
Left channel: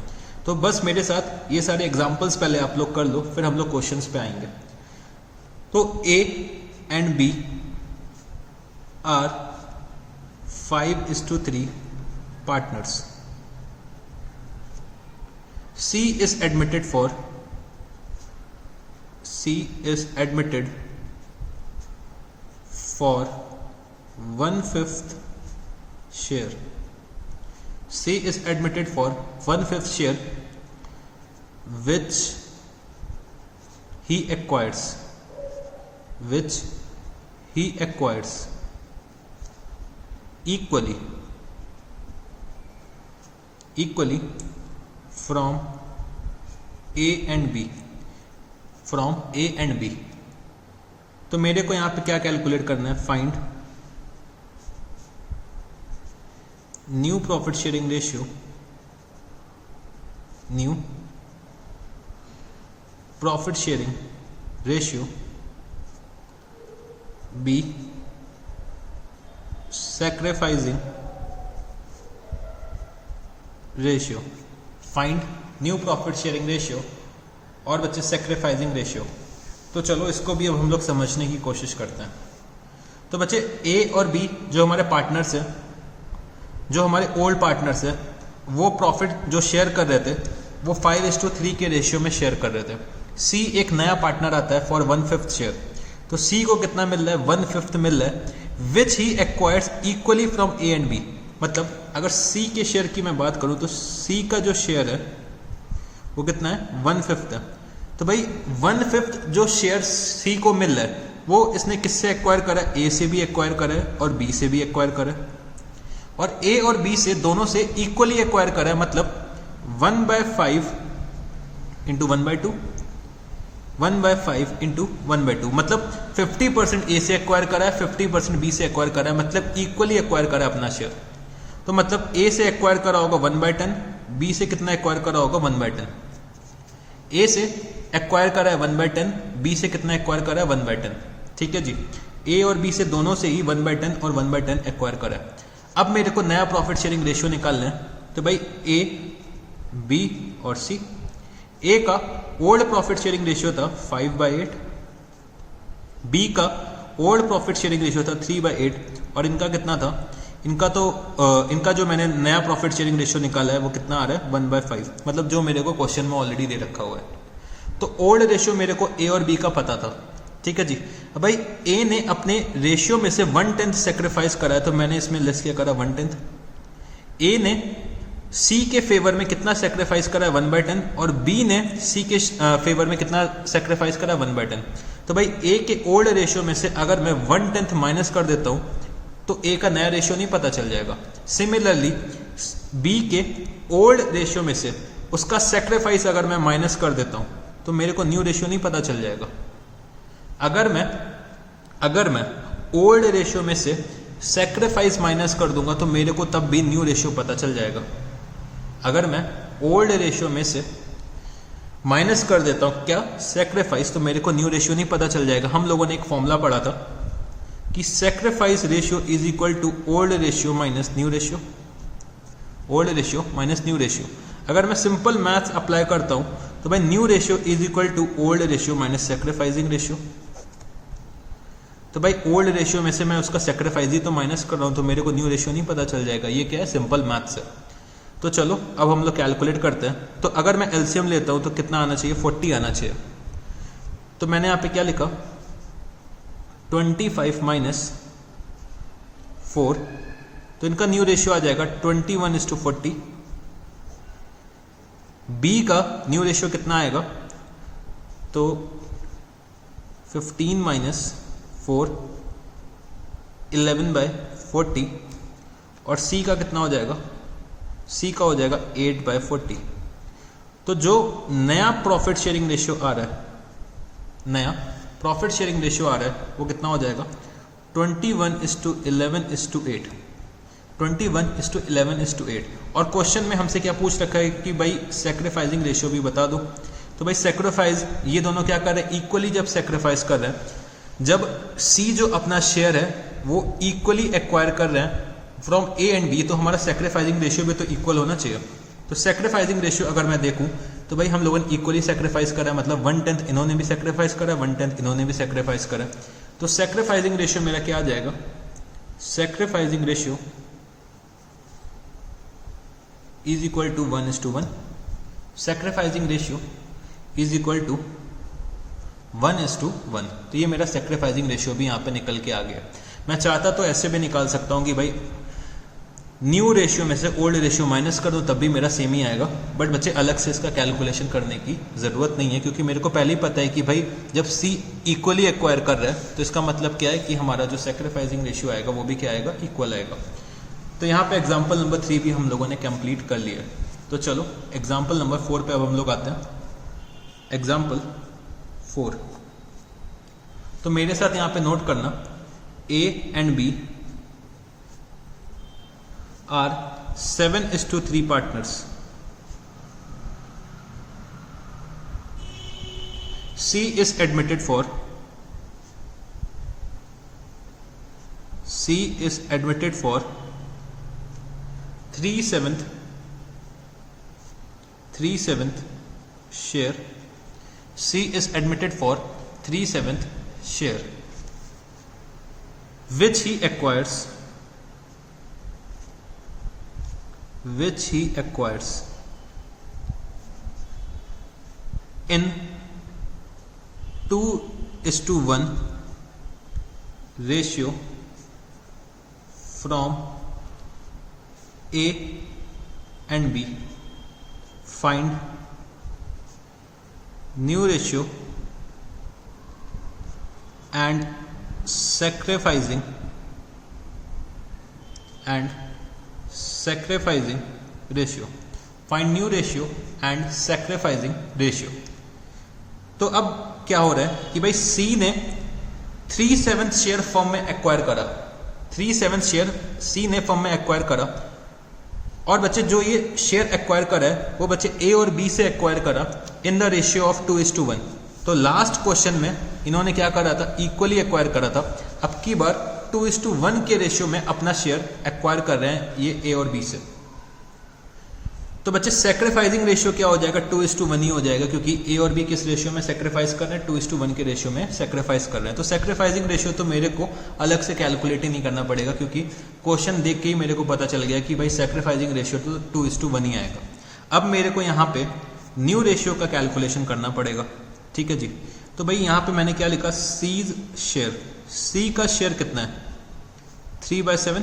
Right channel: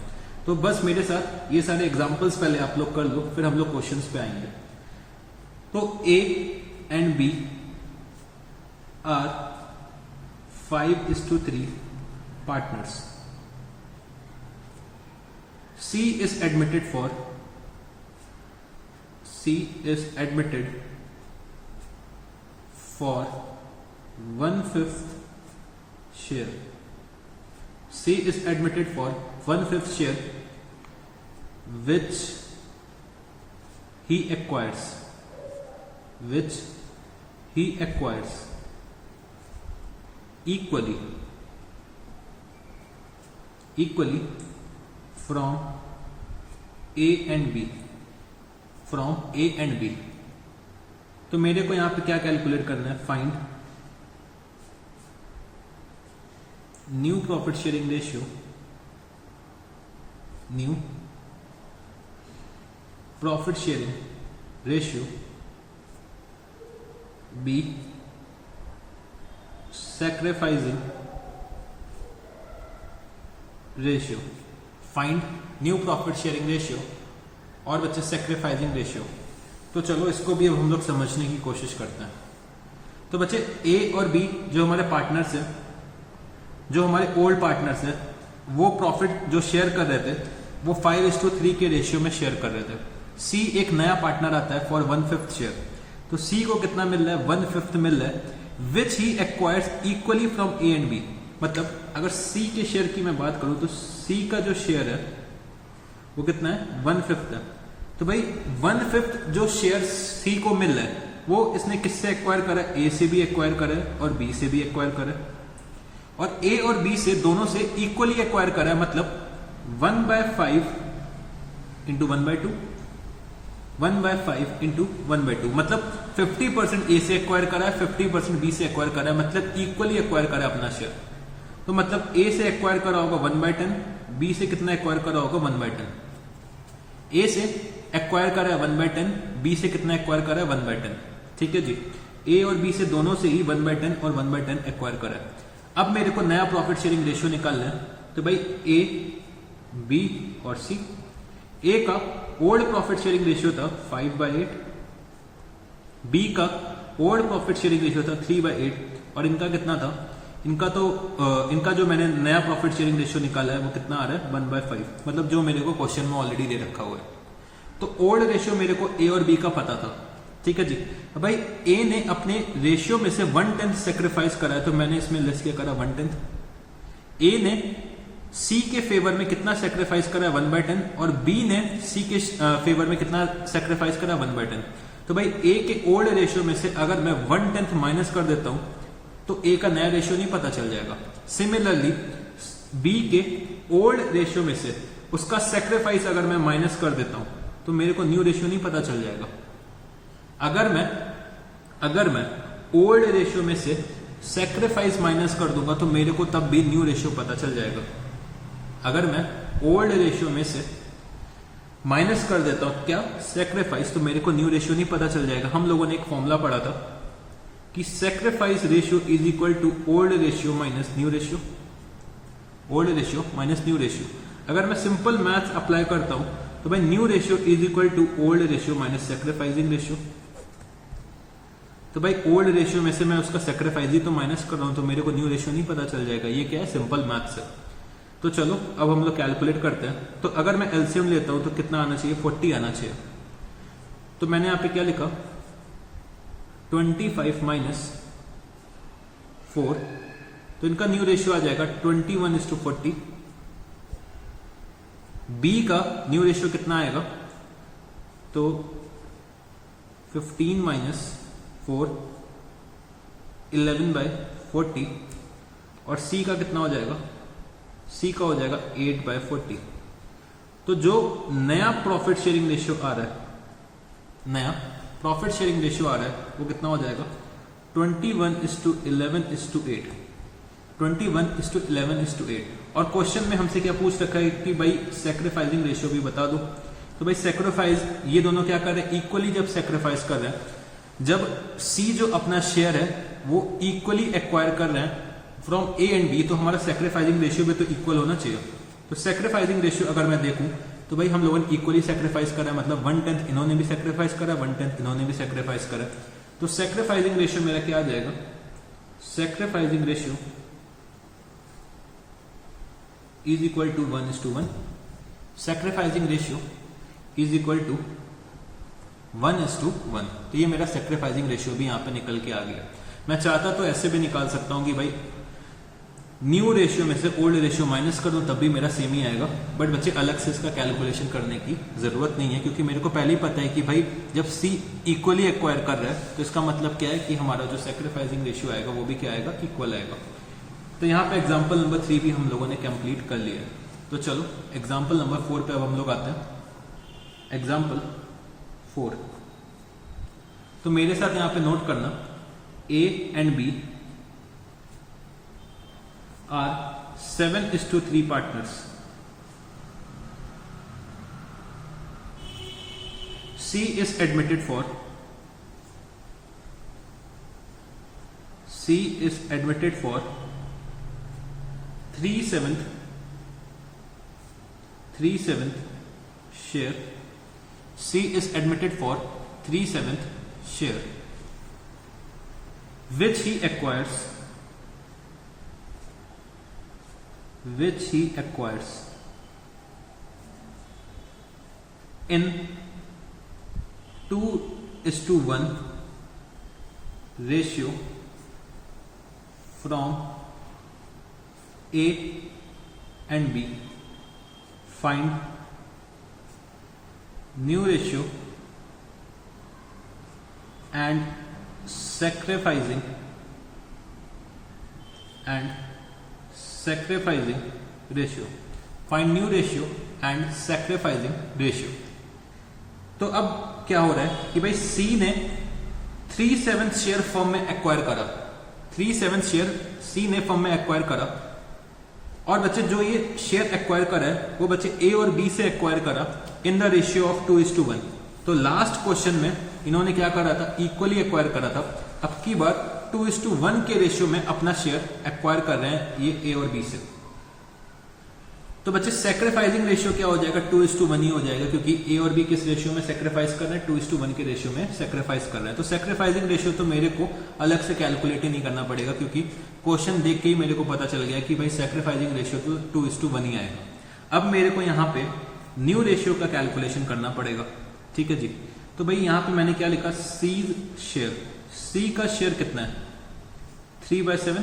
तो बस मेरे साथ ये सारे एग्जाम्पल्स पहले आप लोग कर लो, फिर हम लोग क्वेश्चंस पे आएंगे। तो A and B are 5:3 partners. C is admitted for 1/5 share. C is admitted for 1/5 share which he acquires equally from A and B, तो मेरे को यहां पे क्या कैलकुलेट करना है, find new profit sharing ratio, B sacrificing ratio. Find new profit sharing ratio और बच्चे सेक्रीफाइसिंग रेशियो। तो चलो इसको भी अब हम लोग समझने की कोशिश करते हैं। तो बच्चे ए और बी जो हमारे पार्टनर्स है, जो हमारे ओल्ड पार्टनर्स है, वो प्रॉफिट जो शेयर कर रहे थे वो 5:3 के रेशियो में शेयर कर रहे थे। सी एक नया पार्टनर आता है फॉर 1/5 शेयर, तो सी को कितना मिल रहा है, 1/5 मिल रहा है, which he acquires equally from A and B. मतलब अगर सी के शेयर की मैं बात करूं तो सी का जो शेयर है वो कितना है, 1/5 है। तो भाई 1/5 जो शेयर सी को मिल रहा है वो इसने किससे एक्वायर करा है, ए से भी एक्वायर करा है और बी से भी एक्वायर करा है, और ए और बी से दोनों से इक्वली एक्वायर करा है। मतलब 1/5 इंटू 1/2, 1/5 इंटू 1/2, मतलब 50% ए से एक्वायर करा है, 50% बी से एक्वायर करा है, मतलब इक्वली एक्वायर करा है अपना शेयर। तो मतलब ए से एक्वायर करा होगा 1/10, बी से कितना एक्वायर करा होगा 1/10। ए से एक्वायर करा है 1/10, बी से कितना एक्वायर करा है 1/10। ठीक है जी, ए और बी से दोनों से ही 1/10 और 1/10 एक्वायर करा है। अब मेरे को नया प्रॉफिट शेयरिंग रेशियो निकालना है। तो भाई ए, बी और सी। ए का ओल्ड प्रॉफिट शेयरिंग रेशियो था 5/8, बी का ओल्ड प्रॉफिट शेयरिंग रेशियो था 3/8, और इनका कितना था, इनका जो मैंने नया प्रॉफिट शेयरिंग रेशियो निकाला है वो कितना आ रहा है 1/5, मतलब जो मेरे को क्वेश्चन में ऑलरेडी दे रखा हुआ है। तो ओल्ड रेशियो मेरे को ए और बी का पता था। ठीक है जी, अब भाई ए ने अपने रेशियो में से 1/10 सेक्रीफाइस करा है, तो मैंने इसमें लेस क्या करा 1/10। ए ने सी के फेवर में कितना सेक्रीफाइस करा 1/10, और बी ने सी के फेवर में कितना सेक्रीफाइस करा 1/10। तो भाई ए के ओल्ड रेशियो में से अगर मैं 1/10 माइनस कर देता हूं तो ए का नया रेशियो नहीं पता चल जाएगा। सिमिलरली बी के ओल्ड रेशियो में से उसका सेक्रीफाइस अगर मैं माइनस कर देता हूं तो मेरे को न्यू रेशियो नहीं पता चल जाएगा। अगर मैं ओल्ड रेशियो में से सेक्रीफाइस माइनस कर दूंगा तो मेरे को तब भी न्यू रेशियो पता चल जाएगा। अगर मैं ओल्ड रेशियो में से माइनस कर देता हूं क्या, सेक्रीफाइस, तो मेरे को न्यू रेशियो नहीं पता चल जाएगा। हम लोगों ने एक फॉर्मूला पढ़ा था कि sacrifice ratio is equal to old ratio minus new ratio, old ratio minus new ratio. अगर मैं सिंपल मैथ्स अप्लाई करता हूं तो भाई new ratio is equal to old ratio minus sacrificing ratio. तो भाई ओल्ड रेशियो में से मैं उसका सेक्रीफाइस ही तो माइनस कर रहा हूं, तो मेरे को न्यू रेशियो नहीं पता चल जाएगा। ये क्या है, सिंपल मैथ्स है। तो चलो अब हम लोग कैलकुलेट करते हैं। तो अगर मैं एलसीएम लेता हूं तो कितना आना चाहिए, 40 आना चाहिए। तो मैंने यहां पे क्या लिखा, 25 माइनस 4, तो इनका न्यू रेशियो आ जाएगा 21:40। बी का न्यू रेशियो कितना आएगा, तो 15 माइनस 4 11/40, और सी का कितना हो जाएगा, सी का हो जाएगा 8/40। तो जो नया प्रॉफिट शेयरिंग रेशियो आ रहा है, नया प्रॉफिट शेयरिंग रेशियो आ रहा है वो कितना हो जाएगा, 21:11:8, 21:11:8। और क्वेश्चन में हमसे क्या पूछ रखा है कि भाई सेक्रीफाइसिंग रेशियो भी बता दो। तो भाई सेक्रीफाइस, ये दोनों क्या कर रहे हैं, इक्वली जब सेक्रीफाइस कर रहे हैं, जब सी जो अपना शेयर है वो इक्वली एक्वायर कर रहे हैं फ्रॉम ए एंड बी, तो हमारा सेक्रीफाइसिंग रेशियो भी तो इक्वल होना चाहिए। तो सेक्रीफाइसिंग रेशियो अगर मैं देखूं तो भाई हम लोगों ने इक्वली सेक्रीफाइस करा है, मतलब 1/10 इन्होंने भी सेक्रीफाइस करा, 1/10 इन्होंने भी सेक्रीफाइस करा। तो सेक्रीफाइसिंग रेशियो मेरा क्या आ जाएगा, sacrificing ratio is equal to 1:1, sacrificing ratio is equal to 1:1। तो ये मेरा सेक्रीफाइसिंग रेशियो भी यहाँ पे निकल के आ गया। मैं चाहता तो ऐसे भी निकाल सकता हूँ कि भाई न्यू रेशियो में से ओल्ड रेशियो माइनस कर दो, तब भी मेरा सेम ही आएगा। बट बच्चे अलग से इसका कैलकुलेशन करने की जरूरत नहीं है, क्योंकि मेरे को पहले ही पता है कि भाई जब सी इक्वली एक्वायर कर रहा है तो इसका मतलब क्या है कि हमारा जो सेक्रीफाइसिंग रेशियो आएगा वो भी क्या आएगा, इक्वल आएगा। तो यहाँ पे एग्जाम्पल नंबर 3 भी हम लोगों ने कंप्लीट कर लिया है। तो चलो एग्जाम्पल नंबर 4 पे अब हम लोग आते हैं। एग्जाम्पल 4, तो मेरे साथ यहाँ पे नोट करना, A and B are 7:3 partners. C is admitted for 3/7 share. C is admitted for 3/7 share, which he acquires in 2:1 ratio from A and B. Find new ratio and sacrificing ratio. Find new ratio and sacrificing ratio. तो अब क्या हो रहा है कि भाई C ने 3/7 share firm में एक्वायर करा, 3/7 शेयर C ने फर्म में एक्वायर करा, और बच्चे जो ये शेयर एक्वायर करा है वो बच्चे A और B से एक्वायर करा इन द रेशियो ऑफ 2:1। तो लास्ट क्वेश्चन में इन्होंने क्या करा था, इक्वली एक्वायर करा था। अब की बार 2:1 के रेशियो में अपना शेयर एक्वायर कर रहे हैं ये A और B से। तो बच्चे सेक्रीफाइसिंग रेशियो क्या हो जाएगा, 2:1 ही हो जाएगा, क्योंकि A और B किस रेशियो में सेक्रीफाइस कर रहे हैं, 2:1 के रेशियो में सेक्रीफाइस कर रहे हैं। तो सेक्रीफाइसिंग रेशियो तो मेरे को अलग से कैलकुलेट ही नहीं करना पड़ेगा, क्योंकि क्वेश्चन देख के ही मेरे को पता चल गया कि भाई सेक्रीफाइसिंग रेशियो तो 2:1 ही आएगा। अब मेरे को यहाँ पे न्यू रेशियो का कैलकुलेशन करना पड़ेगा, ठीक है जी। तो भाई यहाँ पे मैंने क्या लिखा, सीज शेयर, सी का शेयर कितना है, 3/7।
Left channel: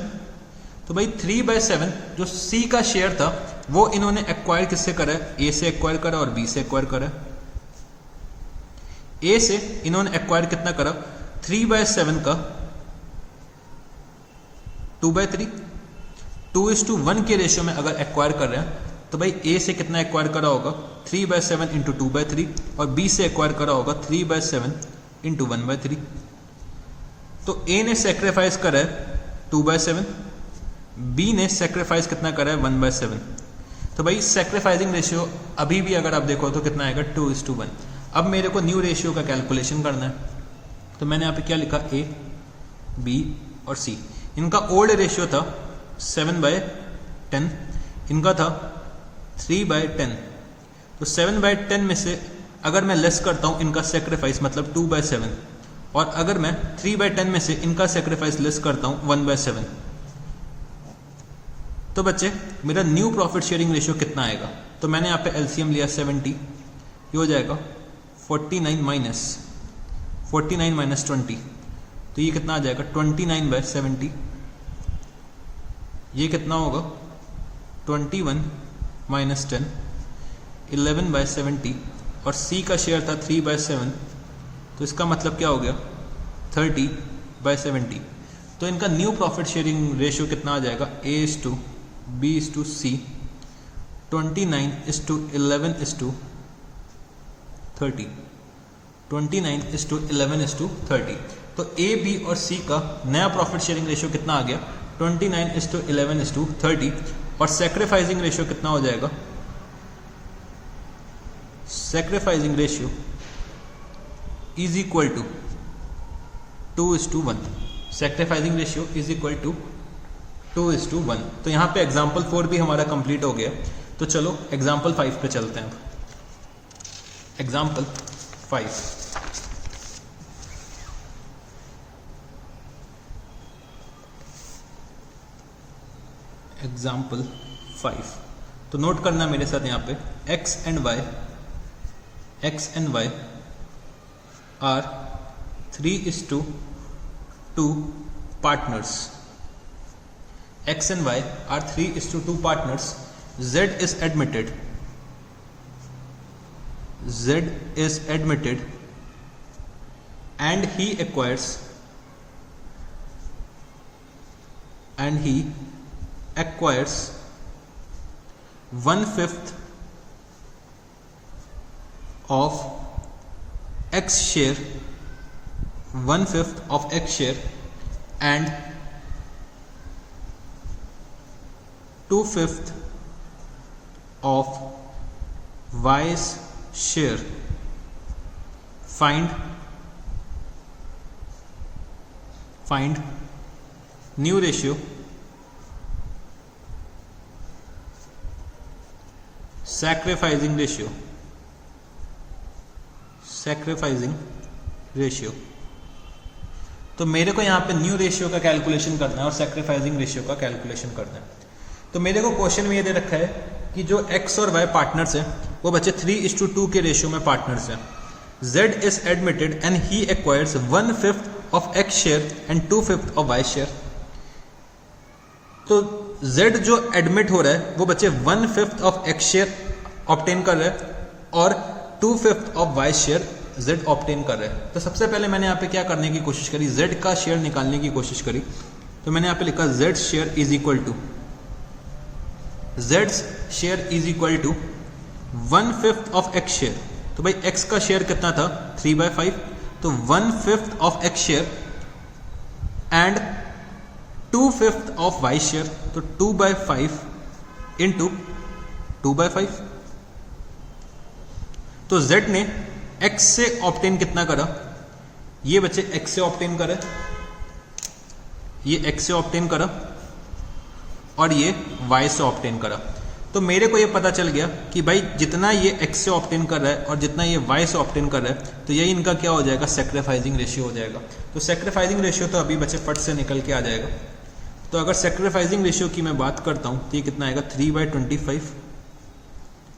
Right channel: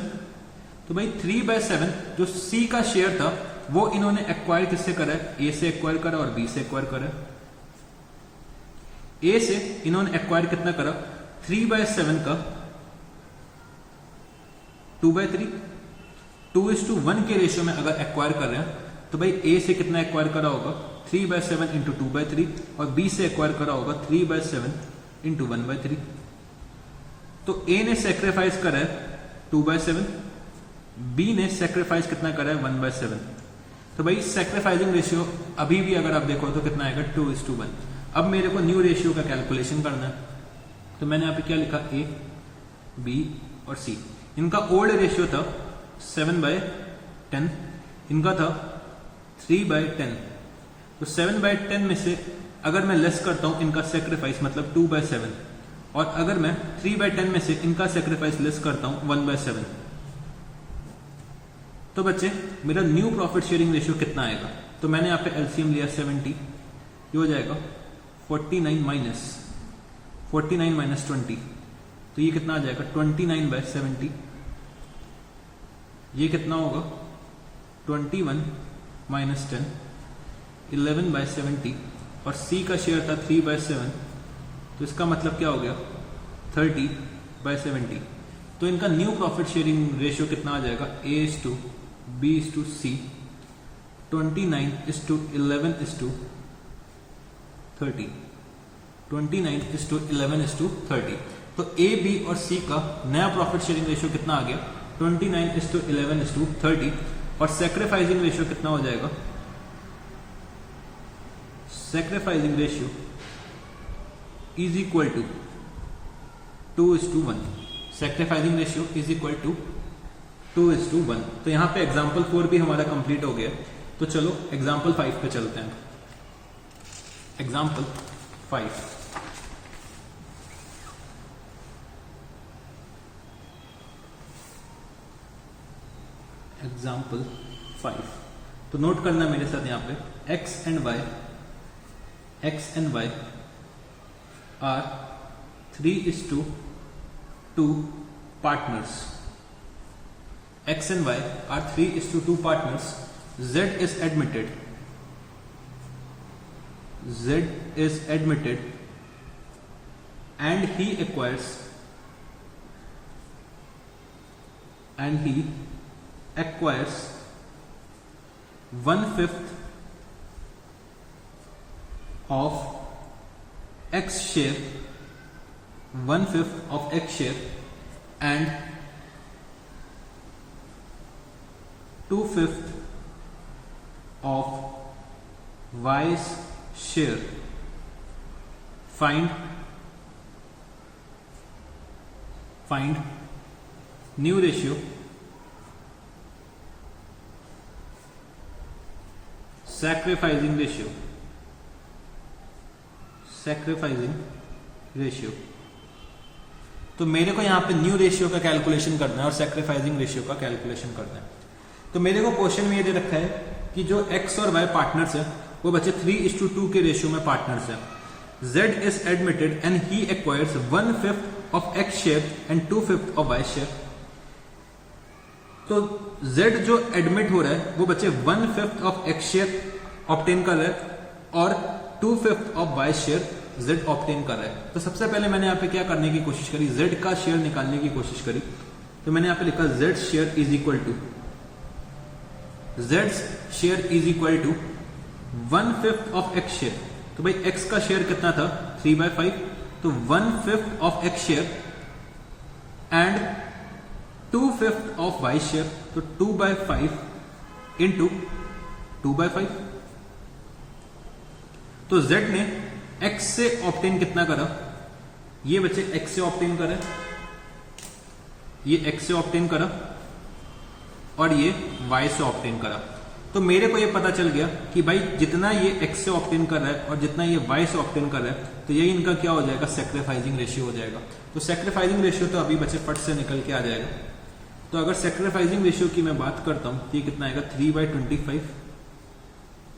तो भाई 3/7 जो सी का शेयर था वो इन्होंने एक्वायर किससे करा है, ए से एक्वायर करा और बी से एक्वायर करा। ए से इन्होंने एक्वायर कितना करा, 3/7 का 2/3, 2:1 के रेशियो में अगर एक्वायर कर रहे हैं तो भाई ए से कितना एक्वायर करा होगा, 3/7 इंटू 2/3, और बी से एक्वायर करा होगा 3/7 इंटू 1/3। तो ए ने सेक्रीफाइस करा है 2/7, बी ने सेक्रीफाइस कितना करा है 1/7। तो भाई सेक्रीफाइसिंग रेशियो अभी भी अगर आप देखो तो कितना आएगा 2:1। अब मेरे को न्यू रेशियो का कैलकुलेशन करना है, तो मैंने यहाँ पे क्या लिखा, ए, बी और सी। इनका ओल्ड रेशियो था 7/10, इनका था 3/10। तो 7/10 में से अगर मैं लेस करता हूं इनका सेक्रीफाइस मतलब 2/7, और अगर मैं 3/10 में से इनका सेक्रीफाइस लेस करता हूं 1/7, तो बच्चे मेरा न्यू प्रॉफिट शेयरिंग रेशियो कितना आएगा। तो मैंने यहाँ पे एलसीएम लिया 70, ये हो जाएगा 49 माइनस 20, तो ये कितना आ जाएगा 29/70। ये कितना होगा 21 माइनस 10, 11/70, और सी का शेयर था 3/7, तो इसका मतलब क्या हो गया 30/70। तो इनका न्यू प्रॉफिट शेयरिंग रेशियो कितना आ जाएगा, A/B/C, 29:11:30, 29:11:30। तो ए, बी और सी का नया प्रॉफिट शेयरिंग रेशियो कितना आ गया 29:11:30, और सेक्रीफाइसिंग रेशियो कितना हो जाएगा, sacrificing ratio is equal to 2:1। Sacrificing ratio is equal to 2:1। तो यहाँ पे एग्जाम्पल 4 भी हमारा कंप्लीट हो गया। तो चलो एग्जाम्पल 5 पे चलते हैं। एग्जाम्पल 5, एग्जाम्पल 5, तो नोट करना मेरे साथ यहाँ पे x and y are 3:2 partners. X and y are 3:2 partners. Z is admitted. And he acquires 1/5 of X share, 1/5 of X share, and 2/5 of Y's share. Find new ratio, sacrificing ratio. तो मेरे को यहाँ पे new ratio का calculation करना है और sacrificing ratio का कैलकुलेशन करना है। तो मेरे को क्वेश्चन में ये दे रखा है कि जो x और y पार्टनर्स है वो बच्चे 3:2 के रेशियो में पार्टनर्स है। Z is admitted and he acquires 1/5 of X share and 2/5 of Y share. तो Z जो एडमिट हो रहा है वो बच्चे 1/5 of X share ऑब्टेन कर रहा है और 2/5 of Y share Z obtain कर रहा है। तो सबसे पहले मैंने यहाँ पे क्या करने की कोशिश करी, Z का शेयर निकालने की कोशिश करी। तो मैंने यहाँ पे लिखा Z share is equal to 1/5 of X share। तो भाई X का शेयर कितना था 3/5, तो 1/5 of X share and 2/5 of Y share, तो 2/5 इंटू 2/5। तो Z ने X से ऑब्टेन कितना करा, ये बच्चे X से ऑब्टेन करा, ये X से ऑब्टेन करा और ये Y से ऑब्टेन करा। तो मेरे को ये पता चल गया कि भाई जितना ये X से ऑब्टेन कर रहा है और जितना ये Y से ऑब्टेन कर रहा है, तो ये इनका क्या हो जाएगा, सेक्रीफाइसिंग रेशियो हो जाएगा। तो सेक्रीफाइसिंग रेशियो तो अभी बच्चे फट से निकल के आ जाएगा। तो अगर सेक्रीफाइसिंग रेशियो की मैं बात करता हूँ तो ये कितना आएगा 3/25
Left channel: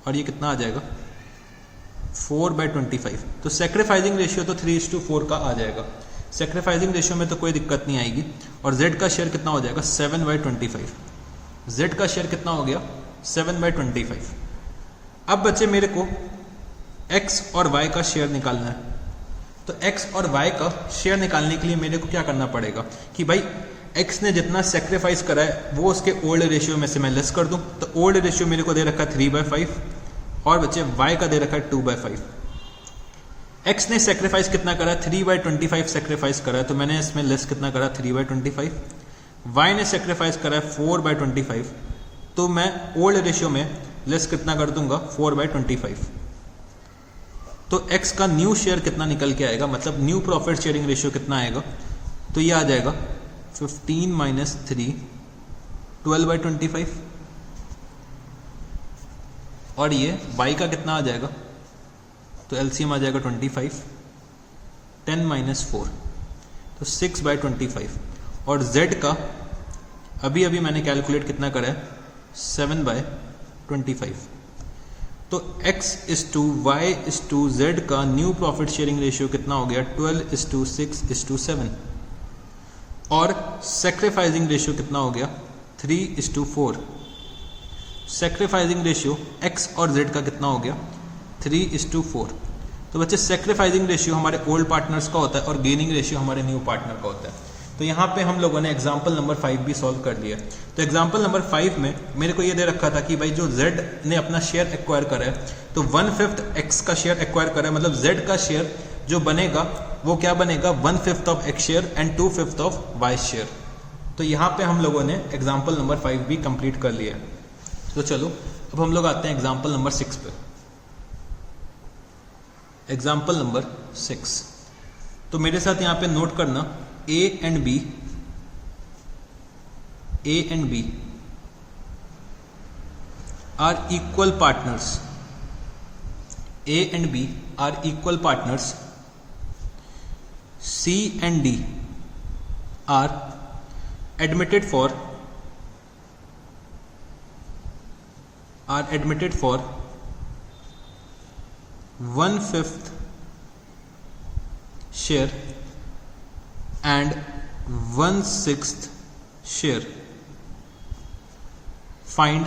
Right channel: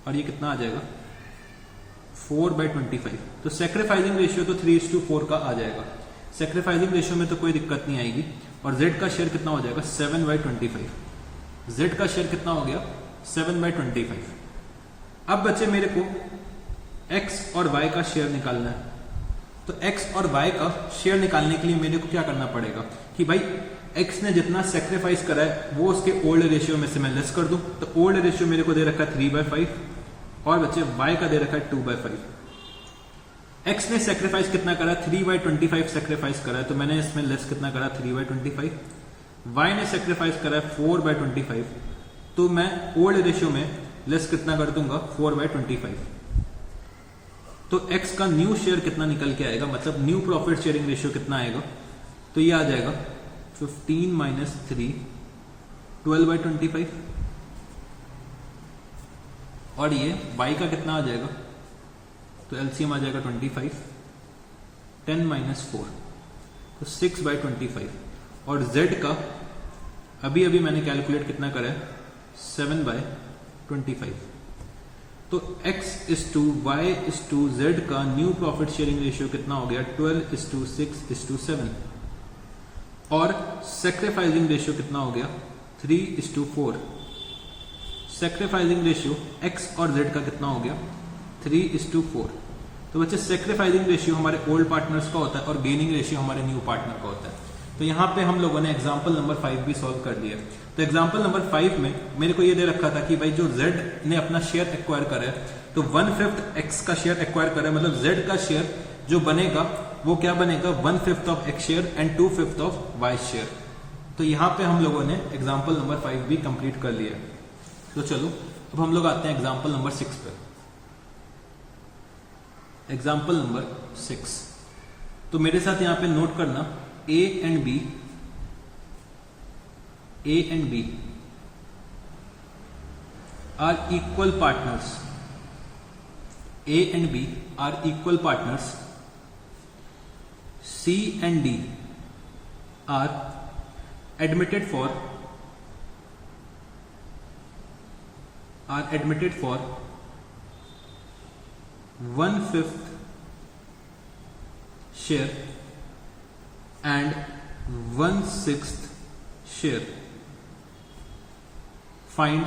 और ये कितना आ जाएगा 4/25। तो सेक्रीफाइसिंग रेशियो तो 3:4 का आ जाएगा। सेक्रीफाइसिंग रेशियो में तो कोई दिक्कत नहीं आएगी। और Z का शेयर कितना हो जाएगा 7/25। Z का शेयर कितना हो गया 7/25। अब बच्चे मेरे को X और Y का शेयर निकालना है। तो X और Y का शेयर निकालने के लिए मेरे को क्या करना पड़ेगा कि भाई X ने जितना सेक्रीफाइस करा है वो उसके ओल्ड रेशियो में से मैं लेस कर दूं। तो ओल्ड रेशियो मेरे को दे रखा है 3/5 और बच्चे Y का दे रखा है 2/5। X ने सेक्रीफाइस कितना करा 3/25 सेक्रीफाइस करा है, तो मैंने इसमें लेस कितना करा 3/25। वाई ने सेक्रीफाइस करा है 4/25, तो मैं ओल्ड रेशियो में लेस कितना कर दूंगा 4/25। तो x का न्यू शेयर कितना निकल के आएगा, मतलब न्यू प्रॉफिट शेयरिंग रेशियो कितना आएगा, तो ये आ जाएगा 15 - 3 12/25। और ये y का कितना आ जाएगा, तो एलसीएम आ जाएगा 25, 10 - 4 तो 6/25। और z का अभी अभी मैंने कैलकुलेट कितना करा है 7/25। तो x is to y is to z का न्यू प्रॉफिट शेयरिंग रेशियो कितना हो गया 12:6:7। और सेक्रीफाइसिंग रेशियो कितना हो गया 3:4। सेक्रीफाइसिंग रेशियो x और z का कितना हो गया 3:4। तो बच्चे सेक्रीफाइसिंग रेशियो हमारे ओल्ड पार्टनर्स का होता है और गेनिंग रेशियो हमारे न्यू पार्टनर का होता है। तो यहाँ पे हम लोगों ने एग्जाम्पल नंबर 5 भी सॉल्व कर लिया। तो एग्जाम्पल नंबर 5 में मेरे को ये दे रखा था कि भाई जो z ने अपना शेयर एक्वायर करा है, तो 1/5 x का शेयर एक्वायर करा है, मतलब z का शेयर जो बनेगा वो क्या बनेगा 1/5 of x share and 2/5 of y share. तो यहाँ पे हम लोगों ने एग्जाम्पल नंबर 5 भी कंप्लीट कर लिया है। तो चलो अब हम लोग आते हैं एग्जाम्पल नंबर 6 पे। एग्जाम्पल नंबर 6, तो मेरे साथ यहाँ पे नोट करना A and B are equal partners. A and B are equal partners. C and D are admitted for 1/5 share and 1/6 share. Find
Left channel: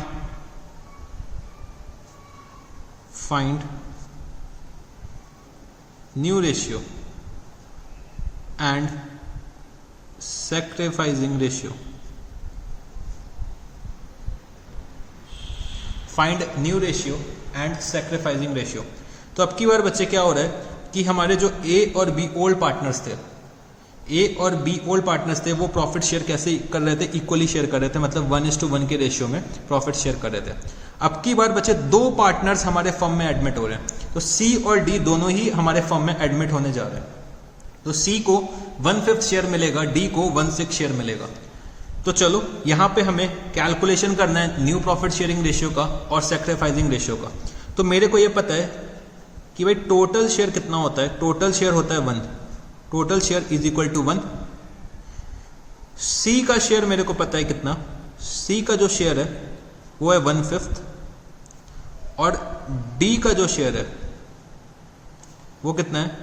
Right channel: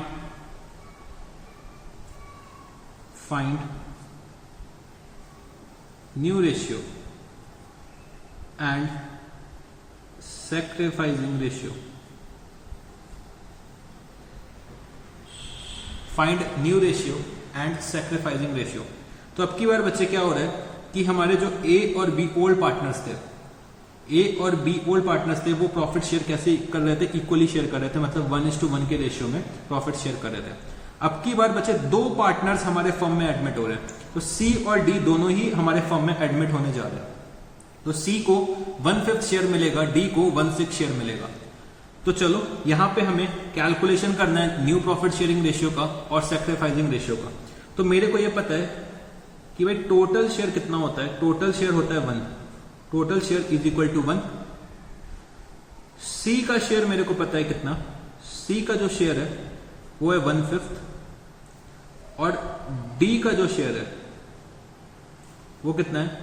new ratio and sacrificing ratio. Find new ratio and sacrificing ratio. तो अब की बार बच्चे क्या हो रहा है कि हमारे जो A और B ओल्ड पार्टनर्स थे, ए और बी ओल्ड पार्टनर्स थे, वो प्रॉफिट शेयर कैसे कर रहे थे, इक्वली शेयर कर रहे थे, मतलब 1:1 के रेशियो में प्रॉफिट शेयर कर रहे थे। अब की बार बच्चे दो पार्टनर्स हमारे फर्म में एडमिट हो रहे हैं, तो सी और डी दोनों ही हमारे फर्म में एडमिट होने जा रहे हैं। तो सी को 1/5 शेयर मिलेगा, डी को 1/6 शेयर मिलेगा। तो चलो यहाँ पे हमें कैलकुलेशन करना है न्यू प्रॉफिट शेयरिंग रेशियो का और सेक्रीफाइसिंग रेशियो का। तो मेरे को ये पता है कि भाई टोटल शेयर कितना होता है, टोटल शेयर होता है 1, total share is equal to 1। C का शेयर मेरे को पता है कितना, सी का जो शेयर है वो है 1/5 और डी का जो शेयर है वो कितना है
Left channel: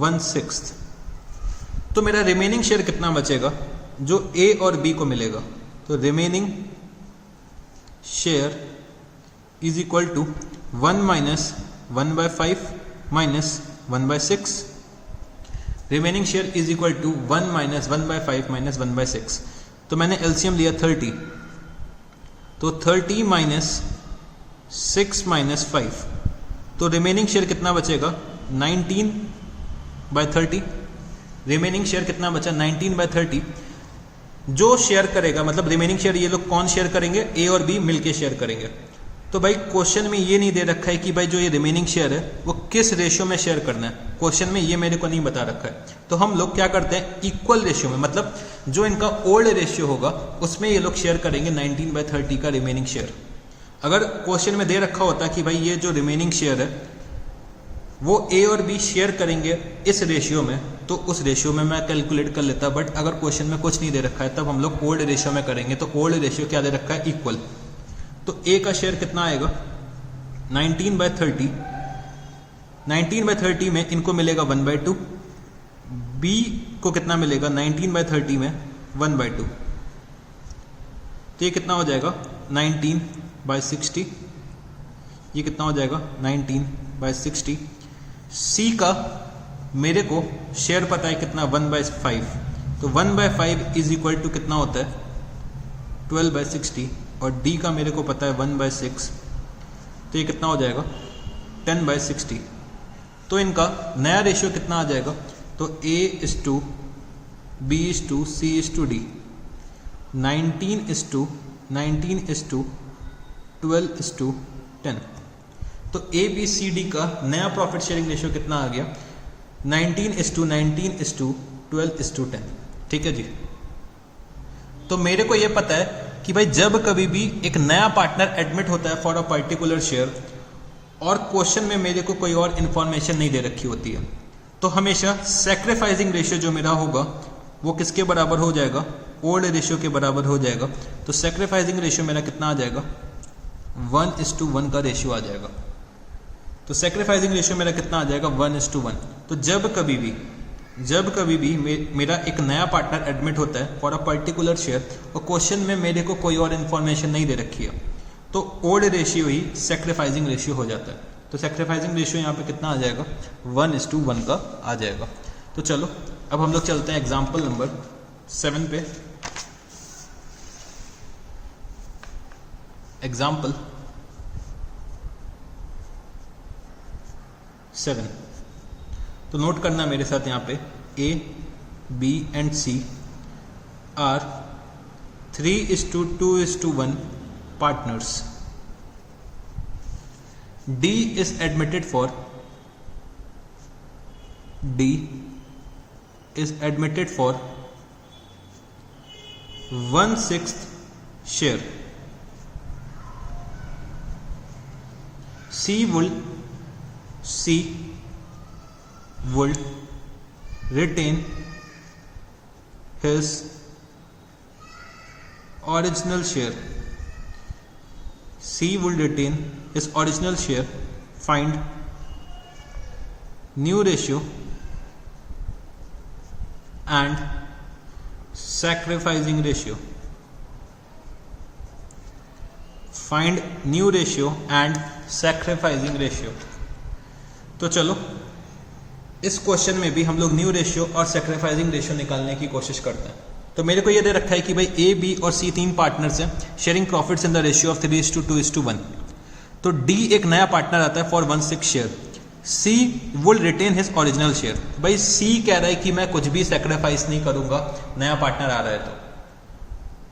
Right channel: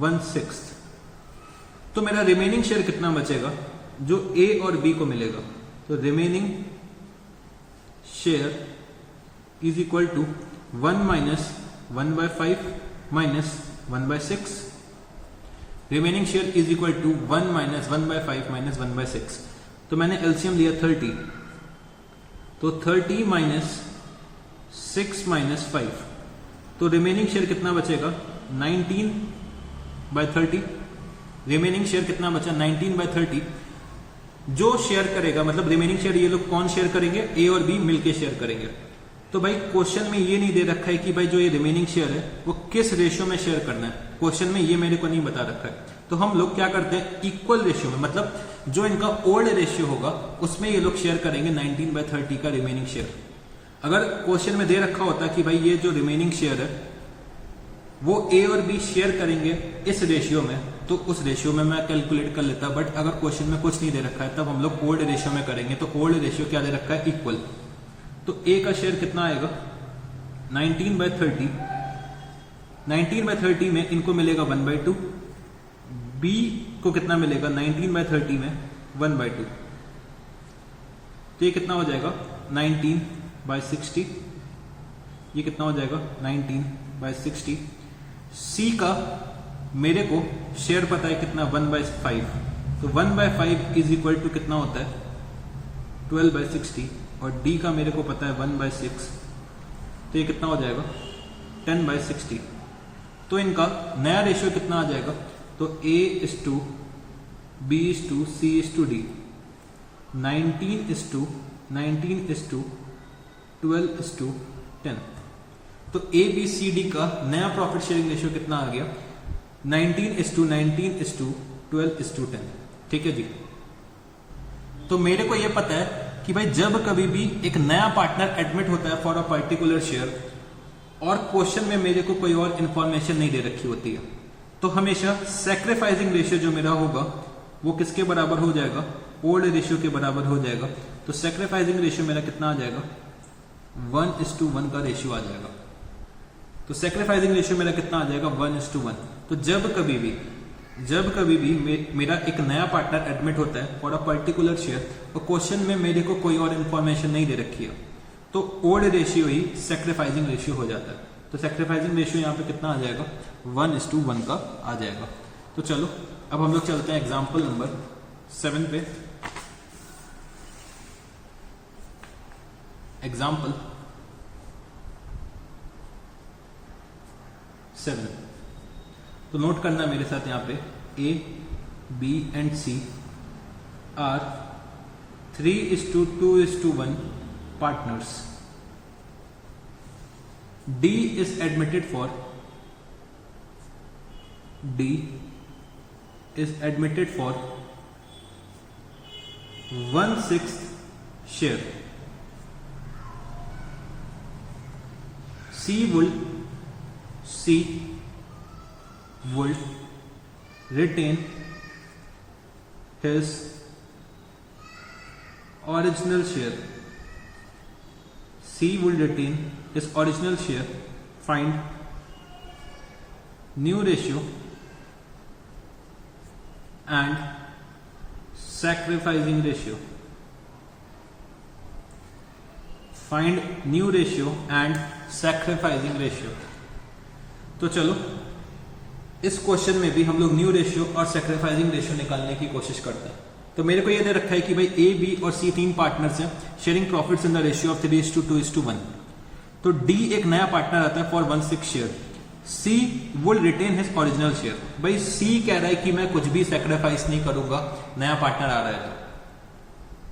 1/6। तो मेरा रिमेनिंग शेयर कितना बचेगा जो ए और बी को मिलेगा, तो remaining share is equal to 1 - 1/5 - 1/6। Remaining share is equal to 1 - 1/5 - 1/6। तो मैंने एलसीएम लिया 30, तो 30 - 6 - 5, तो रिमेनिंग शेयर कितना बचेगा 19/30। रिमेनिंग शेयर कितना बचा 19/30। जो शेयर करेगा, मतलब रिमेनिंग शेयर ये लोग कौन शेयर करेंगे, ए और बी मिलके शेयर करेंगे। तो भाई क्वेश्चन में ये नहीं दे रखा है कि भाई जो ये रिमेनिंग शेयर है वो किस रेशियो में शेयर करना है, क्वेश्चन में ये मेरे को नहीं बता रखा है। तो हम लोग क्या करते हैं इक्वल रेशियो में, मतलब जो इनका ओल्ड रेशियो होगा उसमें ये लोग शेयर करेंगे 19/30 का रिमेनिंग शेयर। अगर क्वेश्चन में दे रखा होता कि भाई ये जो रिमेनिंग शेयर है वो ए और बी शेयर करेंगे इस रेशियो में, तो उस रेशियो में मैं कैलकुलेट कर लेता। बट अगर क्वेश्चन में कुछ नहीं दे रखा है तब हम लोग ओल्ड रेशियो में करेंगे। तो ओल्ड रेशियो क्या दे रखा है इक्वल। तो ए का शेयर कितना आएगा 19/30। 19/30 में इनको मिलेगा 1/2, बी को कितना मिलेगा 19/30 में 1/2। तो ये कितना हो जाएगा 19/60। ये कितना हो जाएगा 19/60। सी का मेरे को शेयर पता है कितना 1/5, तो 1/5 इज इक्वल टू कितना होता है 12/60। और डी का मेरे को पता है 1/6, तो ये कितना हो जाएगा 10/60। तो इनका नया रेशियो कितना आ जाएगा, तो A is to B is to C is to D। 19:12:10। तो ABCD का नया प्रॉफिट शेयरिंग रेशियो कितना आ गया? 19:19:12:10। ठीक है जी। तो मेरे को यह पता है कि भाई जब कभी भी एक नया पार्टनर एडमिट होता है फॉर अ पर्टिकुलर शेयर और क्वेश्चन में मेरे को कोई और इंफॉर्मेशन नहीं दे रखी होती है, तो हमेशा सैक्रिफाइसिंग रेशियो जो मेरा होगा वो किसके बराबर हो जाएगा? ओल्ड रेशियो के बराबर हो जाएगा। तो सैक्रिफाइसिंग रेशियो मेरा कितना आ जाएगा? 1:1 का रेशियो आ जाएगा। तो सैक्रिफाइसिंग रेशियो मेरा कितना आ जाएगा? 1:1। तो जब कभी भी मेरा एक नया पार्टनर एडमिट होता है फॉर अ पर्टिकुलर शेयर और क्वेश्चन में मेरे को कोई और इन्फॉर्मेशन नहीं दे रखी है, तो ओल्ड रेशियो ही सैक्रिफाइसिंग रेशियो हो जाता है। तो सैक्रिफाइसिंग रेशियो यहाँ पे कितना आ जाएगा? 1:1 का आ जाएगा। तो चलो अब हम लोग चलते हैं एग्जाम्पल नंबर 7 पे। एग्जाम्पल 7, तो नोट करना मेरे साथ यहाँ पे A, B and C are 3:2:1 partners. D is admitted for 1/6 share. C would retain his original share. C will retain his original share. Find new ratio and sacrificing ratio. Find new ratio and sacrificing ratio. तो चलो इस question में भी हम लोग new ratio और sacrificing ratio निकालने की कोशिश करते हैं। तो मेरे को ये दे रखा है कि भाई A, B और C 3 पार्टनर्स हैं sharing profits in the ratio of 3:2:1। तो D एक नया पार्टनर आता है for 1/6 share. C will retain his original share. भाई C कह रहा है कि मैं कुछ भी सैक्रिफाइस नहीं करूंगा, नया पार्टनर आ रहा है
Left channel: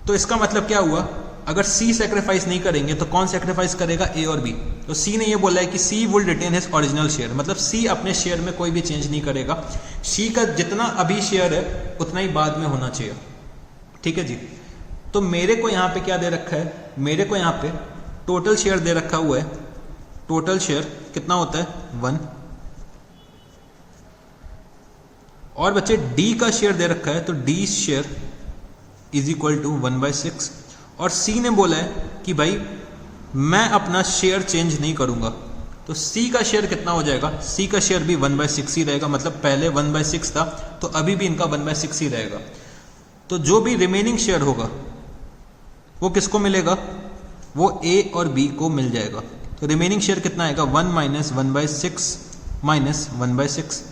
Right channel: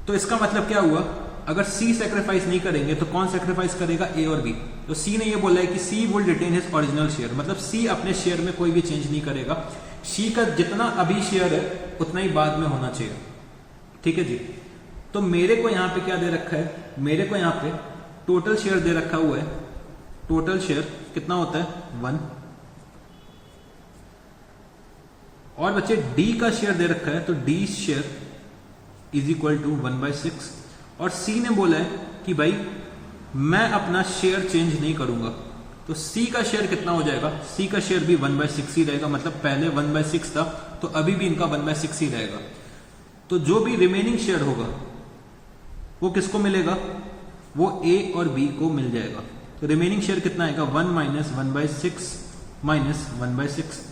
तो इसका मतलब क्या हुआ? अगर C सैक्रिफाइस नहीं करेंगे तो कौन सैक्रिफाइस करेगा? A और B। तो C ने ये बोला है कि C will retain his original share, मतलब C अपने शेयर में कोई भी चेंज नहीं करेगा। C का जितना अभी शेयर है उतना ही बाद में होना चाहिए। ठीक है जी। तो मेरे को यहाँ पे क्या दे रखा है? मेरे को यहाँ पे टोटल शेयर दे रखा हुआ है। टोटल शेयर कितना होता है? 1। और बच्चे D का शेयर दे रखा है, तो D share is equal to 1/6। और C ने बोला है कि भाई मैं अपना शेयर चेंज नहीं करूंगा, तो C का शेयर कितना हो जाएगा? C का शेयर भी 1/6 ही रहेगा, मतलब पहले 1/6 था तो अभी भी इनका 1/6 ही रहेगा। तो जो भी रिमेनिंग शेयर होगा वो किसको मिलेगा? वो A और B को मिल जाएगा। तो रिमेनिंग शेयर कितना आएगा? 1 - 1/6 माइनस 1/6,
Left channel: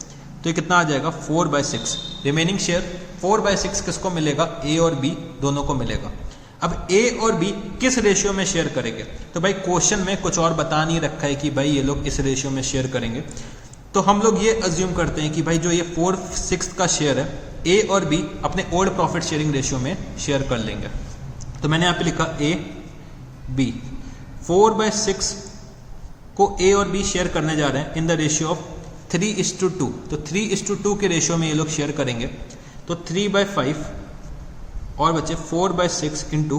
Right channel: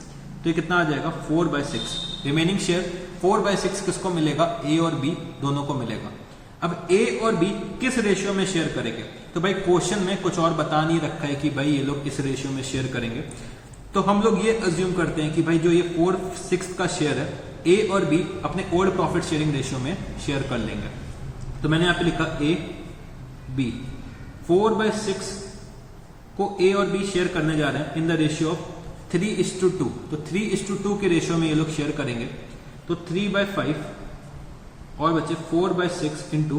तो ये कितना आ जाएगा? 4/6। रिमेनिंग शेयर 4/6 किसको मिलेगा? A और B दोनों को मिलेगा। अब A और B किस रेशियो में शेयर करेंगे? तो भाई क्वेश्चन में कुछ और बता नहीं रखा है कि भाई ये लोग इस रेशियो में शेयर करेंगे, तो हम लोग ये अज्यूम करते हैं कि भाई जो ये 4/6 का शेयर है A और B अपने ओल्ड प्रॉफिट शेयरिंग रेशियो में शेयर कर लेंगे। तो मैंने यहाँ पे लिखा A B 4/6 को A और B शेयर करने जा रहे हैं इन द रेशियो ऑफ 3:2। तो 3:2 के रेशियो में ये लोग शेयर करेंगे, तो 3/5 और बचे 4/6 इंटू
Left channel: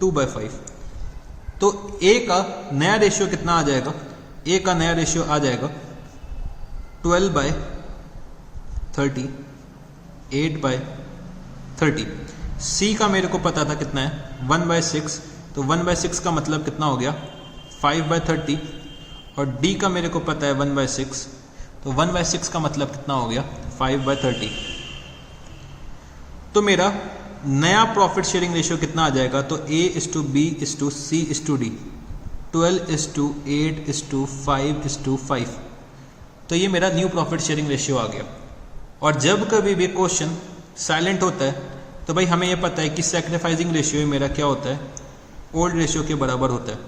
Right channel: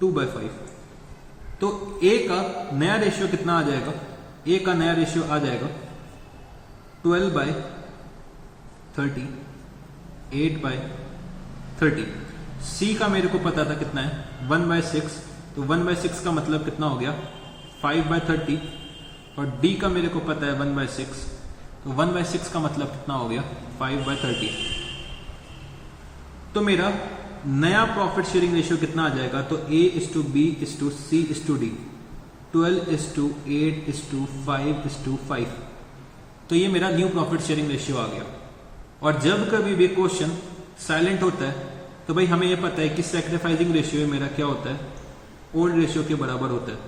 2/5। तो A का नया रेशियो कितना आ जाएगा? A का नया रेशियो आ जाएगा 12/30, 8/30। C का मेरे को पता था कितना है? 1/6, तो 1/6 का मतलब कितना हो गया? 5/30। और D का मेरे को पता है 1/6, तो 1/6 का मतलब कितना हो गया? 5/30। तो मेरा नया प्रॉफिट शेयरिंग रेशियो कितना आ जाएगा? तो A:B:C:D 12:8:5:5। तो ये मेरा न्यू प्रॉफिट शेयरिंग रेशियो आ गया। और जब कभी भी क्वेश्चन साइलेंट होता है तो भाई हमें यह पता है कि सैक्रिफाइसिंग रेशियो मेरा क्या होता है? ओल्ड रेशियो के बराबर होता है।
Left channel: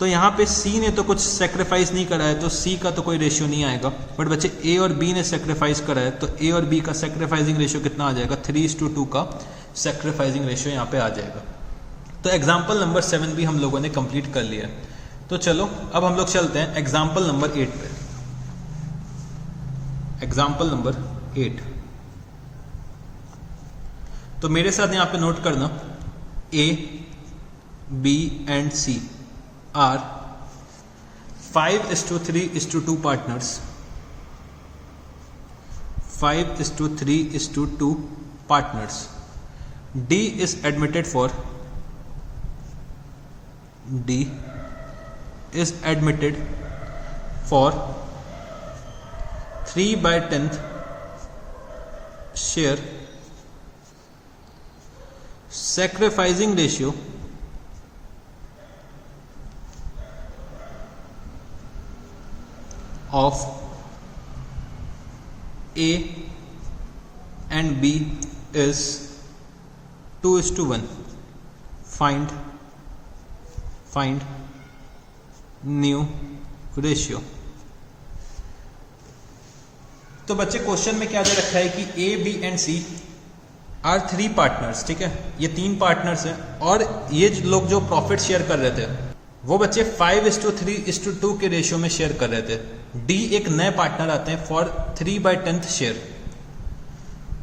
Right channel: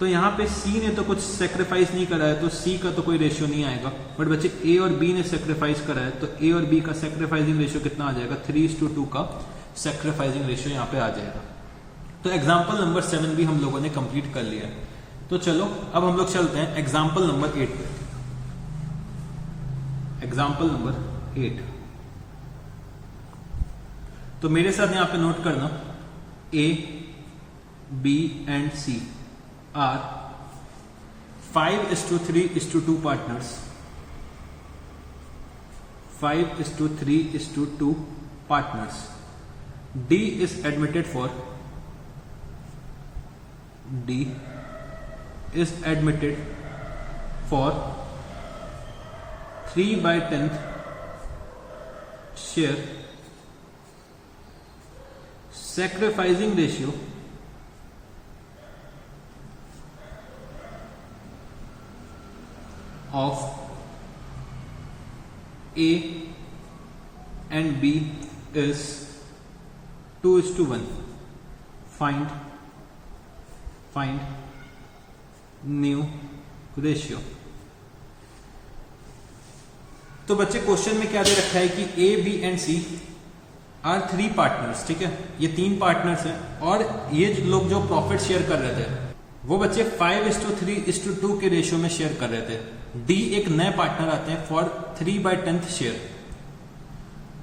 तो यहाँ पे C ने तो कुछ सेक्रीफाइस नहीं करा है, तो C का तो कोई रेशियो नहीं आएगा। बट बच्चे A और B ने सेक्रीफाइस करा है, तो A और B का सेक्रीफाइसिंग रेशियो कितना आ जाएगा? 3:2 का सेक्रीफाइसिंग रेशियो यहाँ पे आ जाएगा। तो एग्जाम्पल नंबर 7 भी हम लोगों ने कंप्लीट कर लिया। तो चलो अब हम लोग चलते हैं एग्जाम्पल नंबर 8 पे। एग्जाम्पल नंबर 8, तो मेरे साथ यहाँ पे नोट करना, A, B and C are 5:3:2 partners. 5:3:2 partners. D is admitted for 3/10 share. Sacrificing ratio of A and B is 2:1. Find new ratio. तो बच्चे क्वेश्चन में क्या दे रखा है कि A, B and C are 3 partners, ठीक है, ये 3 पार्टनर्स हैं और ये लोग जो प्रॉफिट शेयर कर रहे थे वो बच्चे 5:3:2 के रेशियो में शेयर कर रहे थे। D एक नए पार्टनर आते हैं फॉर 3/10 शेयर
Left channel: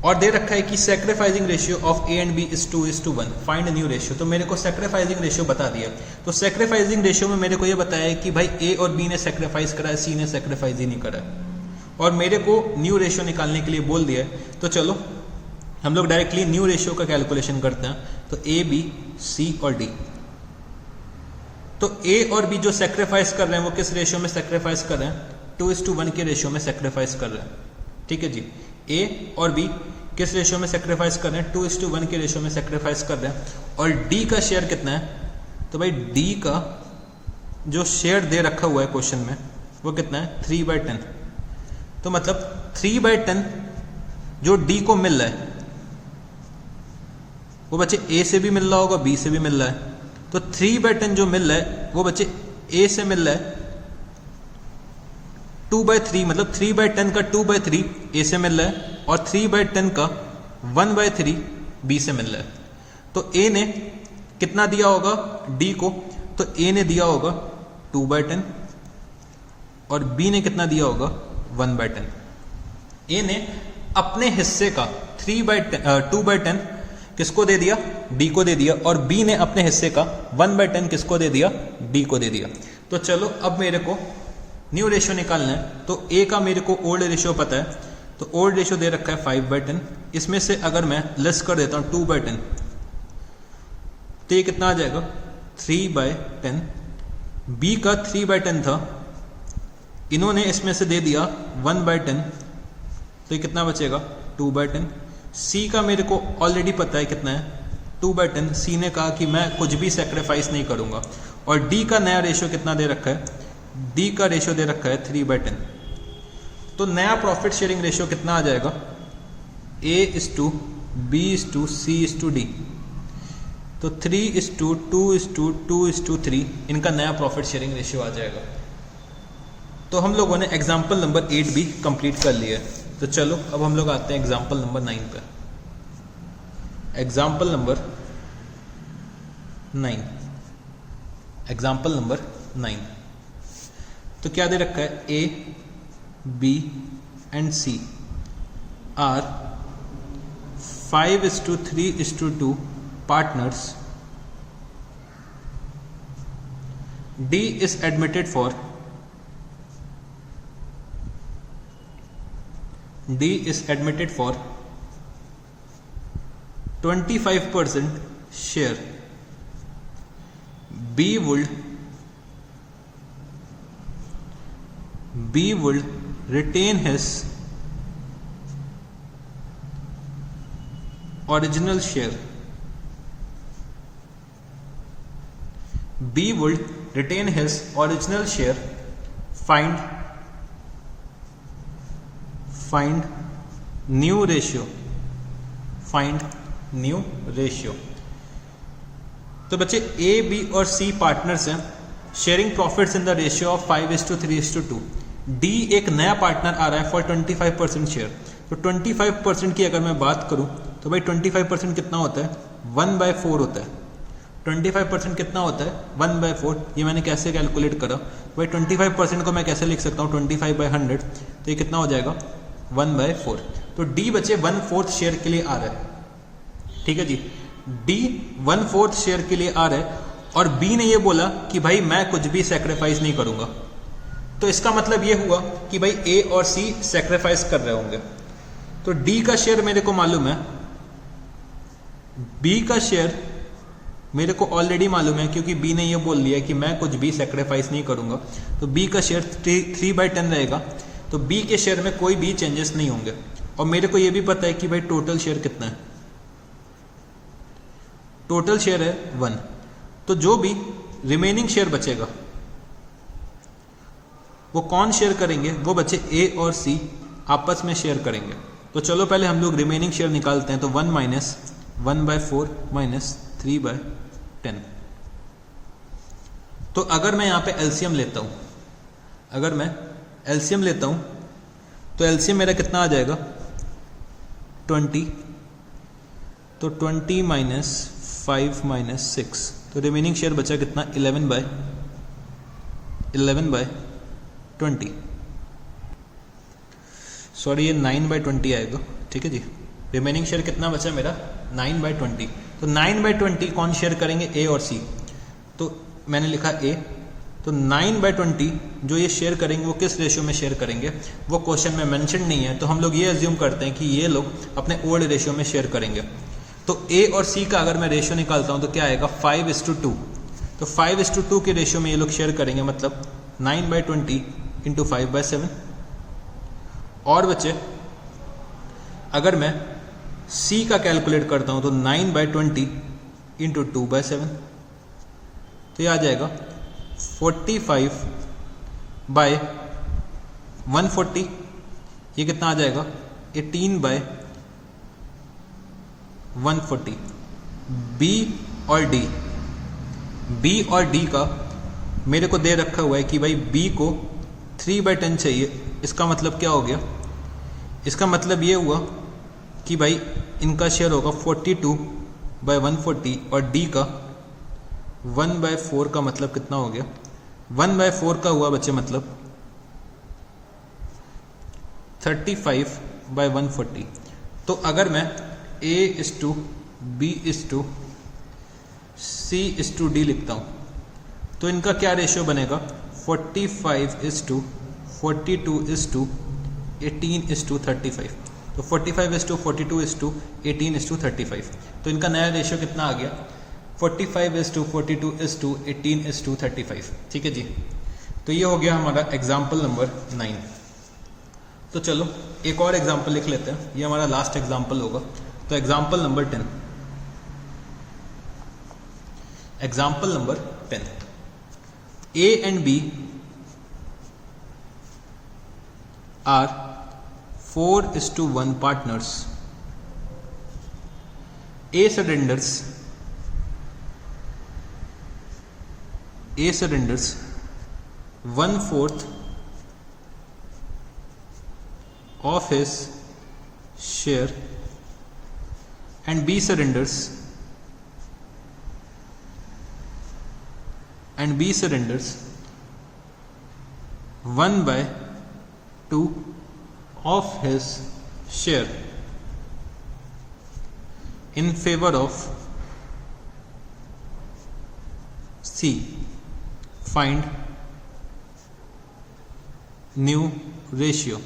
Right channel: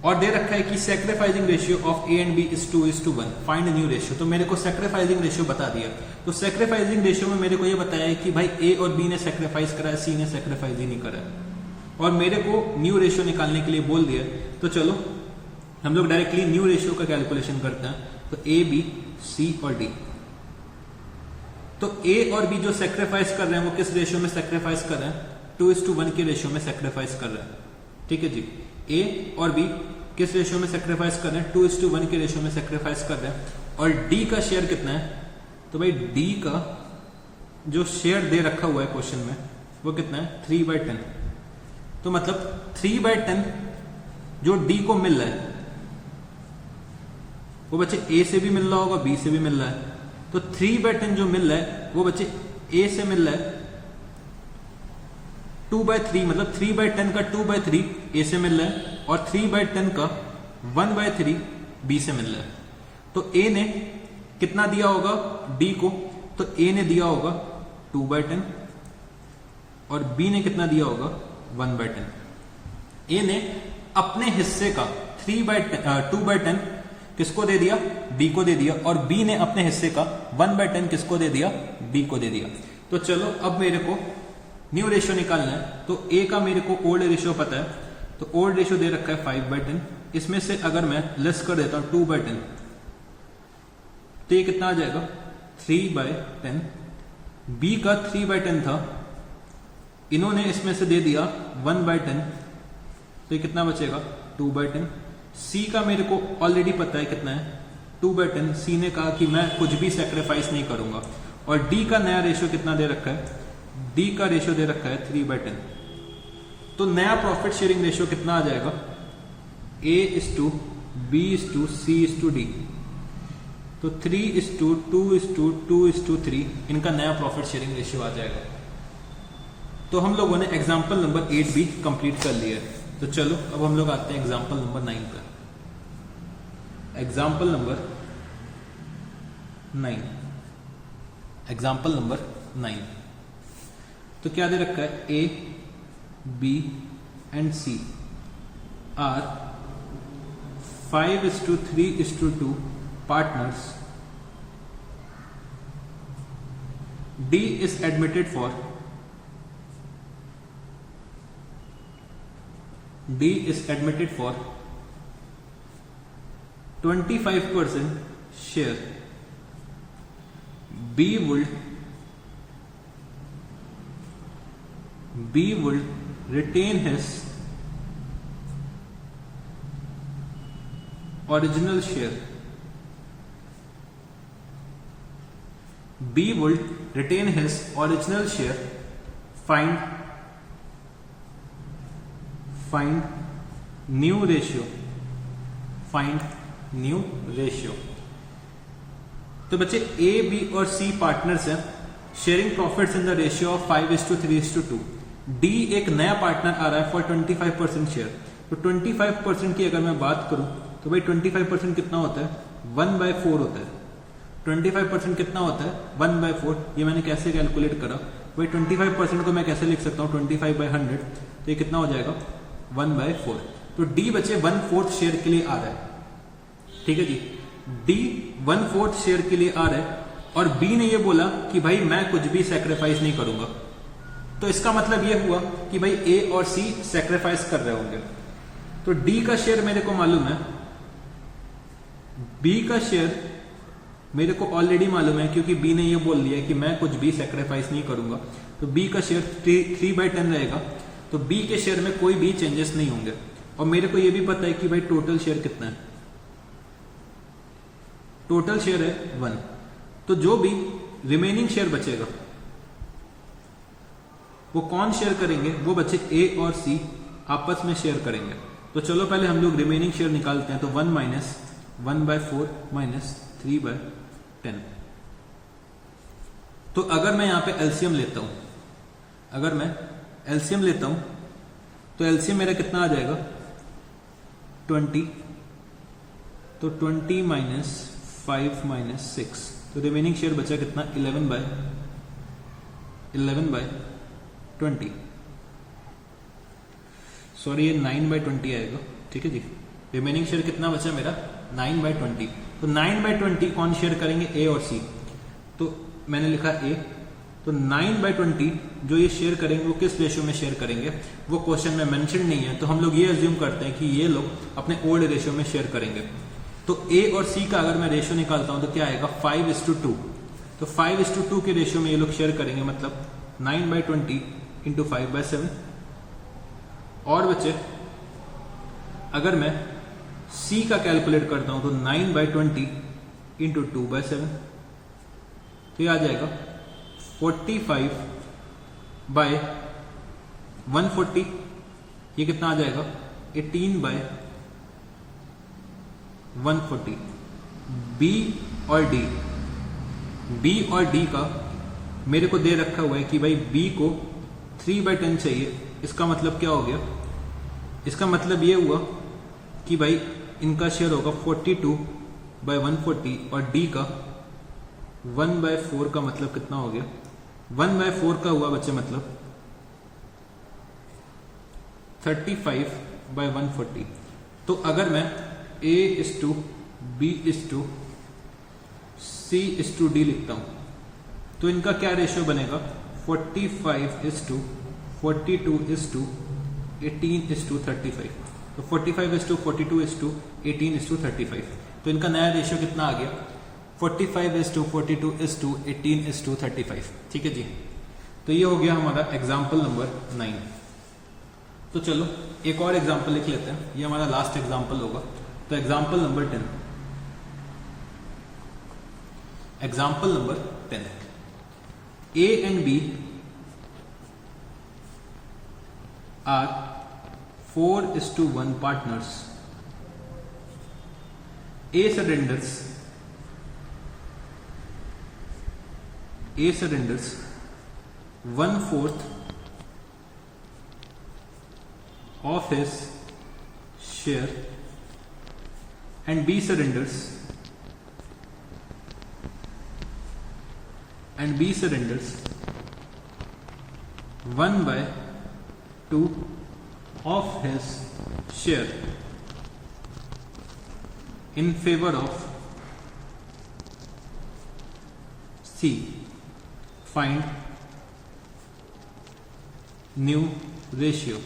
और दे रखा है कि sacrificing ratio of A and B is 2:1, find new ratio. तो मेरे को सेक्रीफाइसिंग रेशियो बता दिया। तो सेक्रीफाइसिंग रेशियो में मेरे को ये बताया है कि भाई A और B ने सेक्रीफाइस करा है, C ने सेक्रीफाइस ही नहीं करा है और मेरे को न्यू रेशियो निकालने के लिए बोल दिया है। तो चलो हम लोग डायरेक्टली न्यू रेशियो का कैलकुलेशन करते हैं। तो A, B, C और D, तो A और B जो सेक्रीफाइस कर रहे हैं वो किस रेशियो में सेक्रीफाइस कर रहे हैं? 2:1 के रेशियो में सेक्रीफाइस कर रहे हैं, ठीक है जी। A और B किस रेशियो में सेक्रीफाइस कर रहे हैं? 2:1 के रेशियो में सेक्रीफाइस कर रहे हैं। और D का शेयर कितना है? तो भाई D का जो शेयर दे रखा हुआ है क्वेश्चन में वो कितना है? 3/10। तो मतलब 3/10 जो D को मिल रहा है वो बच्चे A से भी मिल रहा होगा, B से भी मिल रहा है। तो 3/10 जो मिल रहा है वो बच्चे A से मिल रहा है 2/3, मतलब 3/10 का 2/3 A से मिल रहा है और 3/10 का 1/3 B से मिल रहा है। तो A ने कितना दिया होगा D को? तो A ने दिया होगा 2/10 और B ने कितना दिया होगा? 1/10। A ने अपने हिस्से का 2/10 किसको दे दिया? D को दे दिया और B ने अपने हिस्से का 1/10 किसको दे दिया? D को दे दिया। तो चलो अब मेरे को न्यू रेशियो निकालना है। तो A का मेरे को ओल्ड रेशियो पता है, तो ओल्ड रेशियो दे रखा है 5/10। इसमें से अगर मैं लेस कर देता हूं 2/10 तो ये कितना आ जाएगा? 3/10। B का 3/10 था, इन्होंने इसमें से दे दिया 1/10, तो ये कितना बचेगा? 2/10। C का मेरे को ऑलरेडी पता है कितना है? 2/10। C ने कहा कि मैं कुछ भी सेक्रीफाइस नहीं करूंगा। और D का नया रेशियो कितना दे रखा है? D का रेशियो दे रखा है 3/10। तो नया प्रॉफिट शेयरिंग रेशियो कितना आ जाएगा? A:B:C:D। तो 3:2:2:3 इनका नया प्रॉफिट शेयरिंग रेशियो आ जाएगा। तो हम लोगों ने एग्जाम्पल नंबर 8 भी कंप्लीट कर लिया है। तो चलो अब हम लोग आते हैं एग्जाम्पल नंबर 9 पर। एग्जाम्पल नंबर 9, एग्जाम्पल नंबर 9, तो क्या दे रखा है? A, B and C are 5:3:2 partners. D is admitted for 25% share. B would retain his original share. B would retain his original share. Find new ratio. तो बच्चे A, B और C partners हैं, sharing profits in the ratio of 5:3:2। D एक नया partner आ रहा है for 25% share. तो 25% की अगर मैं बात करूं तो तो भाई 25% कितना होता है, 1/4 होता है। 25% कितना होता है, 1/4। ये मैंने कैसे कैलकुलेट करा, भाई 25% को मैं कैसे लिख सकता हूँ, 25/100, तो ये कितना हो जाएगा, 1/4। तो डी बचे 1/4 शेयर के लिए आ रहा है, ठीक है जी। डी 1/4 शेयर के लिए आ रहा है और बी ने ये बोला कि भाई मैं कुछ भी सेक्रीफाइस नहीं करूंगा। तो इसका मतलब ये हुआ कि भाई ए और सी सेक्रीफाइस कर रहे होंगे। तो डी का शेयर मेरे को मालूम है, बी का शेयर मेरे को ऑलरेडी मालूम है क्योंकि बी ने ये बोल दिया कि मैं कुछ भी सेक्रीफाइस नहीं करूंगा। तो बी का शेयर 3/10 रहेगा। तो बी के शेयर में कोई भी चेंजेस नहीं होंगे। और मेरे को ये भी पता है कि भाई टोटल शेयर कितना है, टोटल शेयर है 1। तो जो भी रिमेनिंग शेयर बचेगा वो कौन शेयर करेंगे, वो बचे ए और सी आपस में शेयर करेंगे। तो चलो पहले हम लोग रिमेनिंग शेयर निकालते हैं। तो 1 माइनस 1/4 माइनस 3/10। तो अगर मैं यहां पे एलसीएम लेता हूं, अगर मैं एलसीएम लेता हूं तो एलसीएम मेरा कितना आ जाएगा, 20। तो 20 माइनस 5 माइनस 6, तो रिमेनिंग शेयर बचा कितना, 11/20। सॉरी ये 9/20 आएगा, ठीक है जी। रिमेनिंग शेयर कितना बचा मेरा, 9/20। तो 9/20 कौन शेयर करेंगे, ए और सी। तो मैंने लिखा ए। तो 9/20 जो ये शेयर करेंगे वो किस रेशियो में शेयर करेंगे, वो क्वेश्चन में मेंशन नहीं है। तो हम लोग ये अज्यूम करते हैं कि ये लोग अपने ओल्ड रेशियो में शेयर करेंगे। तो ए और सी का अगर मैं रेशियो निकालता हूं तो क्या आएगा, 5:2। तो 5:2 के रेशियो में ये लोग शेयर करेंगे, मतलब 9/20 इंटू 5/7। और बच्चे अगर मैं सी का कैलकुलेट करता हूं तो 9/20 इंटू 2/7, तो ये आ जाएगा 45/140। ये कितना आ जाएगा, 18/140। बी और डी का मेरे को दे रखा हुआ है कि भाई बी को 3/10 चाहिए। इसका मतलब क्या हो गया, इसका मतलब ये हुआ कि भाई इनका शेयर होगा 42/140 और डी का 1/4 का मतलब कितना हो गया, 1/4 का हुआ बच्चे मतलब 35/140। तो अगर मैं A:B:C:D लिखता हूं तो इनका क्या रेशियो बनेगा, 45:42:18:35। तो 45:42:18:35। तो इनका नया रेशियो कितना आ गया, 45:42:18:35। ठीक है जी। तो ये हो गया हमारा एग्जाम्पल नंबर 9। तो चलो एक और एग्जाम्पल लिख लेते हैं, ये हमारा लास्ट एग्जाम्पल होगा। तो example number 10, example number 10, A and B are 4:1 partners. A surrenders 1/4 of his share and B surrenders 1/2 of his share in favor of C. Find new ratio.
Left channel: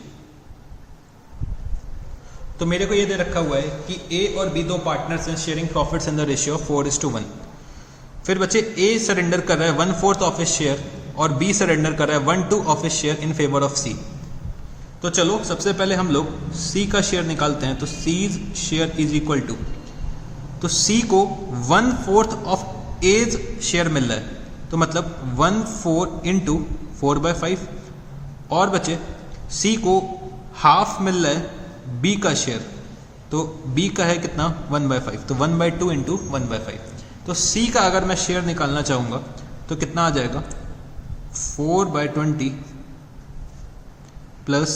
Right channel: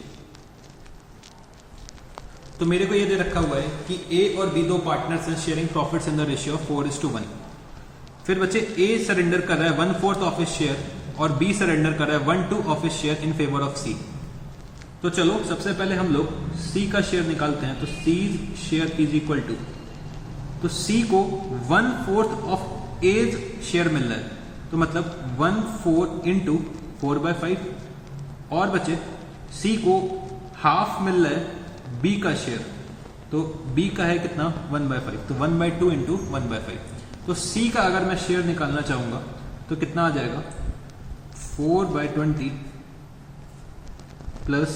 तो मेरे को ये दे रखा हुआ है कि A और B दो पार्टनर्स हैं sharing profits in the ratio 4:1। फिर बच्चे A सरेंडर कर रहा है 1/4 ऑफ हिज शेयर और B सरेंडर कर रहा है 1/2 of his share in favour of C। तो चलो सबसे पहले हम लोग C का शेयर निकालते हैं। तो C's share is equal to, तो C को 1/4 ऑफ A's शेयर मिल रहा है, तो मतलब 1/4 इंटू 4/5। और बच्चे C को हाफ मिल रहा है B का शेयर, तो B का है कितना 1/5, तो 1/2 इंटू 1/5। तो C का अगर मैं शेयर निकालना चाहूंगा तो कितना आ जाएगा 4/20 प्लस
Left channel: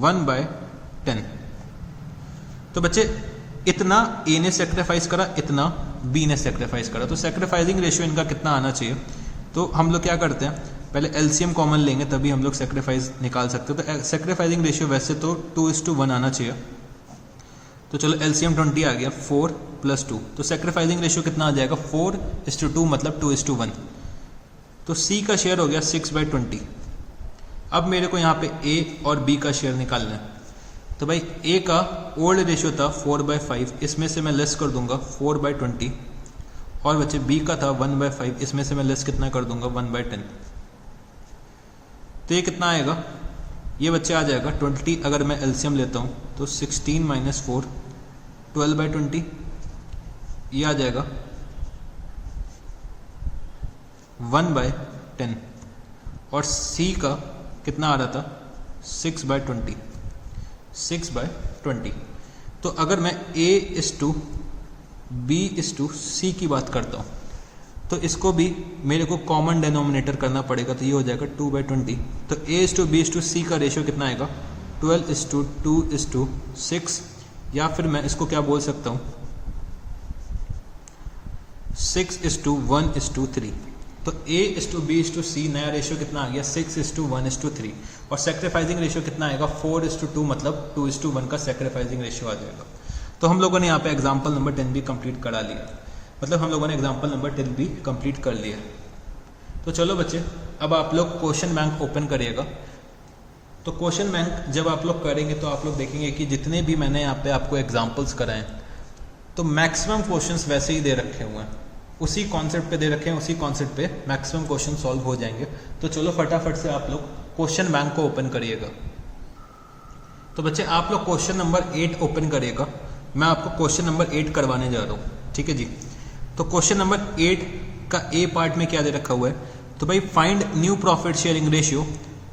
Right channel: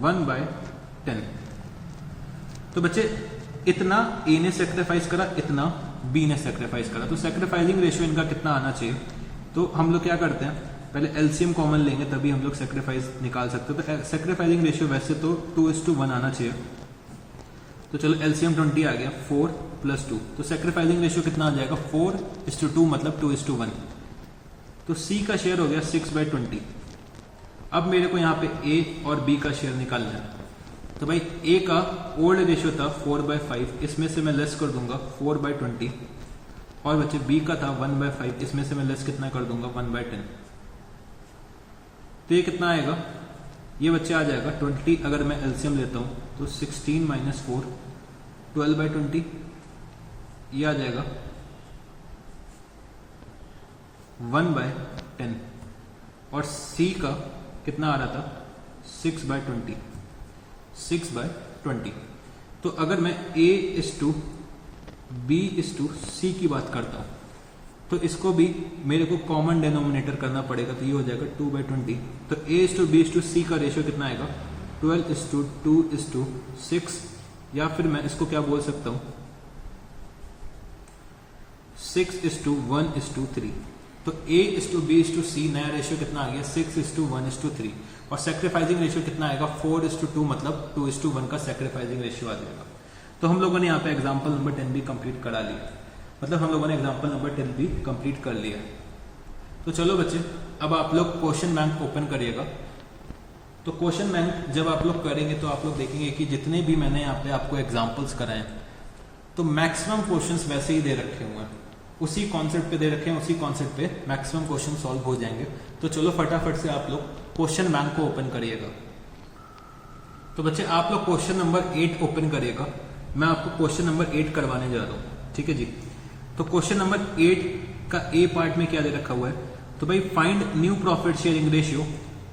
1/10। तो बच्चे इतना ए ने सेक्रीफाइस करा, इतना बी ने सेक्रीफाइस करा, तो सेक्रीफाइसिंग रेशियो इनका कितना आना चाहिए। तो हम लोग क्या करते हैं, पहले एलसीएम कॉमन लेंगे तभी हम लोग सेक्रीफाइस निकाल सकते हैं। तो सेक्रीफाइसिंग रेशियो वैसे तो 2:1 आना चाहिए। तो चलो एलसीएम 20 आ गया, 4 + 2, तो सेक्रीफाइसिंग रेशियो कितना आ जाएगा 4:2 मतलब 2:1। तो सी का शेयर हो गया 6/20। अब मेरे को यहाँ पे ए और बी का शेयर निकालना है। तो भाई ए का ओल्ड रेशियो था 4/5, इसमें से मैं लेस कर दूंगा 4/20, और बच्चे बी का था 1/5, इसमें से मैं लेस कितना कर दूंगा 1/10। तो ये कितना आएगा, ये बच्चे आ जाएगा 20। अगर मैं एलसीएम लेता हूँ तो 16 - 4 12/20, ये आ जाएगा 1/10। और सी का कितना आ रहा था 6/20, 6/20। तो अगर मैं A:B:C की बात करता हूँ तो इसको भी मेरे को कॉमन डिनोमिनेटर करना पड़ेगा, तो ये हो जाएगा 2/20। तो A:B:C का रेशियो कितना आएगा 12:2:6, या फिर मैं इसको क्या बोल सकता हूँ 6:1:3। तो A:B:C नया रेशियो कितना आ गया 6:1:3, और सेक्रीफाइसिंग रेशियो कितना आएगा 4:2 मतलब 2:1 का सेक्रीफाइसिंग रेशियो आ जाएगा। तो हम लोगों ने यहाँ पे एग्जाम्पल नंबर 10 भी कंप्लीट करा लिया, मतलब हम लोगों ने एग्जाम्पल नंबर 10 भी कंप्लीट कर लिया। तो चलो बच्चे, अब आप लोग क्वेश्चन बैंक ओपन करिएगा। तो क्वेश्चन बैंक जब आप लोग करेंगे तो आप लोग देखेंगे कि जितने भी मैंने यहाँ पे आपको एग्जाम्पल्स कराए तो मैक्सिमम क्वेश्चंस वैसे ही दे रखे हुए हैं, उसी कॉन्सेप्ट पे दे रखे हैं, उसी कॉन्सेप्ट पे मैक्सिमम क्वेश्चन सॉल्व हो जाएंगे। तो चलो फटाफट से आप लोग क्वेश्चन बैंक को ओपन करिएगा। तो बच्चे आप लोग क्वेश्चन नंबर 8 ओपन करिएगा, मैं आपको क्वेश्चन नंबर 8 करवाने जा रहा हूँ, ठीक है जी। तो क्वेश्चन नंबर 8 का ए पार्ट में क्या दे रखा हुआ है, तो भाई find new profit sharing ratio.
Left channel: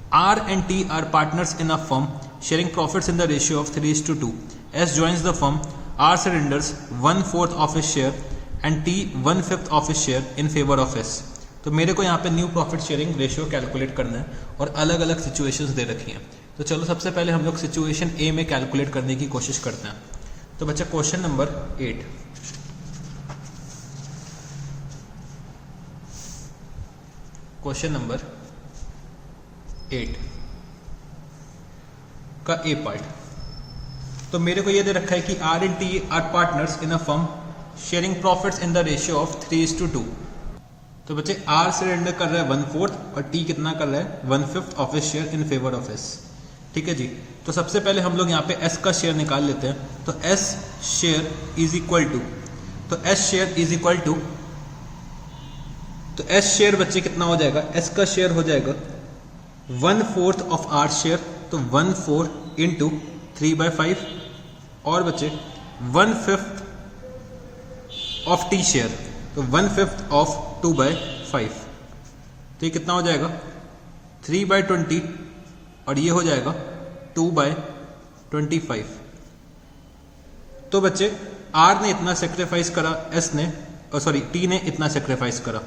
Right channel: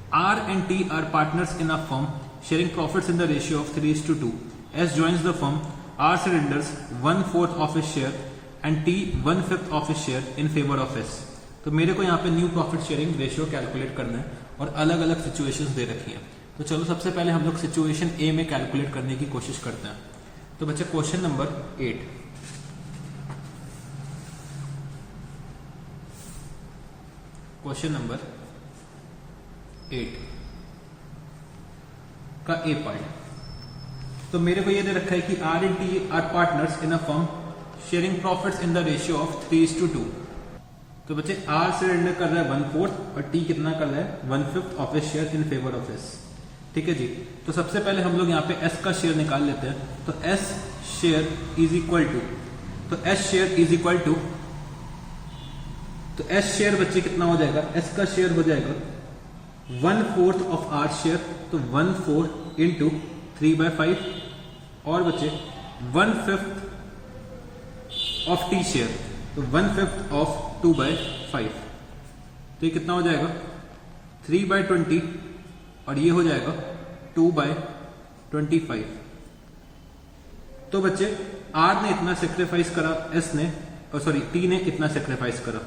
R and T are partners in a firm sharing profits in the ratio of 3:2. S joins the firm. R surrenders 1/4 of his share and T 1/5 of his share in favor of S. तो मेरे को यहाँ पे new profit sharing ratio calculate करना है और अलग अलग सिचुएशंस दे रखी हैं। तो चलो सबसे पहले हम लोग सिचुएशन ए में कैलकुलेट करने की कोशिश करते हैं। तो बच्चा क्वेश्चन नंबर 8, क्वेश्चन नंबर 8 का ए पार्ट। तो मेरे को ये दे रखा है कि R and T are partners in a firm sharing profits in the ratio of 3:2। तो बच्चे R सरेंडर कर रहा है 1/4 और T कितना कर रहा है 1/5 of his share in favour of S, ठीक है जी। तो सबसे पहले हम लोग यहाँ पे S का शेयर निकाल लेते हैं। तो S share is equal to, तो S share is equal to, तो S शेयर बच्चे कितना हो जाएगा, S का शेयर हो जाएगा 1/4 ऑफ R शेयर, तो 1/4 इंटू 3/5, और बच्चे 1/5 ऑफ T शेयर, तो 1/5 ऑफ 2/5। तो ये कितना हो जाएगा 3/20, और ये हो जाएगा 2/25। तो बच्चे R ने इतना सेक्रीफाइस करा, S ने सॉरी T ने इतना सेक्रीफाइस करा।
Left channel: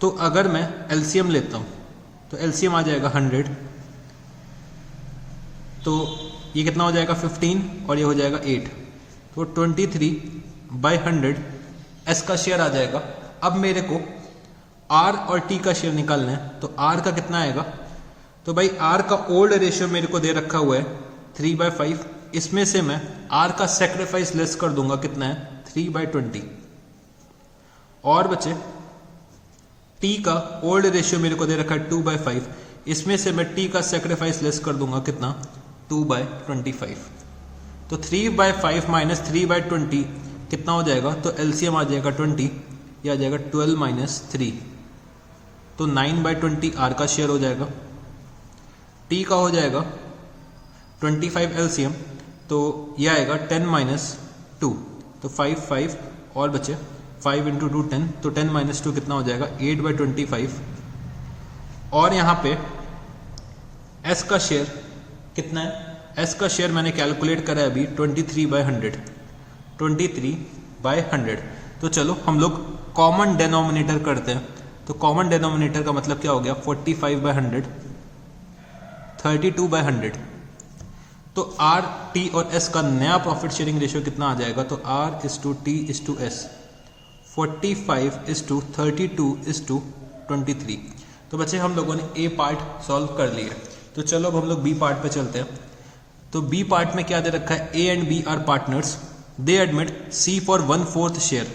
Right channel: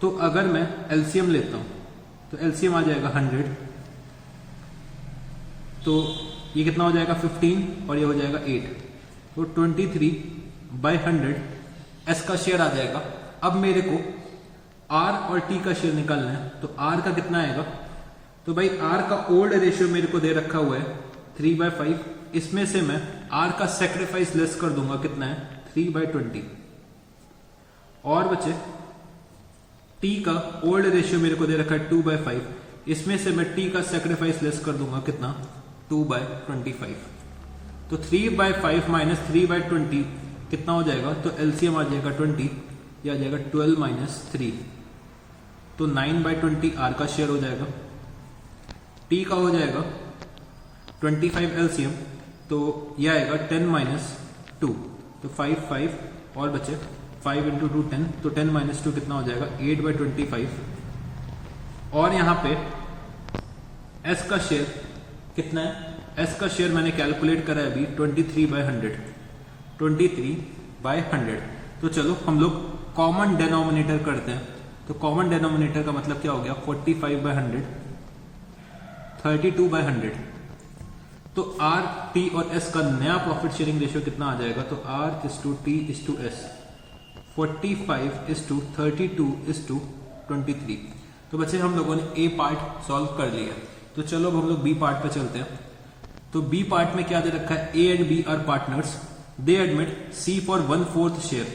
तो अगर मैं एलसीएम लेता हूं तो एलसीएम आ जाएगा 100, तो ये कितना हो जाएगा 15 और ये हो जाएगा 8, तो 23/100 S का शेयर आ जाएगा। अब मेरे को R और T का शेयर निकालना है, तो R का कितना आएगा, तो भाई R का ओल्ड रेशियो मेरे को दे रखा हुआ है 3/5, इसमें से मैं R का सेक्रीफाइस लेस कर दूंगा, कितना है 3/20, और बच्चे T का ओल्ड रेशियो मेरे को दे रखा है 2/5, इसमें से मैं T का सेक्रीफाइस लेस कर दूंगा, कितना 2/25। तो 3/5 माइनस 3/20 कितना हो जाएगा, तो एलसीएम आ जाएगा 20, ये आ जाएगा 12 - 3, तो 9/20 R का शेयर हो जाएगा। T का हो जाएगा 25 एलसीएम, तो ये आएगा 10 - 2, तो 5 और बचे 5 × 2 10, तो 10 - 2 कितना हो जाएगा 8/25। और यहाँ पे S का शेयर कितना है, S का शेयर मैंने कैलकुलेट करा है अभी 23/100, 23/100। तो चलो हम लोग कॉमन डिनोमिनेटर करते हैं। तो कॉमन डिनोमिनेटर का मतलब क्या हो गया 45/100, 32/100। तो आर, टी और एस का नया प्रॉफिट शेयरिंग रेशियो कितना आ जाएगा? तो R is to T is to S 45:32:23। तो बच्चे हम लोगों ने ए पार्ट सॉल्व कर लिया। तो चलो अब हम लोग बी पार्ट पे चलते हैं। तो बी पार्ट में क्या दे रखा है? A and B are partners, they admit C for 1/4 share.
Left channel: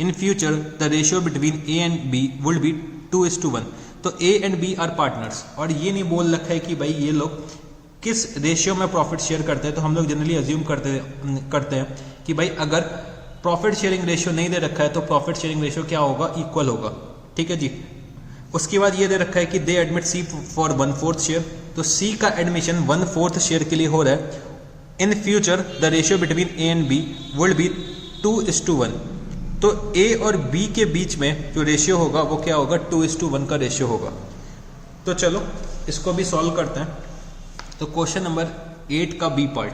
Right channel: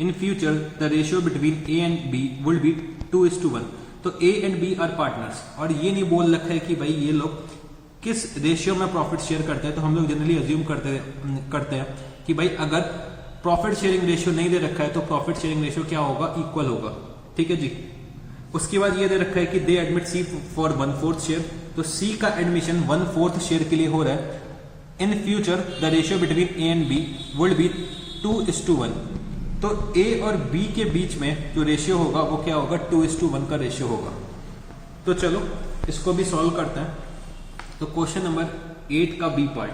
In future the ratio between A and B would be 2:1। तो A and B are partners, और ये नहीं बोल रखा है कि भाई ये लोग किस रेशियो में प्रॉफिट शेयर करते हैं। तो हम लोग जनरली अज्यूम करते हैं कि भाई अगर प्रॉफिट शेयरिंग रेशियो नहीं दे रखा है तो प्रॉफिट शेयरिंग रेशियो क्या होगा? इक्वल होगा। ठीक है जी। उसके बाद ये दे रखा है कि they admit C for 1/4 share. तो सी का एडमिशन 1/4 शेयर के लिए हो रहा है। In future the ratio between A and B would be 2:1। तो ए और बी के बीच में जो रेशियो होगा वो क्या होगा? 2:1 का रेशियो होगा। तो चलो इसको भी सॉल्व करते हैं। तो क्वेश्चन नंबर 8 का बी पार्ट,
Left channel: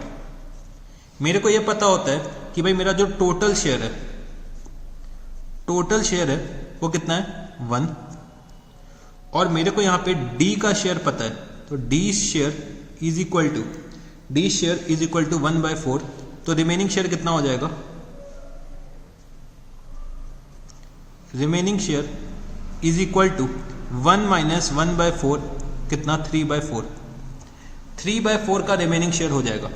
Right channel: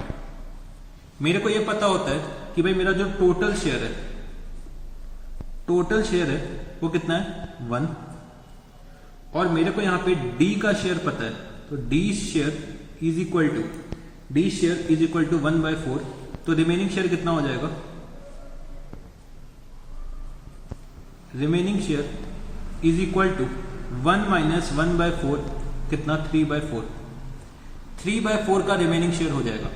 मेरे को यह पता होता है कि भाई मेरा जो टोटल शेयर है वो कितना है? 1। और मेरे को यहां पे डी का शेयर पता है। तो D share is equal to 1/4। तो रिमेनिंग शेयर कितना हो जाएगा? Remaining share is equal to 1 - 1/4 कितना? 3/4। 3/4 का रिमेनिंग शेयर हो जाएगा।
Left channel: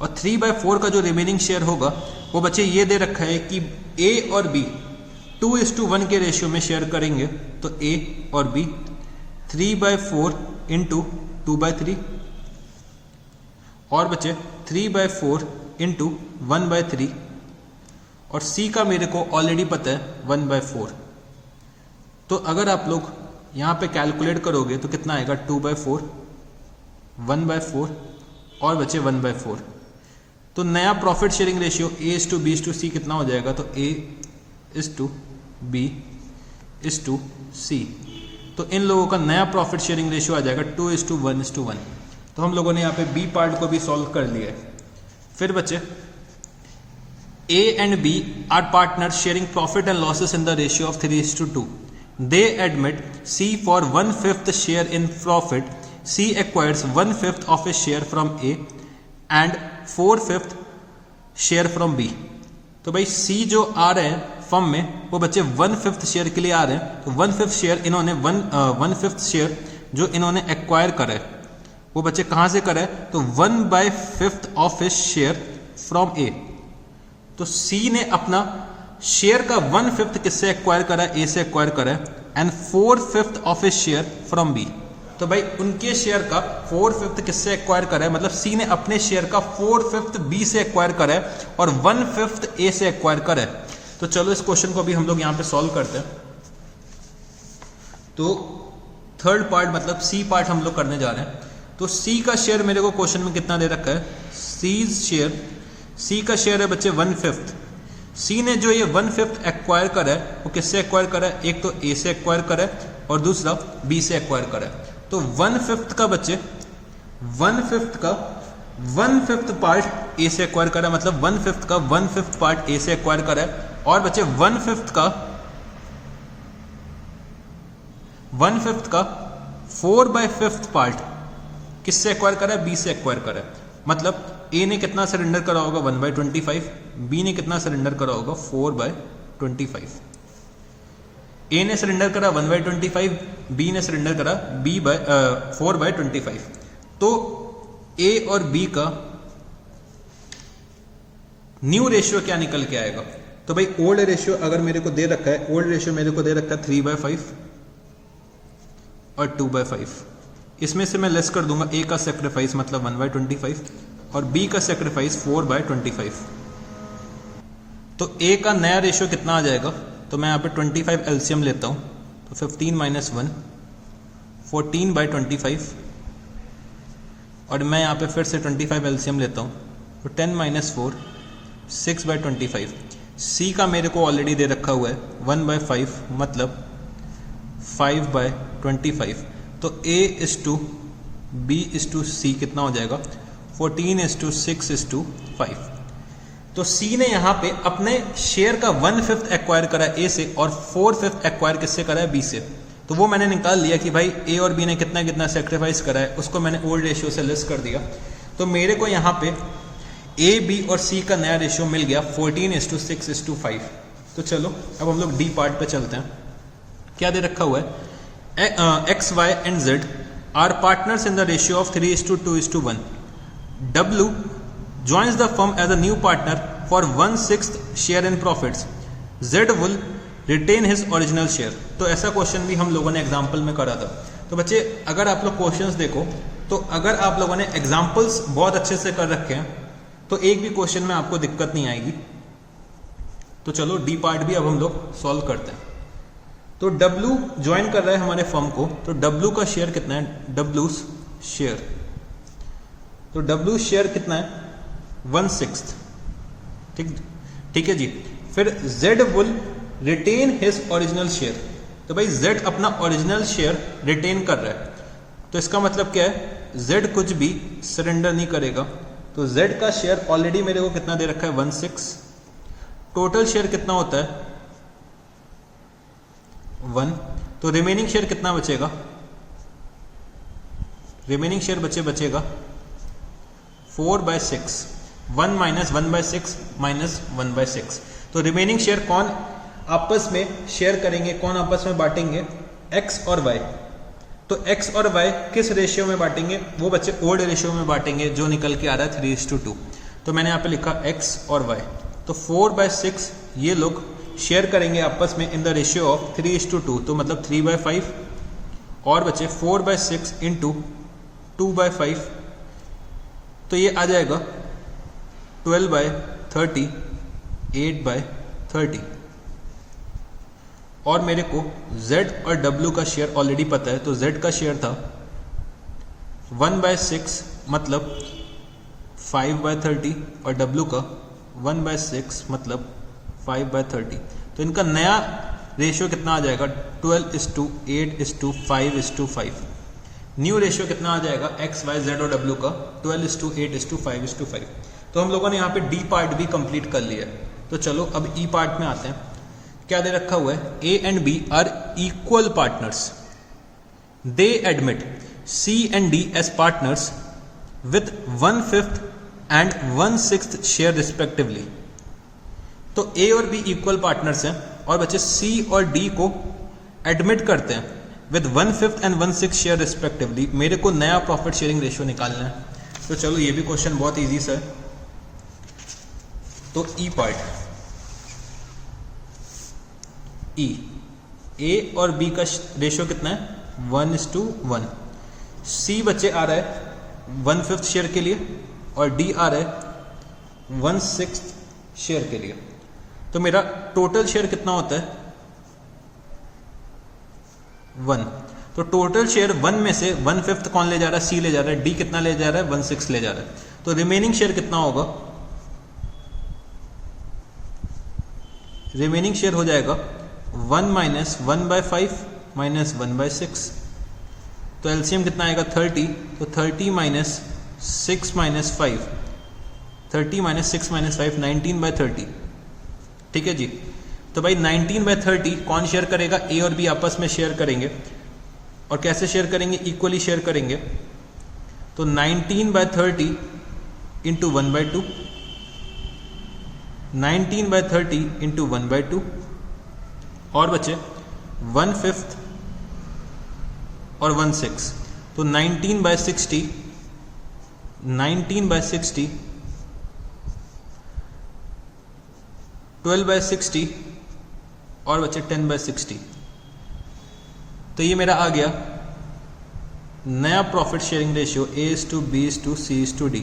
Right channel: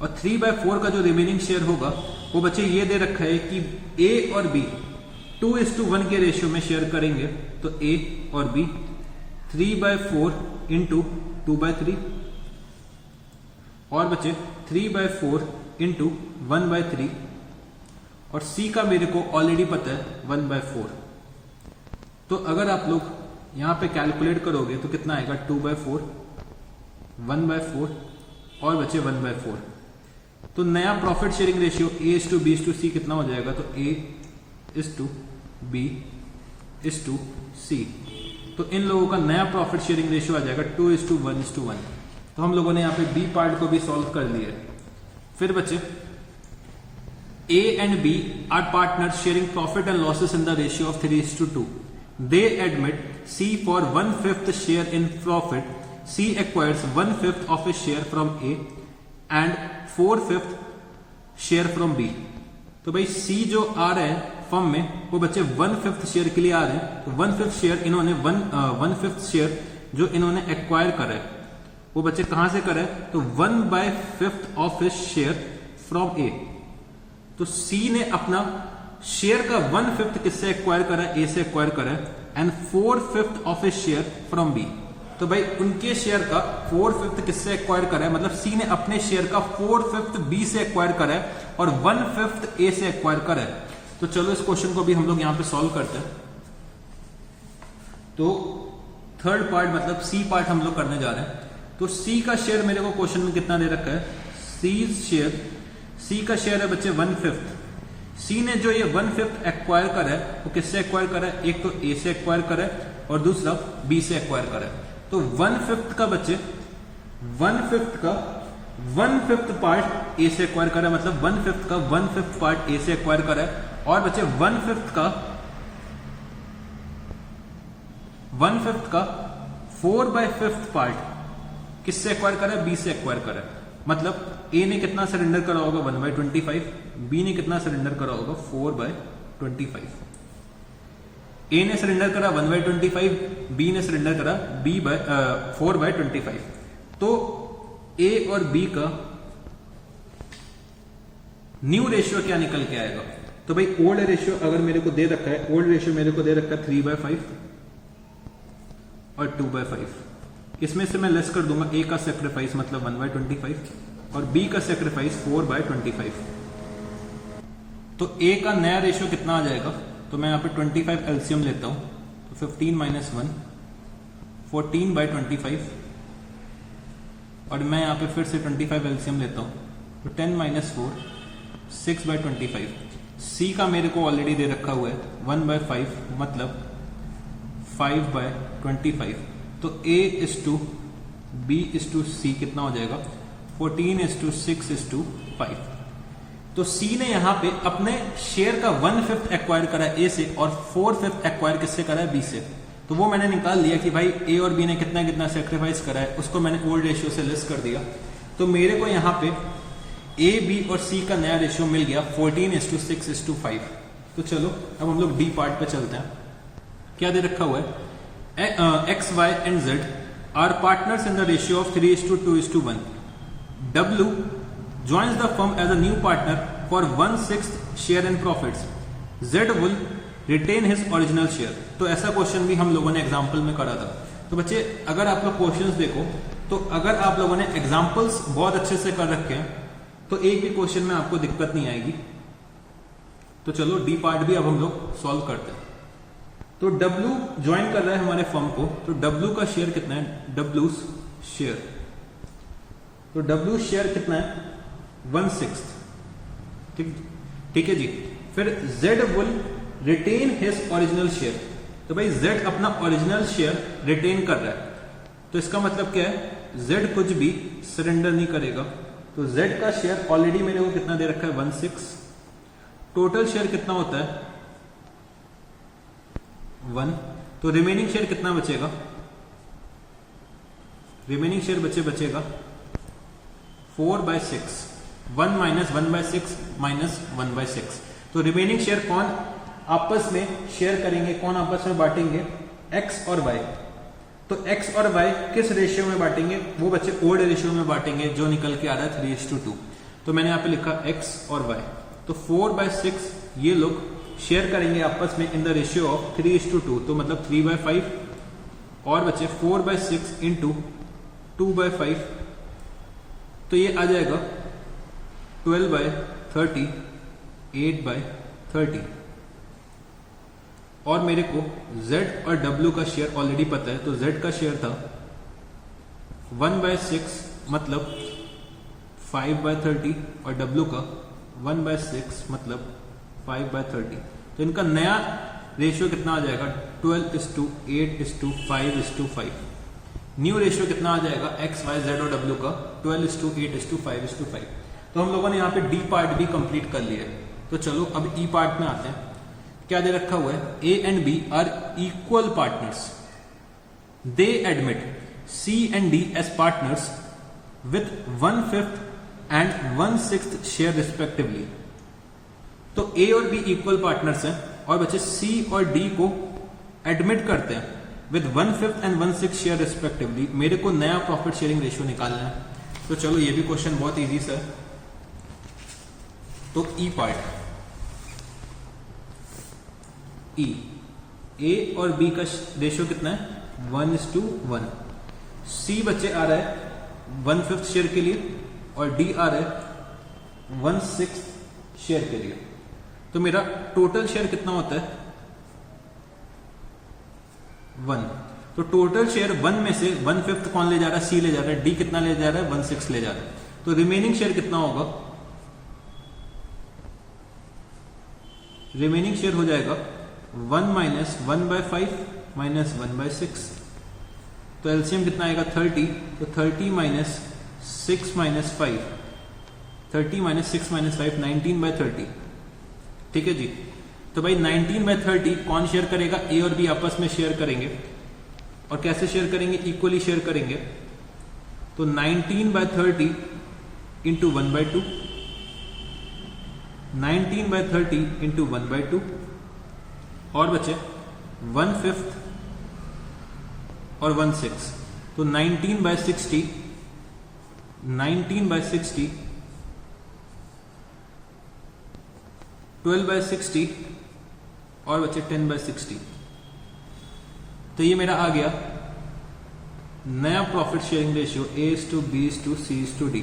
और 3/4 का जो रिमेनिंग शेयर होगा वो बच्चे ये दे रखा है कि ए और बी 2:1 के रेशियो में शेयर करेंगे। तो ए और बी 3/4 इंटू 2/3, और बच्चे 3/4 इंटू 1/3, और सी का मेरे को ऑलरेडी पता है 1/4। तो अगर आप लोग यहां पे कैलकुलेट करोगे तो कितना आएगा? 2/4, 1/4 और बचे 1/4। तो नया प्रॉफिट शेयरिंग रेशियो A:B:C कितना हो जाएगा? तो A:B:C। तो इन लोगों का नया प्रॉफिट शेयरिंग रेशियो आ जाएगा 2:1:1। तो हम लोगों ने यहाँ पे बी पार्ट को भी सॉल्व कर लिया है। फिर बच्चे A and B are partners sharing profit and losses in the ratio of 3:2. They admit C for 1/5 share in profit. C acquires 1/5 of a share from A and 4/5 share from B. तो भाई C जो आ रहे हैं firm में वो बच्चे 1/5 share के लिए आ रहे हैं। तो 1/5 शेयर इन्होंने 1/5 शेयर जो इन्होंने एक्वायर करा है वो बच्चे कहां से करा है? तो 1/5 ऑफ ए शेयर फ्रॉम ए। तो सी ने अपना शेयर का 1/5 किससे एक्वायर करा? ए से एक्वायर करा है। And 4/5 of A share from B. तो भाई उनके शेयर का 4/5 किससे एक्वायर करा है? मतलब सी ने अपने शेयर का 4/5 बी से एक्वायर करा है और 1/5 ए से एक्वायर करा है। तो चलो इस क्वेश्चन को भी हम लोग यहां पे सॉल्व करते हैं। तो थर्ड पार्ट मतलब सी पार्ट हम लोग करने जा रहे हैं। तो सी का शेयर मेरे को क्वेश्चन में कितना दे रखा है? सी का शेयर है बच्चे 1/5। सी ने जो ये 1/5 एक्वायर करा है वो किससे एक्वायर करा है? एक तो ए से एक्वायर करा है और दूसरा बी से एक्वायर करा है। तो 1/5 का बच्चे 1/5 पार्ट ए से एक्वायर करा है, मतलब 1/5 का 1/5 पार्ट ए से एक्वायर करा है। और बच्चे 1/5 का 4/5 पार्ट किससे एक्वायर करा है? बी से एक्वायर करा है। मतलब ए ने कितना सरेंडर करा होगा? 1/25। बी ने कितना सरेंडर करा होगा? 4/25। ए ने सरेंडर करा 1/25, बी ने सरेंडर करा 4/25। तो ए और बी का न्यू रेशियो क्या निकल के आएगा? तो भाई ओल्ड रेशियो अगर मेरे को दे रखा है, ओल्ड रेशियो मेरे को दे रखा है 3/5 और 2/5। इसमें से मैं लेस कर दूंगा ए का सेक्रीफाइस मतलब 1/25 और बी का सेक्रीफाइस 4/25। तो ए का नया रेशियो कितना आ जाएगा? तो मैं यहाँ पे 25 एलसीएम लेता हूँ। तो 15 - 1 14/25 और मैं यहाँ पे फिर से 25 एलसीएम लेता हूँ। तो 10 - 4 6/25। सी का मेरे को ऑलरेडी दे रखा हुआ है 1/5 मतलब 5/25। तो A:B:C कितना हो जाएगा? 14:6:5। तो सी ने यहां पे अपने शेयर का 1/5 एक्वायर करा ए से और 4/5 एक्वायर किससे करा है? बी से। तो वो मैंने निकाल लिया कि भाई ए और बी ने कितना कितना सेक्रीफाइस करा है, उसको मैंने ओल्ड रेशियो से लेस कर दिया। तो मेरे को यहाँ पे ए बी और सी का नया रेशियो मिल गया 14:6:5। तो चलो अब हम लोग डी पार्ट पे चलते हैं। क्या दे रखा हुआ है, X Y and Z are partners in the ratio of 3:2:1। W joins the firm as a new partner for 1/6 share in profits. Z will retain his original share. तो ऐसा क्वेश्चन भी हम लोगों ने एग्जाम्पल में करा था। तो बच्चे अगर आप लोग क्वेश्चंस देखो तो अगर आप लोगों ने एग्जाम्पल्स बहुत अच्छे से कर रखे हैं तो एक भी क्वेश्चन में आपको दिक्कत नहीं आएगी। तो चलो डी पार्ट भी अब हम लोग सॉल्व करते हैं। तो W ज्वाइन कर रहा है हमारे फर्म को, तो W का शेयर कितना है, W शेयर, तो W शेयर कितना है 1/6। ठीक है जी। फिर Z will retain his original share, तो भाई Z अपना ओरिजिनल शेयर रिटेन कर रहा है, तो इसका मतलब क्या है, Z कुछ भी सरेंडर नहीं करेगा। तो Z का शेयर ऑलरेडी मेरे को कितना दे रखा है 1/6। टोटल शेयर कितना होता है 1, तो रिमेनिंग शेयर कितना बचेगा, रिमेनिंग शेयर बचेगा 4/6। 1 - 1/6 - 1/6। तो रिमेनिंग शेयर कौन आपस में शेयर करेंगे, कौन आपस में बांटेंगे, x और y। तो x और y किस रेशियो में बांटेंगे, वो बच्चे ओल्ड रेशियो में बांटेंगे जो निकल के आ रहा है 3:2। तो मैंने यहाँ पे लिखा x और y। तो 4/6 ये लोग शेयर करेंगे आपस में इन द रेशियो ऑफ 3:2, तो मतलब 3/5। और बच्चे 4/6 × 2/5, तो ये आ जाएगा 12/30, 8/30। और मेरे को Z और W का शेयर ऑलरेडी पता है, तो Z का शेयर था 1/6 मतलब 5/30 और W का 1/6 मतलब 5/30। तो इनका नया रेशियो कितना आ जाएगा 12:8:5:5। न्यू रेशियो कितना आ जाएगा एक्स वाई जेड और डब्ल्यू का 12:8:5:5। तो हम लोगों ने यहाँ पे डी पार्ट भी कंप्लीट कर लिया। तो चलो अब ई पार्ट में आते हैं। क्या दे रखा हुआ है, A and B are equal partners, they admit C and D as partners with 1/5 and 1/6 share respectively. तो ए और बी इक्वल पार्टनर्स हैं और बच्चे सी और डी को एडमिट करते हैं विद 1/5 एंड 1/6 शेयर रिस्पेक्टिवली। मेरे को नया प्रॉफिट शेयरिंग रेशियो निकालना है। तो चलो ये भी क्वेश्चन बहुत इजी सा है। तो ई पार्ट, ई ए और बी का रेशियो कितना है 1:1। सी बच्चे आ रहा है 1/5 शेयर के लिए और डी आ रहा है 1/6 शेयर के लिए। तो मेरा टोटल शेयर कितना होता है 1। तो टोटल शेयर 1 में से 1/5 कौन ले जा रहा है, सी ले जा रहा है, डी कितना ले जा रहा है 1/6 ले जा रहा है। तो रिमेनिंग शेयर कितना होगा, रिमेनिंग शेयर हो जाएगा 1 - 1/5 - 1/6। तो एलसीएम कितना आएगा 30। तो 30 - 6 - 5, 30 - 6 - 5 19/30। ठीक है जी। तो भाई 19/30 कौन शेयर करेगा, ए और बी आपस में शेयर करेंगे। और कैसे शेयर करेंगे, इक्वली शेयर करेंगे। तो 19/30 × 1/2, 19/30 × 1/2 और बचे 1/5 और 1/6। तो 19/60, 19/60, 12/60 और बचे 10/60। तो ये मेरा आ गया नया प्रॉफिट शेयरिंग रेशियो A:B:C:D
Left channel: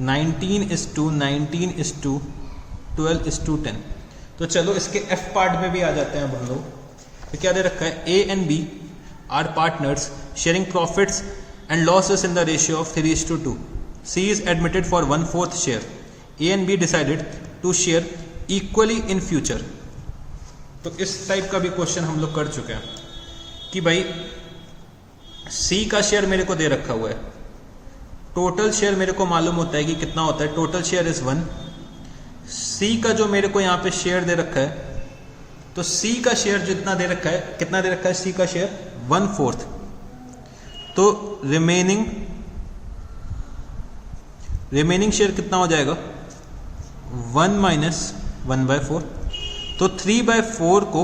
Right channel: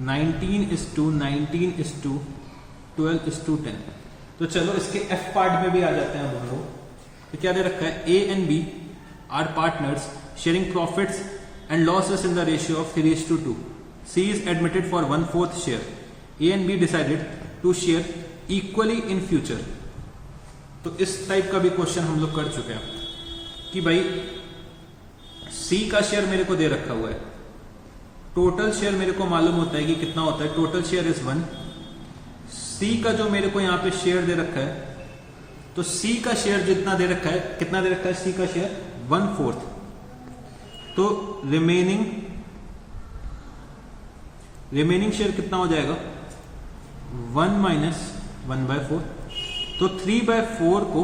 19:19:12:10। तो चलो इसके एफ पार्ट में भी आ जाते हैं हम लोग। तो क्या दे रखा है, A and B are partners sharing profits and losses in the ratio of 3:2। C is admitted for 1/4 share. A and B decided to share equally in future. तो इस टाइप का भी क्वेश्चन हम लोग कर चुके हैं कि भाई सी का शेयर मेरे को दे रखा हुआ है, टोटल शेयर मेरे को मालूम होता है कि कितना होता है, टोटल शेयर इज 1। सी का जो मेरे को यहाँ पे शेयर दे रखा है, तो सी का शेयर जितना दे रखा है, कितना दे रखा है सी का शेयर 1/4। तो रिमेनिंग रिमेनिंग शेयर कितना हो जाएगा 1 माइनस 1/4। तो 3/4 को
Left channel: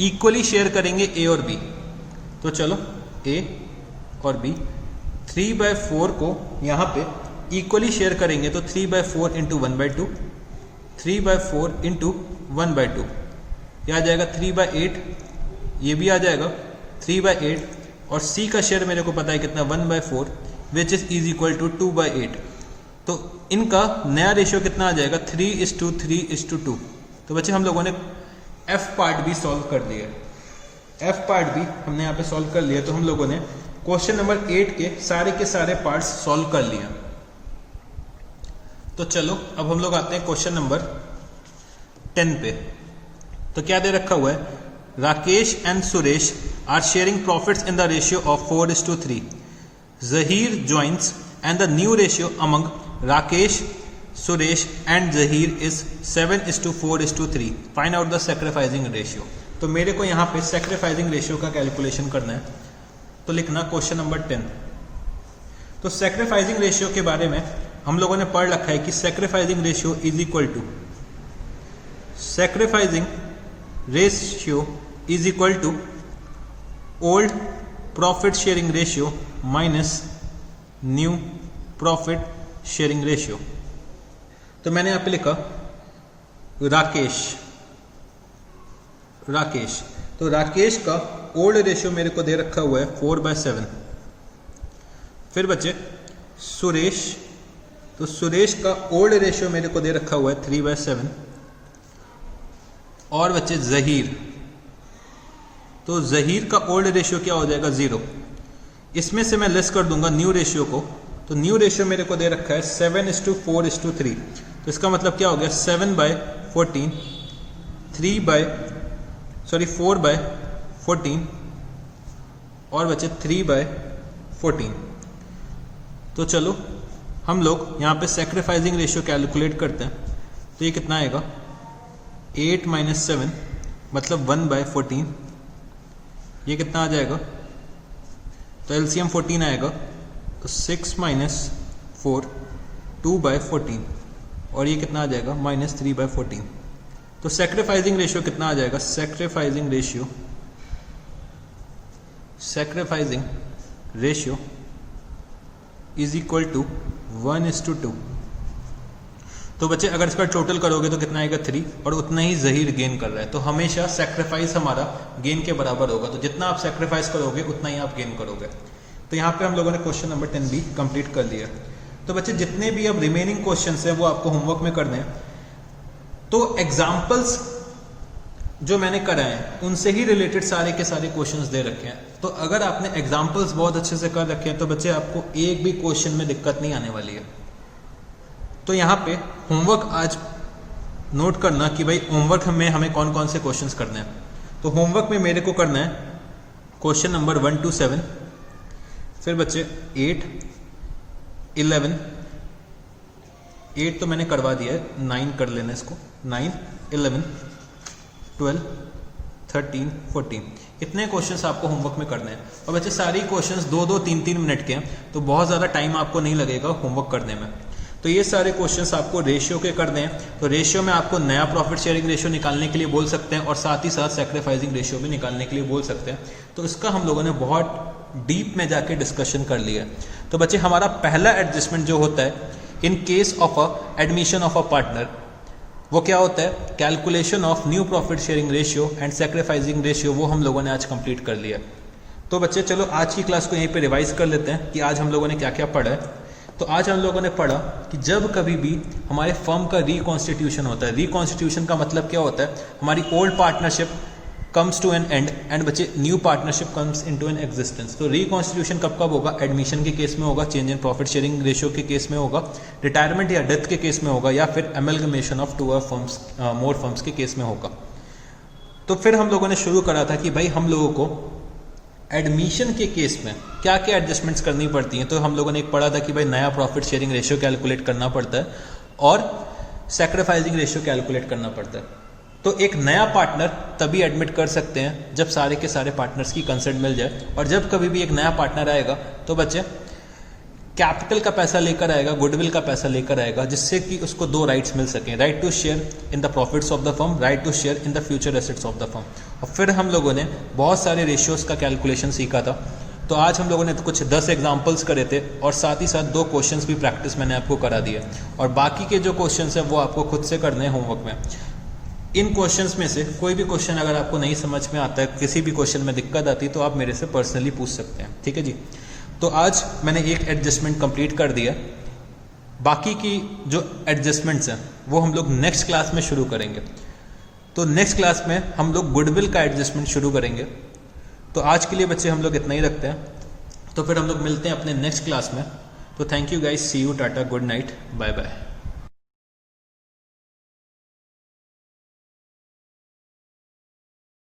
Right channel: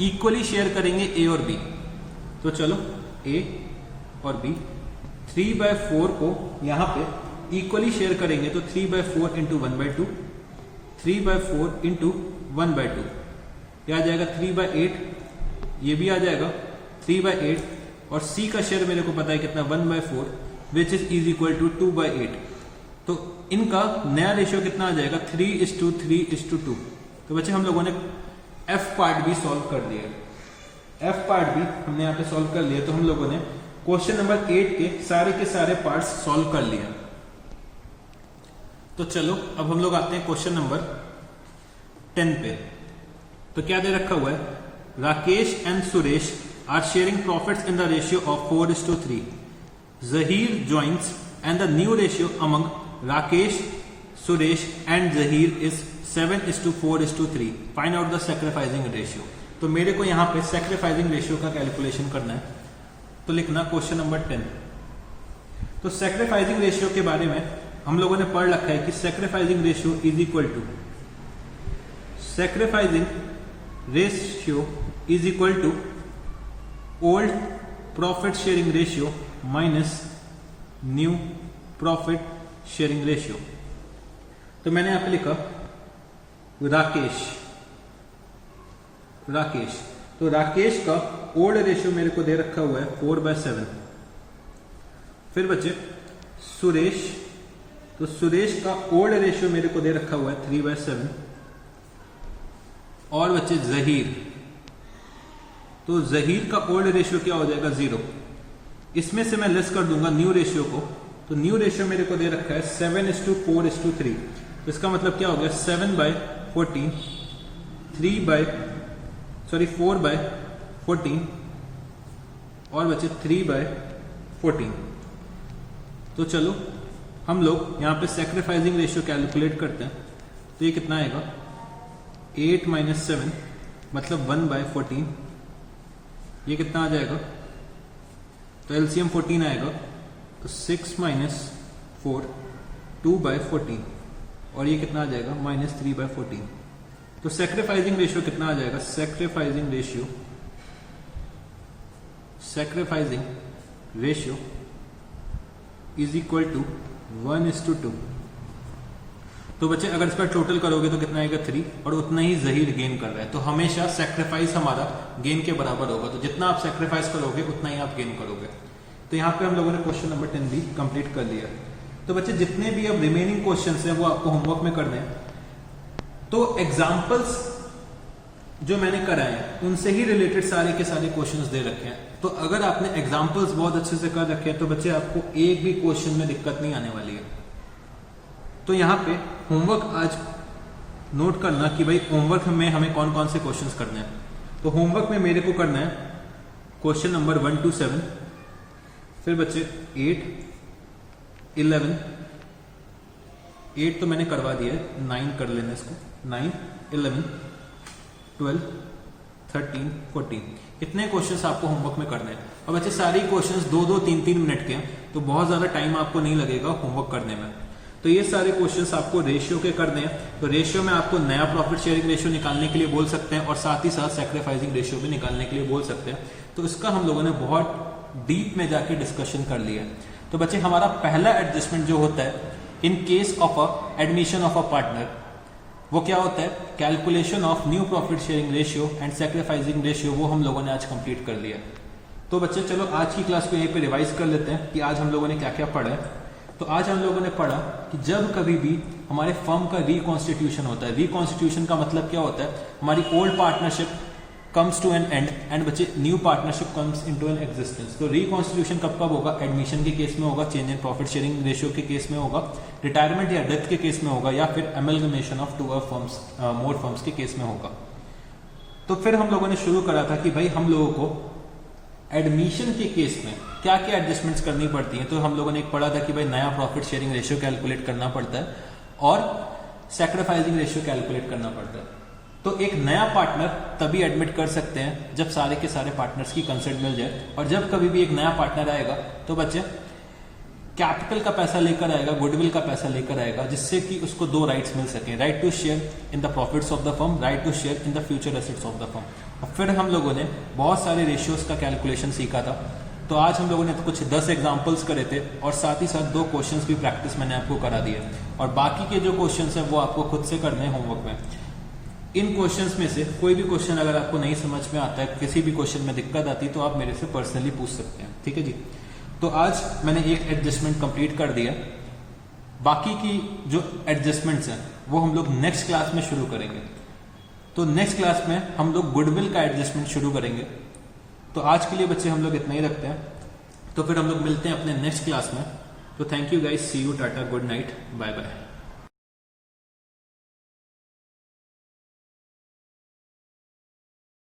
इक्वली शेयर करेंगे ए और बी। तो चलो ए और बी 3/4 को यहाँ पे इक्वली शेयर करेंगे तो 3/4 इंटू 1/2, 3/4 इंटू 1/2 यह आ जाएगा 3/8, ये भी आ जाएगा 3/8 और सी का शेयर मेरे को पता है कितना 1/4 विच इज इक्वल टू 2/8। तो इनका नया रेशियो कितना आ जाएगा 3:3:2। तो बच्चे हम लोगों ने एफ पार्ट भी सॉल्व कर लिया, एफ पार्ट भी हमने यहाँ पे सॉल्व कर लिया। तो हम लोगों ने क्वेश्चन नंबर 8 के सारे पार्ट्स सॉल्व कर लिए। तो चलो अब हम लोग आते हैं क्वेश्चन नंबर 10 पे। तो क्या दे रखा हुआ है, Rakesh and Suresh are sharing profits in the ratio of 4:3। Zaheer joins and the new ratio among Rakesh, Suresh and Zaheer is 7:4:3। Find out the sacrificing ratio. तो मेरे को यहाँ पे सैक्रिफाइसिंग रेशियो का कैलकुलेशन करना है। तो लिखना क्वेश्चन नंबर 10। तो सैक्रिफाइसिंग रेशियो के बारे में हम लोगों ने पढ़ रखा है कि sacrificing ratio is equal to old profit sharing ratio minus new profit sharing ratio. तो मैंने यहां पे लिखा राकेश। तो राकेश का ओल्ड रेशियो मेरे को दे रखा हुआ है 4/7। फिर बच्चे सुरेश, तो सुरेश का ओल्ड रेशियो मेरे को दे रखा हुआ है 3/7। और बच्चे जहीर, तो जहीर का ओल्ड रेशियो क्या हो जाएगा 0। इसमें से मैं लेस कर दूंगा न्यू रेशियो को। तो न्यू रेशियो मेरे को दे रखा है 7:4:3। तो इसका मतलब क्या हो गया 7/14, 4/14 और बचे 3/14। तो चलो हम लोग यहाँ पे सैक्रिफाइसिंग रेशियो कैलकुलेट करते हैं। तो ये कितना आएगा 8 - 7 मतलब 1/14। ये कितना आ जाएगा, तो एलसीएम 14 आएगा। तो 6 - 4 2/14 और ये कितना आ जाएगा -3/14। तो सैक्रिफाइसिंग रेशियो कितना आ जाएगा, sacrificing ratio is equal to 1:2। तो बच्चे अगर इसका टोटल करोगे तो कितना आएगा 3 और उतना ही जहीर गेन कर रहा है। तो हमेशा सैक्रिफाइस हमारा गेन के बराबर होगा। तो जितना आप सैक्रिफाइस करोगे उतना ही आप गेन करोगे। तो यहाँ पे हम लोगों ने क्वेश्चन नंबर 10 भी कंप्लीट कर लिया। तो बच्चे जितने भी अब रिमेनिंग क्वेश्चंस हैं वो आपको होमवर्क में करने हैं। तो एग्जाम्पल्स जो मैंने कराए हैं उनसे ही रिलेटेड सारे के सारे क्वेश्चंस दे रखे हैं। तो अगर आपने एग्जाम्पल्स बहुत अच्छे से कर रखे हैं तो बच्चे आपको एक भी क्वेश्चन में दिक्कत नहीं आने वाली है। तो यहाँ पे होमवर्क आज नोट करना कि भाई होमवर्क में हमें कौन कौन से क्वेश्चंस करने हैं। तो होमवर्क में मेरे को करना है क्वेश्चन नंबर 1 to 7, फिर बच्चे 8, 11, 8 तो मैंने करवा दिया है, 9 कर लेना इसको, 9, 11, 12, 13, 14 इतने क्वेश्चंस आपको होमवर्क में करने हैं। और बच्चे सारी क्वेश्चंस 2-2, 3-3 मिनट के हैं, तो बहुत ज़्यादा टाइम आपको नहीं लगेगा होमवर्क करने में। तो ये सारे क्वेश्चंस आपको रेशियो के करने हैं। तो रेशियो में आपको नया प्रॉफिट शेयरिंग रेशियो निकालने के लिए बोल सकते हैं और साथ ही साथ सैक्रिफाइसिंग रेशियो भी निकालने के लिए बोल सकते हैं। तो इसका हम लोगों ने बहुत डीप में जाके डिस्कशन कर लिया है। तो बच्चे हमारा पहला एडजस्टमेंट जो होता है in case of a admission of a partner, वो क्या होता है, calculation of new profit sharing ratio and sacrificing ratio, वो हम लोगों ने आज कंप्लीट कर लिया। तो बच्चे चलो आज की क्लास को यहीं पे रिवाइज कर लेते हैं कि आज हम लोगों ने क्या क्या पढ़ा है। तो आज हम लोगों ने पढ़ा कि जब कभी भी हमारे फर्म का रिकॉन्स्टिट्यूशन होता है, रिकॉन्स्टिट्यूशन का मतलब क्या होता है, हमारी old partnership comes to an end and बच्चे new partnership comes into an existence. तो रिकॉन्स्टिट्यूशन कब कब होगा, एडमिशन के केस में होगा, change in profit sharing ratio के केस में होगा, रिटायरमेंट या डेथ के केस में होगा, या फिर amalgamation of 2 firms more firms के केस में होगा। तो फिर हम लोगों ने शुरू करा था कि भाई हम लोगों को एडमिशन के केस में क्या क्या एडजस्टमेंट्स करनी पड़ती हैं। तो हम लोगों ने एक पढ़ा था कि भाई नया प्रॉफिट शेयरिंग रेशियो कैलकुलेट करना पड़ता है और सैक्रिफाइसिंग रेशियो कैलकुलेट करना पड़ता है। तो एक नया पार्टनर तभी एडमिट कर सकते हैं जब सारे के सारे पार्टनर्स की कंसेंट मिल जाए, और जब कभी भी एक नया पार्टनर आएगा तो बच्चे कैपिटल का पैसा लेकर आएगा, गुडविल का पैसा लेकर आएगा, जिससे कि उसको दो राइट्स मिल सकें, right to share in the profits of the firm, right to share in the future assets of the firm. और फिर हम लोगों ने बहुत सारे रेशियोज का कैलकुलेशन सीखा था। तो आज हम लोगों ने तो कुछ 10 एग्जाम्पल्स करे थे और साथ ही साथ 2 क्वेश्चंस भी प्रैक्टिस मैंने आपको करा दिया, और बाकी के जो क्वेश्चंस हैं वो आपको खुद से करने हैं होमवर्क में। इन क्वेश्चंस में से कोई भी क्वेश्चन अगर आपको नहीं समझ में आता है, किसी भी क्वेश्चन में दिक्कत आती है, तो आप मेरे से पर्सनली पूछ सकते हैं, ठीक है जी। तो आज मैंने एक एडजस्टमेंट कंप्लीट कर दिया, बाकी की जो एडजस्टमेंट्स हैं वो हम लोग नेक्स्ट क्लास में शुरू करेंगे। तो नेक्स्ट क्लास में हम लोग गुडविल का एडजस्टमेंट शुरू करेंगे। तो आज के लिए बच्चे हम लोग इतना ही रखते हैं, तो फिर हम लोग मिलते हैं अपने नेक्स्ट क्लास में। तो thank you guys, see you, tata, good night, bye bye.